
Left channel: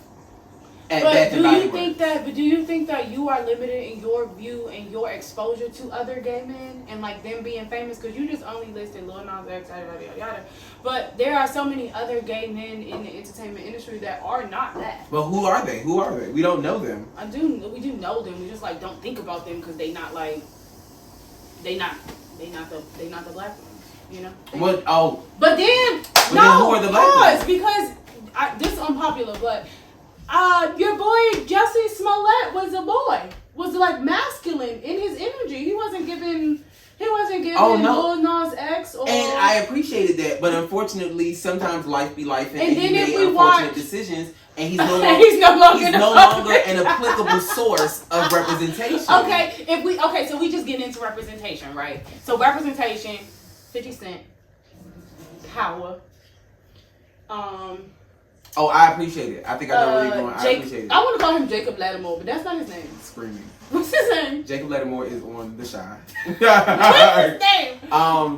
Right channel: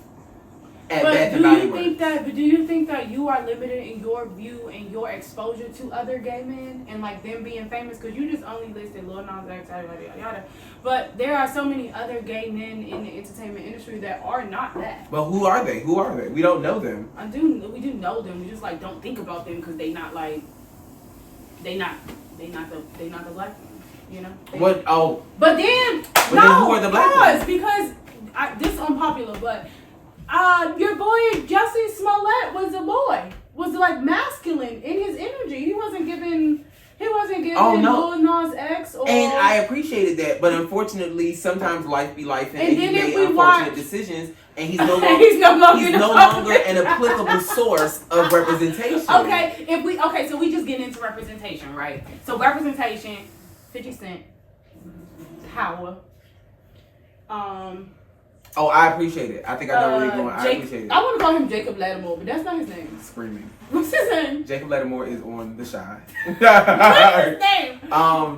But do you think that you are limited in your view and your exposure to other gay men and them being famous? Because you just only listed Lil Nas X, yada yada. But there are so many other gay men in the entertainment industry that are not that. But who are they? We don't know them. We do know them. We just don't think about them because they not the black ones. You know. What? Oh. But then who are the black ones? Because this is unpopular, but. Your boy Jussie Smollett was a boy. Was masculine in his energy. He wasn't giving Lil Nas X or And I appreciated that, but unfortunately, sometimes life be life, and he made unfortunate decisions, and he's no longer an applicable source of representation. Okay, so we just get into representation, right? So representation, 50 Cent, power. Oh, I appreciate it. I think I know where you're going. I appreciate it. I want to call him Jacob Lattimore, but that's not his name. Screaming. What's his name? Jacob Lattimore is on The Shy. What's his name?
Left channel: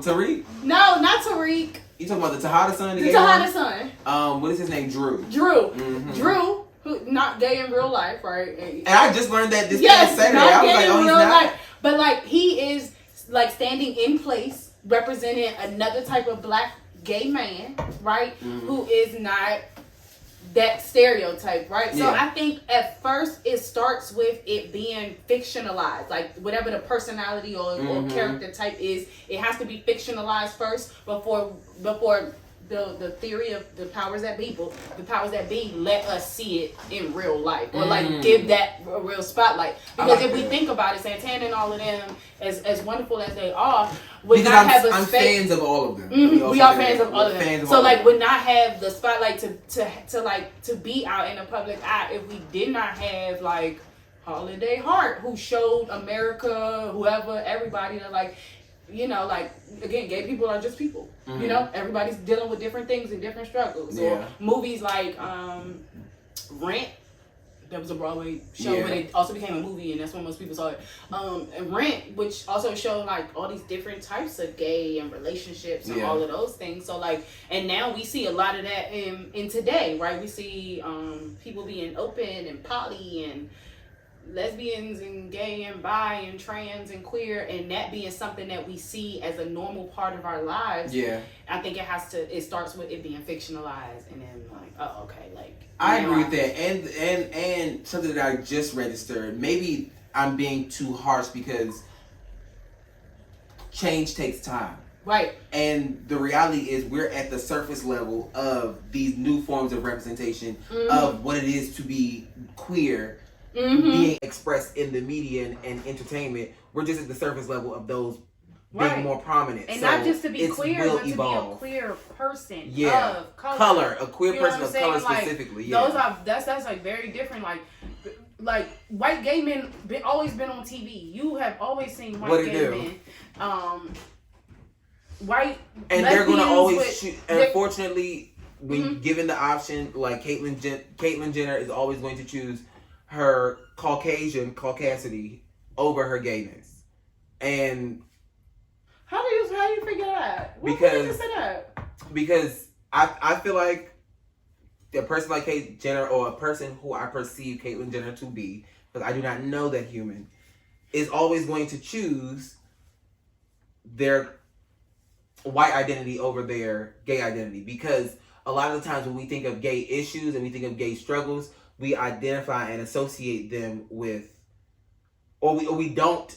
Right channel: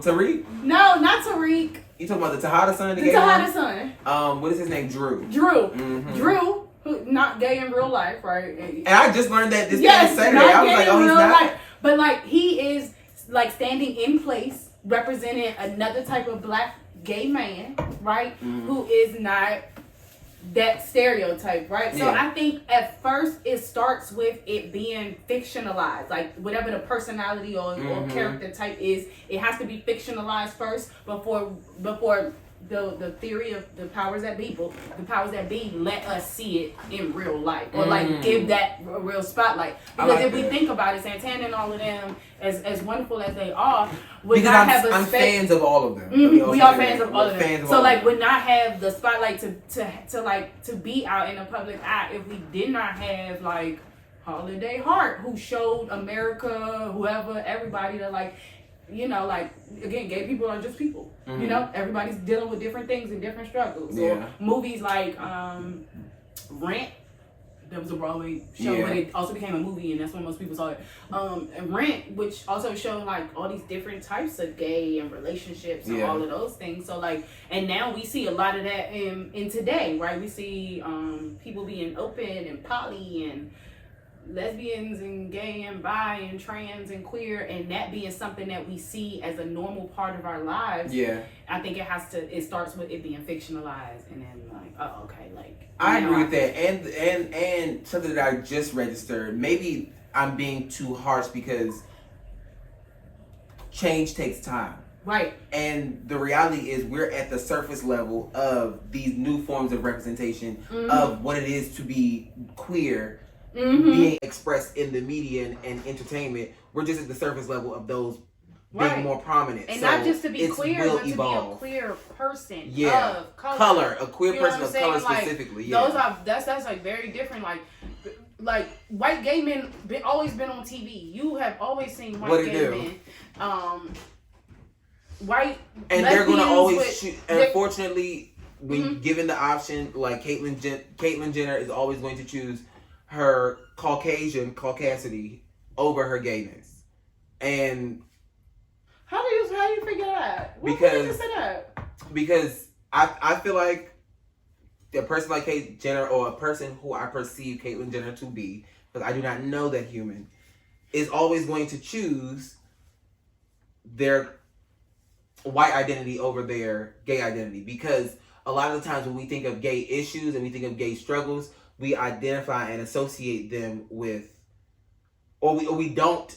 Tariq? No, not Tariq. You talking about the Tejada son? The Tejada son. What is his name? Drew. Mm-hmm. Drew, who not gay in real life, right? And I just learned that this past Saturday. I was like, oh, he's not. Life. But like, he is like standing in place, representing another type of black gay man, right? Mm-hmm. Who is not that stereotype, right? So I think at first it starts with it being fictionalized, like whatever the personality or character type is, it has to be fictionalized first before the theory of the powers that be let us see it in real life, or like give that a real spotlight. Because if we think about it, Santana and all of them, as wonderful as they are, would not have a space. I'm fans of all of them. We are fans of all of them. So like, would not have the spotlight to be out in the public eye if we did not have like Holiday Hart, who showed America, whoever, everybody that like. You know, like, again, gay people are just people. Mm-hmm. You know, everybody's dealing with different things and different struggles. Yeah. Or movies like Rent, that was a Broadway show, but it also became a movie, and that's when most people saw it. And Rent, which also showed like all these different types of gay and relationships and all of those things. So like, and now we see a lot of that in today, right? We see people being open and poly and lesbians and gay and bi and trans and queer, and that being something that we see as a normal part of our lives. I think it starts with it being fictionalized, and then like, oh, okay, like I agree with that. And something that I just registered, maybe I'm being too harsh because change takes time. Right. And the reality is we're at the surface level of these new forms of representation of what it is to be queer. Being expressed in the media and entertainment. We're just at the surface level of those being more prominent. And so not just to be queer, but evolve. to be a queer person of color. A queer person of color specifically. Like, that's like very different. Like white gay men always been on TV. You have always seen white gay men. White and they're gonna always choose. Unfortunately, when given the option, like Caitlyn Jenner is always going to choose her caucasity over her gayness. And how do you figure that? Because I feel like a person like Caitlyn Jenner, or a person who I perceive Caitlyn Jenner to be, because I do not know that human, is always going to choose their white identity over their gay identity. Because a lot of the times when we think of gay issues and we think of gay struggles, we identify and associate them with, or we don't.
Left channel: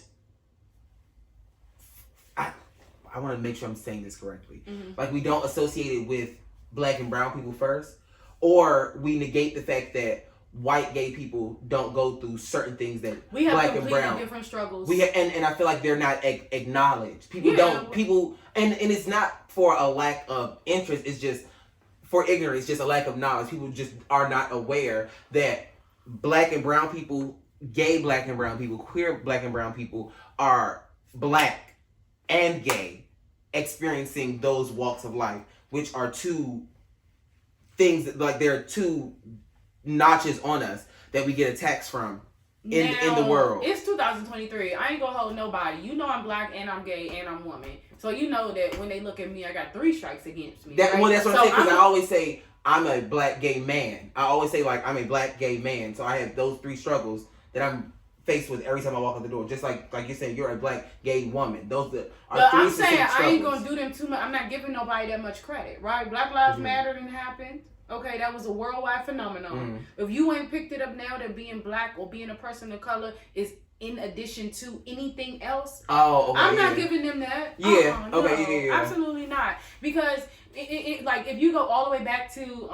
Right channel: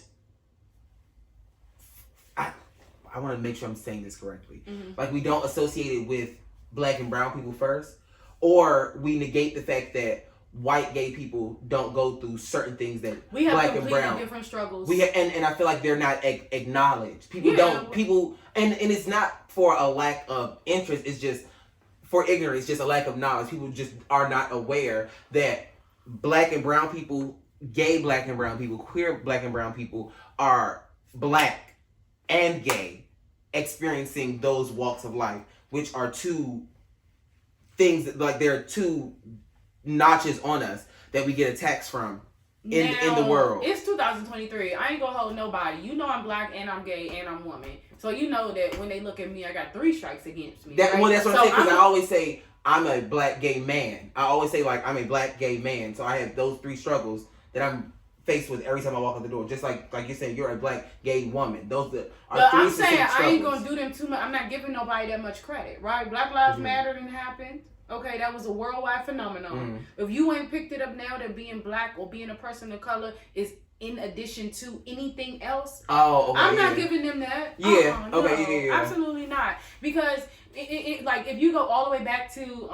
I want to make sure I'm saying this correctly. Like, we don't associate it with black and brown people first, or we negate the fact that white gay people don't go through certain things that we have black and brown different struggles. And I feel like they're not acknowledged. People and it's not for a lack of interest. It's just for ignorance, just a lack of knowledge. People just are not aware that black and brown people, gay black and brown people, queer black and brown people are black and gay, experiencing those walks of life, which are two things that, like, there are two notches on us that we get attacks from in the world. It's 2023. I ain't gonna hold nobody. You know I'm black and I'm gay and I'm woman. So you know that when they look at me, I got 3 strikes against me. Well, that's what I'm saying, because I always say I'm a black gay man. I always say, like, I'm a black gay man. So I have those 3 struggles that I'm faced with every time I walk out the door. Just like you're saying, you're a black gay woman. Those are 3 I'm saying struggles. I ain't gonna do them too much. I'm not giving nobody that much credit, right? Black Lives Matter didn't happen. Okay, that was a worldwide phenomenon. If you ain't picked it up now, that being black or being a person of color is in addition to anything else. Oh, okay. I'm not giving them that. Yeah. Absolutely not. Because it like, if you go all the way back to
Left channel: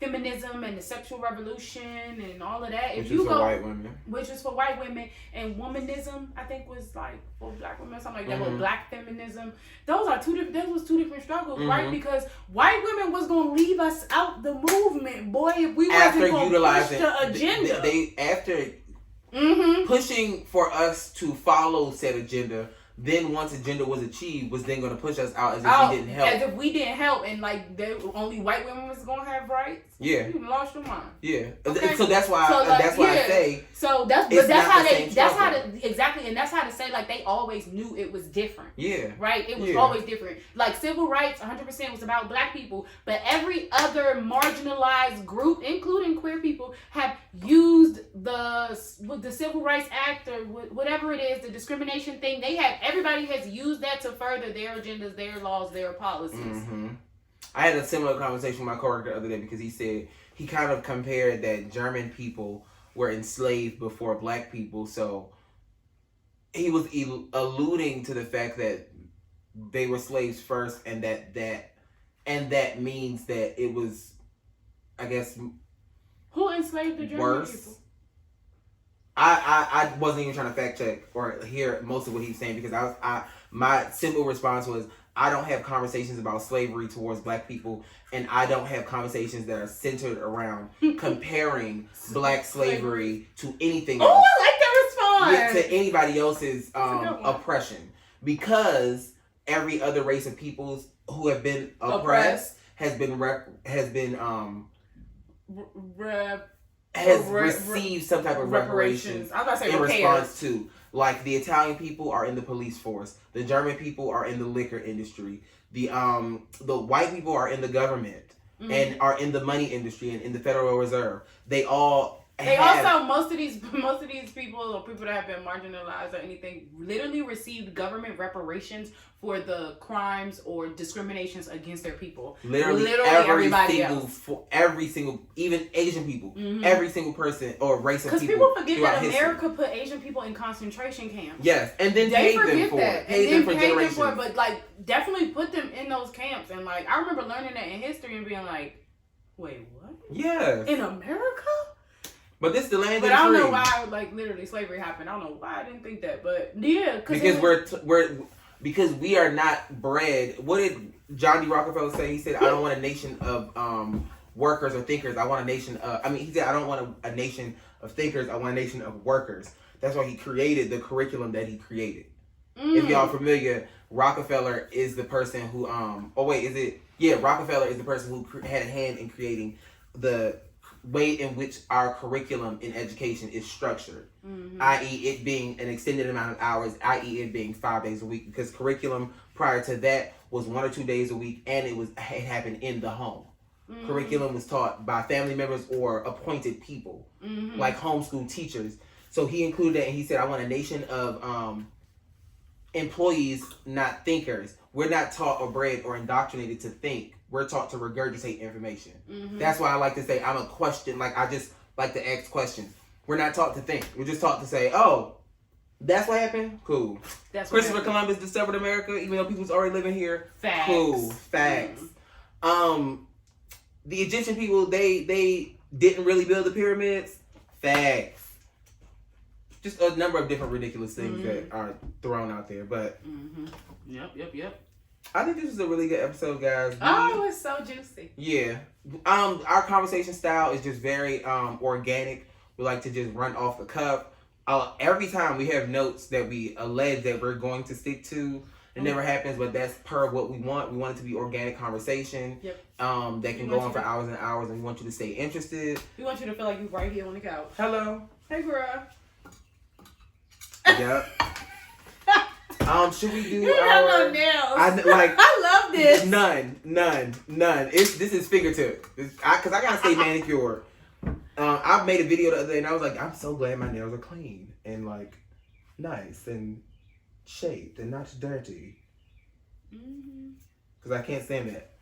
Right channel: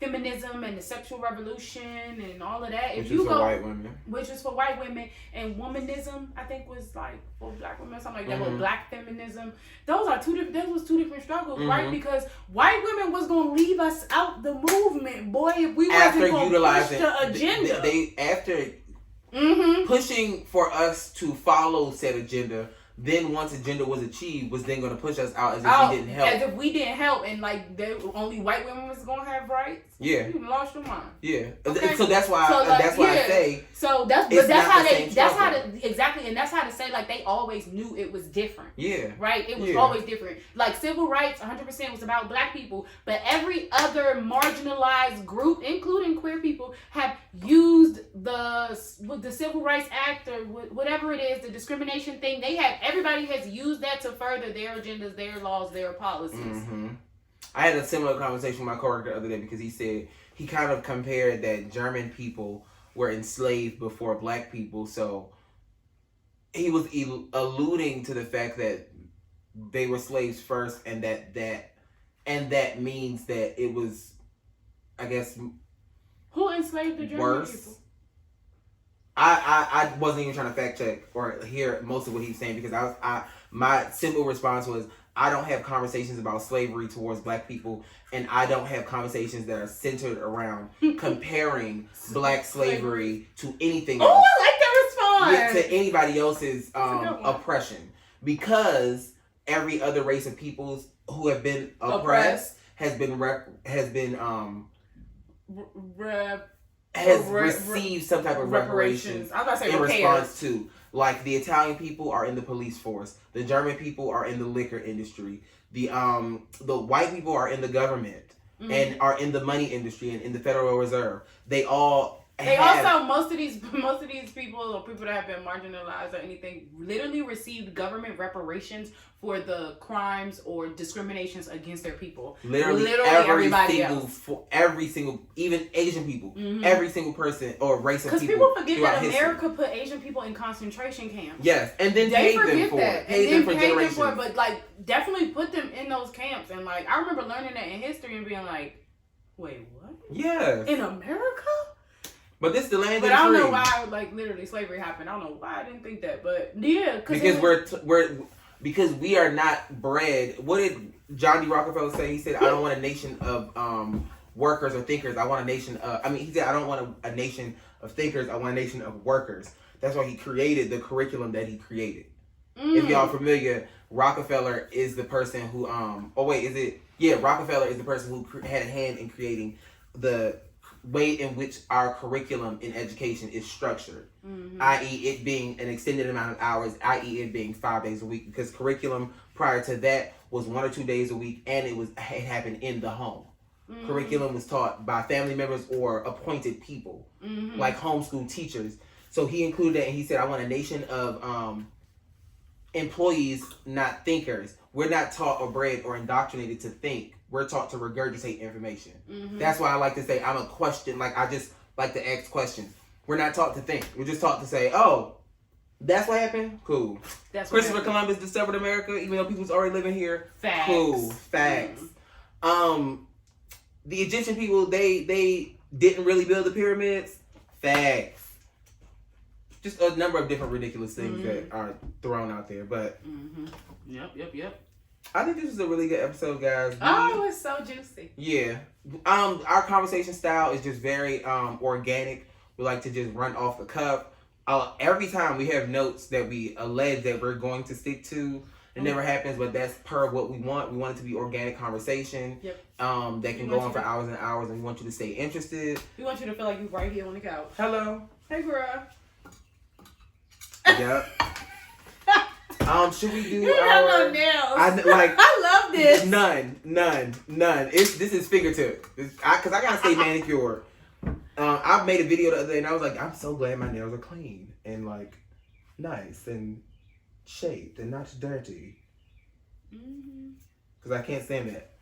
feminism and the sexual revolution and all of that. Which If you is go, for white women. which is for white women, and womanism, I think was like for black women, or something like that. But black feminism, those are two different struggles, right? Because white women was gonna leave us out the movement, boy, if we wasn't gonna push the agenda. After pushing for us to follow said agenda. Then once agenda was achieved, was then going to push us out as if we didn't help. As if we didn't help, and like only white women was going to have rights. Yeah, you lost your mind. Yeah, okay? So that's why. That's why I say. So that's how exactly, and that's how to say like they always knew it was different. Yeah. Right. It was always different. Like civil rights, 100% was about black people, but every other marginalized group, including queer people, have used the Civil Rights Act or whatever it is, the discrimination thing. Everybody has used that to further their agendas, their laws, their policies. I had a similar conversation with my coworker the other day because he said he kind of compared that German people were enslaved before black people. So he was alluding to the fact that they were slaves first, and that means that it was, I guess, who enslaved the German people? I wasn't even trying to fact check or hear most of what he was saying because my simple response was I don't have conversations about slavery towards black people, and I don't have conversations that are centered around comparing black slavery to anything else. Oh, I like that response. To anybody else's oppression, because every other race of peoples who have been oppressed has received some type of reparations in response to. Like the Italian people are in the police force, the German people are in the liquor industry, the white people are in the government and are in the money industry and in the Federal Reserve. They also most of these people or people that have been marginalized or anything literally received government reparations for the crimes or discriminations against their people. Literally every single, even Asian people, every single person or race of people. Because people forget that America put Asian people in concentration camps. Yes, and then paid them for it. Paid them for generations. But like definitely put them in those camps. And like I remember learning that in history and being like, wait, what? Yeah. In America? But this is the land. But I don't know why, like literally, slavery happened. I don't know why I didn't think that, but yeah, because we are not bred. What did John D. Rockefeller say? He said, "I don't want a nation of workers or thinkers. I want a nation." He said, "I don't want a nation of thinkers. I want a nation of workers." That's why he created the curriculum that he created. If y'all familiar, Rockefeller is the person who Rockefeller is the person who had a hand in creating the way in which our curriculum in education is structured, i.e. it being an extended amount of hours, i.e. it being 5 days a week, because curriculum prior to that was 1 or 2 days a week, and it happened in the home. Curriculum was taught by family members or appointed people, like homeschool teachers. So he included that, and he said, I want a nation of employees, not thinkers. We're not taught or bred or indoctrinated to think. We're taught to regurgitate information. That's why I like to say I'm a question. Like I just like to ask questions. We're not taught to think. We're just taught to say, "Oh, that's what happened. Cool." Christopher Columbus discovered America, even though people's already living here. Facts. Cool. Facts. The Egyptian people they didn't really build the pyramids. Facts. Just a number of different ridiculous things that are thrown out there, but. Yep. I think this was a really good episode, guys. It was so juicy. Yeah. Our conversation style is just very organic. We like to just run off the cuff. Every time we have notes that we allege that we're going to stick to. It never happens, but that's per what we want. We want it to be organic conversation. Yep. That can go on for hours and hours, and we want you to stay interested. We want you to feel like you're right here on the couch. Hello. Hey, girl. Yep. Should we do you have no nails. I love this. None. This is fingertip. Because I gotta stay manicured. I made a video the other day and I was like, I'm so glad my nails are clean and like nice and shaped and not dirty. Because I can't stand that.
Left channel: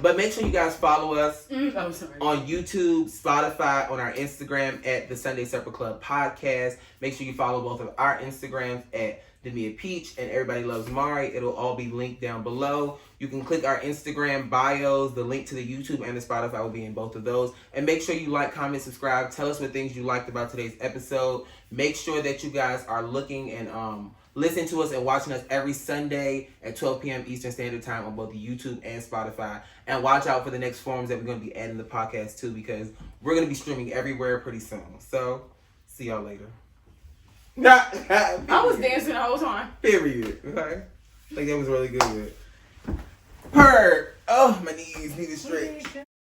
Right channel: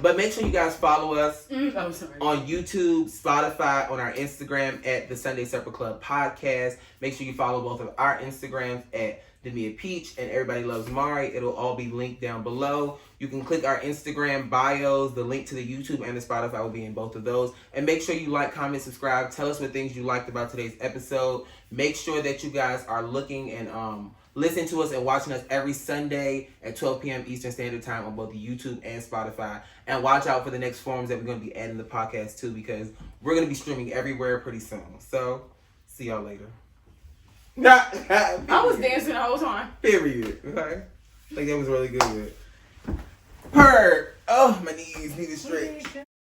But make sure you guys follow us on YouTube, Spotify, on our Instagram at the Sunday Supper Club Podcast. Make sure you follow both of our Instagrams at Damiahpeach, and Everybody Loves Marii. It'll all be linked down below. You can click our Instagram bios. The link to the YouTube and the Spotify will be in both of those. And make sure you like, comment, subscribe. Tell us what things you liked about today's episode. Make sure that you guys are looking and listen to us and watching us every Sunday at 12 p.m. Eastern Standard Time on both the YouTube and Spotify. And watch out for the next forums that we're going to be adding to the podcast too, because we're going to be streaming everywhere pretty soon. So, see y'all later. I was dancing the whole time. Period. Okay. I think that was really good. Purr. Oh, my knees need to stretch.